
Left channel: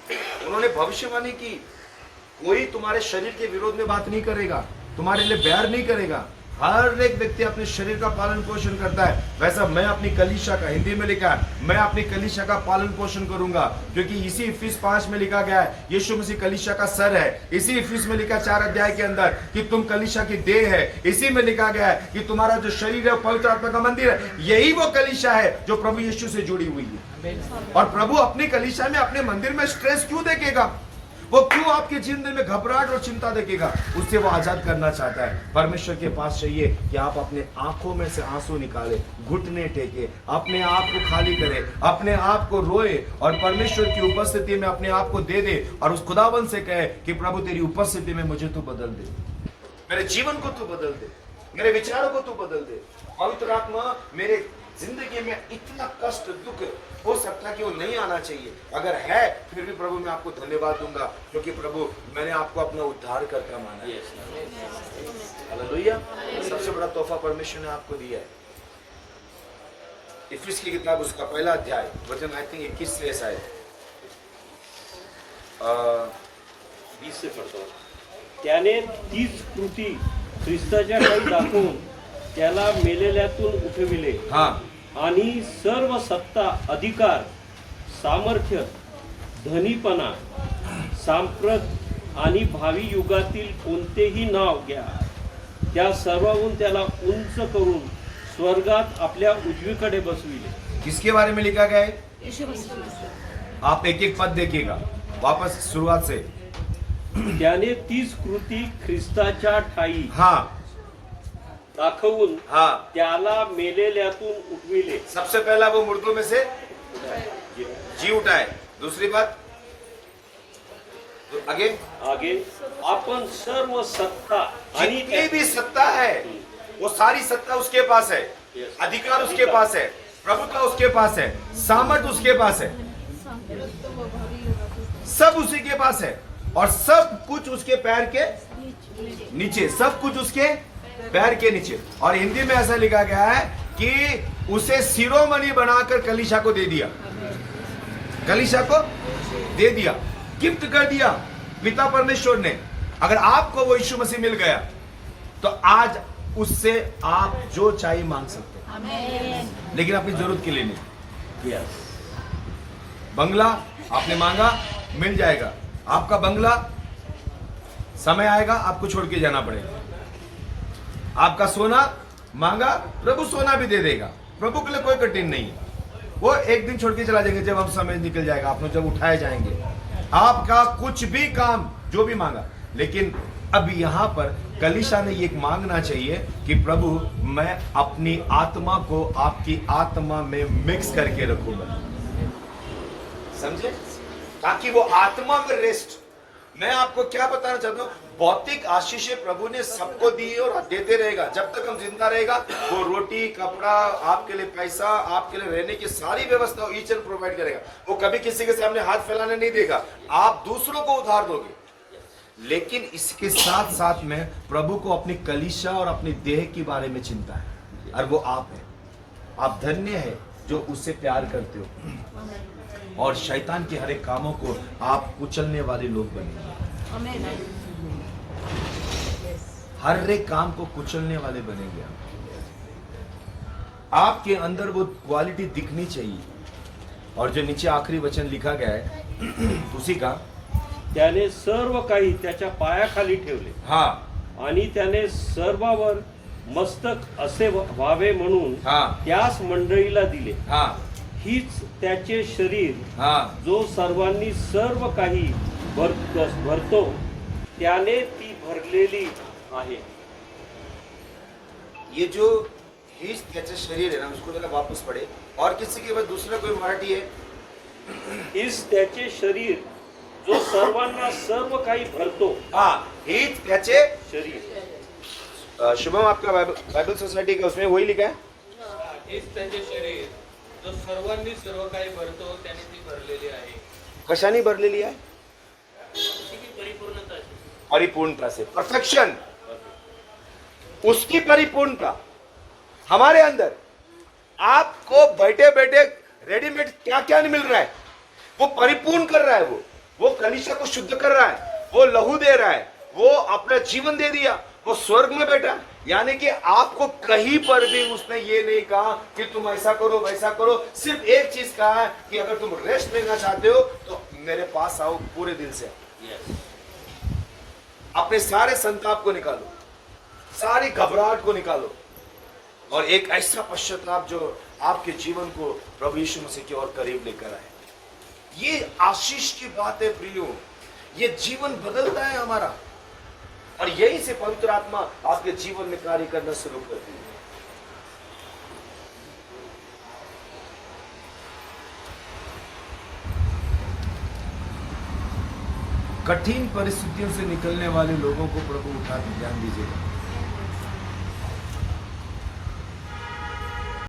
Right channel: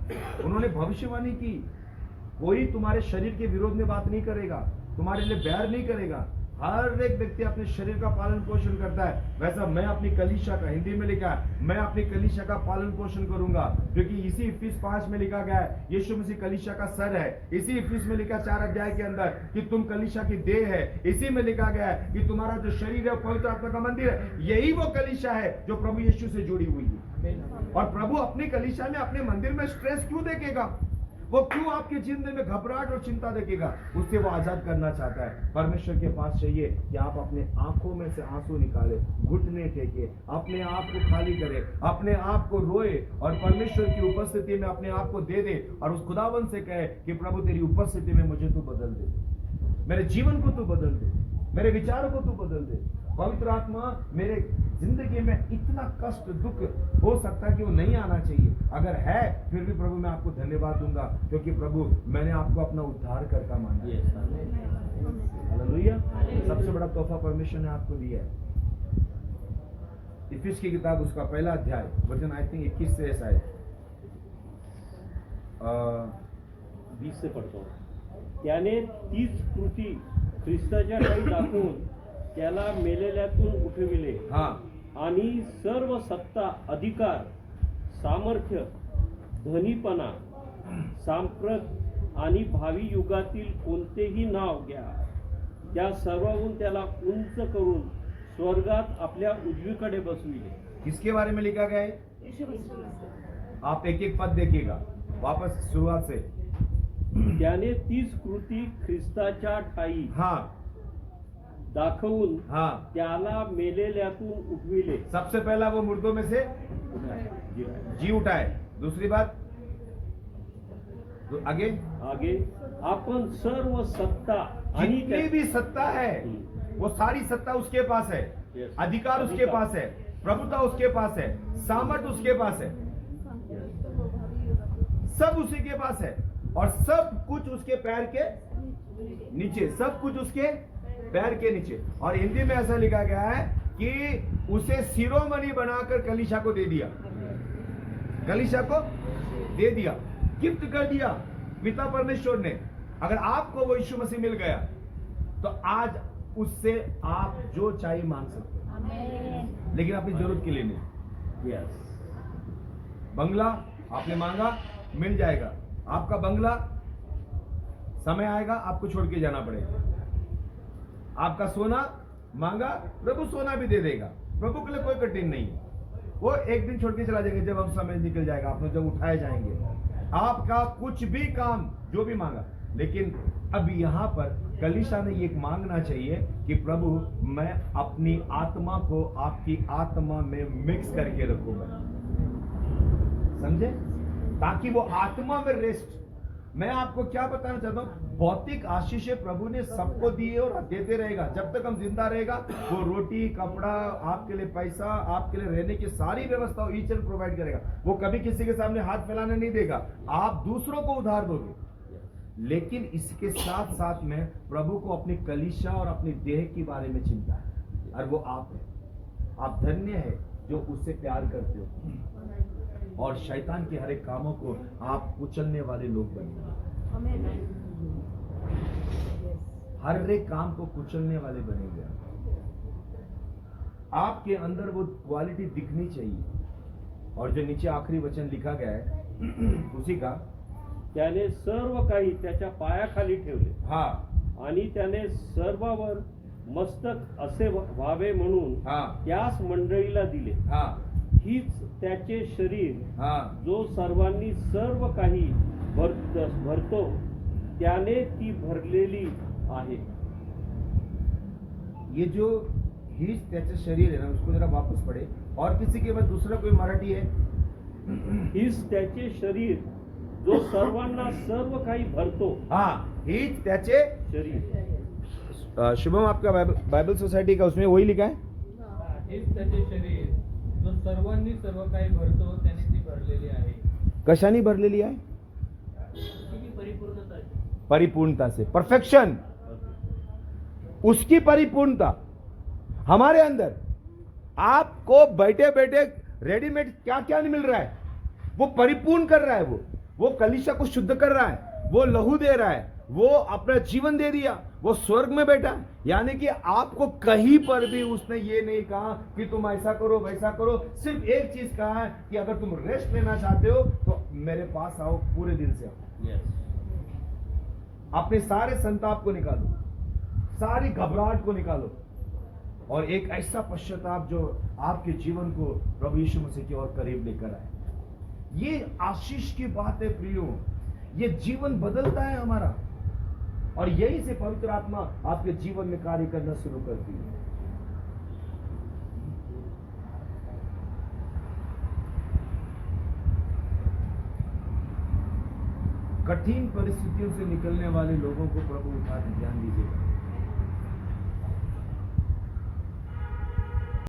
उन्होंने भविष्यवाणी की, कोई तुम्हारे शरीर के विरोध में बात नहीं करेगा, तुम्हारे लिए बैर नहीं करेगा। हर एक व्यक्ति अपने शरीर का पालन पोषण करता है। वैसा मैं अपनी कलीसिया का, हिंदी में लिखा है, मैं अपनी कलीसिया का पालन पोषण करूंगा, क्योंकि इसी इफिस 5 में लिखा गया है यीशु मसीह कलीसिया का सर है। इसी इफिस में लिखा 4 अध्याय के अंदर कि तुम कलीसिया की देह है। इसी में लिखा गया है कि तुम्हारा जो शरीर है पवित्र आत्मा का मंदिर है। यही वो कलीसिया है जो प्रभु यीशु से जुड़ी हुई है। और प्रभु अपनी कलीसिया में, अपने मंदिर में स्ट्रेस क्यों देखेगा? वो क्यों आपके जीवन में घबराहट और चिंता देखेगा? उससे वो आजाद करना चाहता है। परमेश्वर के पास चाहिए कि आप अपने आंखों में से आंसू निकाले, घुटने टेके, अपने आप को खाली करे, अपने आप को रोए और परमेश्वर की उपस्थिति में अपने आप को दे दे और उस खुदावन से कहे कि प्रभु तेरी उपस्थिति में मुझे तू बदल दे, मेरे जीवन को तू बदल दे, मेरे विचारों को तू बदल दे। पवित्र आत्मा, मेरे जिंदगी में इतना कष्ट दुख हो सकता है कि वो नहीं आना चाहिए, अगर है फिर भी प्रभु मैं आपको धन्यवाद दूंगा, क्योंकि प्रभु मैंने आपको अपना उद्धार करता माना है। हालेलुया। सबसे बड़ा तोहफा परमेश्वर ने आपको दिया है। इफिस की किताब उसका 1 अध्याय वचन आई थिंक 21 से शायद 20 से पढ़तो. त्याने तीच कृती ख्रिस्ताच्या ठाई दाखवून त्याला मेलेल्यातून उठविले हा आणि सर्व सत्ता, अधिकार, सामर्थ्य, धनीपणा, सांप्रत आणि भावी युगातील कोणतेही नाव घ्या, त्या सर्वाहून त्याला उंच करून स्वर्गात आपल्या उजवीकडे बसविले. किसके बारे में लिखा गया है? आप एक एक पद देखिएगा वापस शुरुआत से. त्याने तीच कृती ख्रिस्ताच्या ठाई हा दाखवून हा त्याला मेलेल्यातून उठविले. सबसे पहला वो मुर्दों में से जी. जी उठा है. दूसरी बात तो आगे आगे आपण सर्व सत्ता आणि जितनी भी सत्ता है वो सारी सत्ता उसके पास है. Yes. अधिकार उसके पास है, प्रभुता उसके पास है, सामर्थ उसके पास है, सब उसी के पास है और सब कुछ उसके पैर के नीचे, सब कुछ उसके पैर के नीचे. और हिंदी में ऐसा लिखा गया है कि उसे शिरोमणि बनाकर कलीसिया को दे दिया, कलीसिया को दे दिया, गिफ्ट कर दिया पिता परमेश्वर ने. अगर आपको वो यीशु मसीह मिल गया तो आज उससे आप जो चाहिए मांग सकते हैं, लेकिन अपनी जरूरत के लिए नहीं. Yes. बंगला आपने मांगा मिल जाएगा. आपका बंगला समय आएगा आपको छोड़ के जाना पड़ेगा. आपका सोना मांगा प्रभु सोना भी दे देगा. प्रभु के लिए कोई कठिन नहीं है. वो एक दिन छोड़ के चला जाएंगे जब हम समय निकल जाएगा, आप लोग जब उठाए जाएंगे. आपका कुछ भी काम जो भी मांगा, लेकिन अब यहाँ पर कलीसिया ने ये मांगना चाहिए कि प्रभु मैं अपनी आत्मा को आपकी आत्मा में मिक्स करके रखूंगा. समझे? ताकि वो आत्मा में रेस्ट. मैं आपको क्या बताना चाहता हूँ, भौतिक आशीषें प्रभु ने सबको दी और देते रहेगा. जब तक हम जिंदा रहेगा वो रोटी, कपड़ा, आपके लिए पैसा, आपके लिए रहने की सारी व्यवस्था ईच एंड प्रोवाइड करेगा. वो कभी किसी के सामने हाथ फैलाने नहीं देगा. आप दूसरों को उधार दोगे, लेकिन इसके साथ साथ में प्रभु को अपनी कलीसिया और अपनी देह के बारे में चिंता है, और वो आप है. आप धन्य है जो उससे प्यार करते हो और शैतान के हर एक कामों को आप कुचलने वाले लोग बनेंगे. हर एक काम को कुचलने वाले बनेंगे. आपके अंदर वो क्वालिटी दिखनी चाहिए. और जो नीचे आखिरी वचन लिखा गया है उसी का त्याने सर्व काही त्याच्या पायाखाली ठेवले हाँ आणि त्याने सर्वावर मस्तक असे व्हावे म्हणून हाँ त्यास मंडळीला दिले. हाँ हीच त्याचे शरीर हाँ जो सर्वांनी सर्व काही भरतो त्याने ती भरलेली आहे. ये जो हीच त्याचे शरीर है ना, उसको जरा वापस पढ़े. और किसी के पास दूसरा कोई मराठी है? हीच त्याचे शरीर जो सर्वांना सर्व काही भरतो हाँ हीच त्याचे शरीर. शुभम आपका बाइबल सोसाइटी का उसमें वही लिखा है. हेच त्याचे शरीर जो सर्वांनी सर्व काही भरतो त्याने ती भरलेली आहे. कशाने भरलेली आहे? परिपूर्णता से, परफेक्शन. उसकी परिपूर्णता हमारे अंदर. आपको बैठे बैठे रेडीमेड क्या क्या नहीं मिल रहा है, वो परिपूर्ण कर रहा है. वो कलीसिया को शुद्ध कर रहा है, वो लहू दे रहा है, वो अपना जीवन दे दिया, वो स्वर्ग में बैठा. यानी कि आपको कहीं पर भी उसने ये नहीं कहा कि तुम ऐसा करो वैसा करो. सिर्फ एक चीज कहा है कि अगर तुम रेस्ट लेना चाहते हो तो मेरे पास आओ पूरे दिल से. अपने सारे संताप को निकालो, सारी घबराहट को निकालो और एक ऐसा पश्चाताप जो आपके जीवन को प्रभु यीशु मसीह की ओर करीब लेकर आए. ये आशीष की बात है प्रियो. ये जीवन बदलता है हमारा और यही से पवित्र आत्मा आपके जीवन में कार्य करना शुरू करती है. कठिन परिस्थितियों से निकलने वाले लोगों को प्रभु उठा के ध्यान दीजिएगा.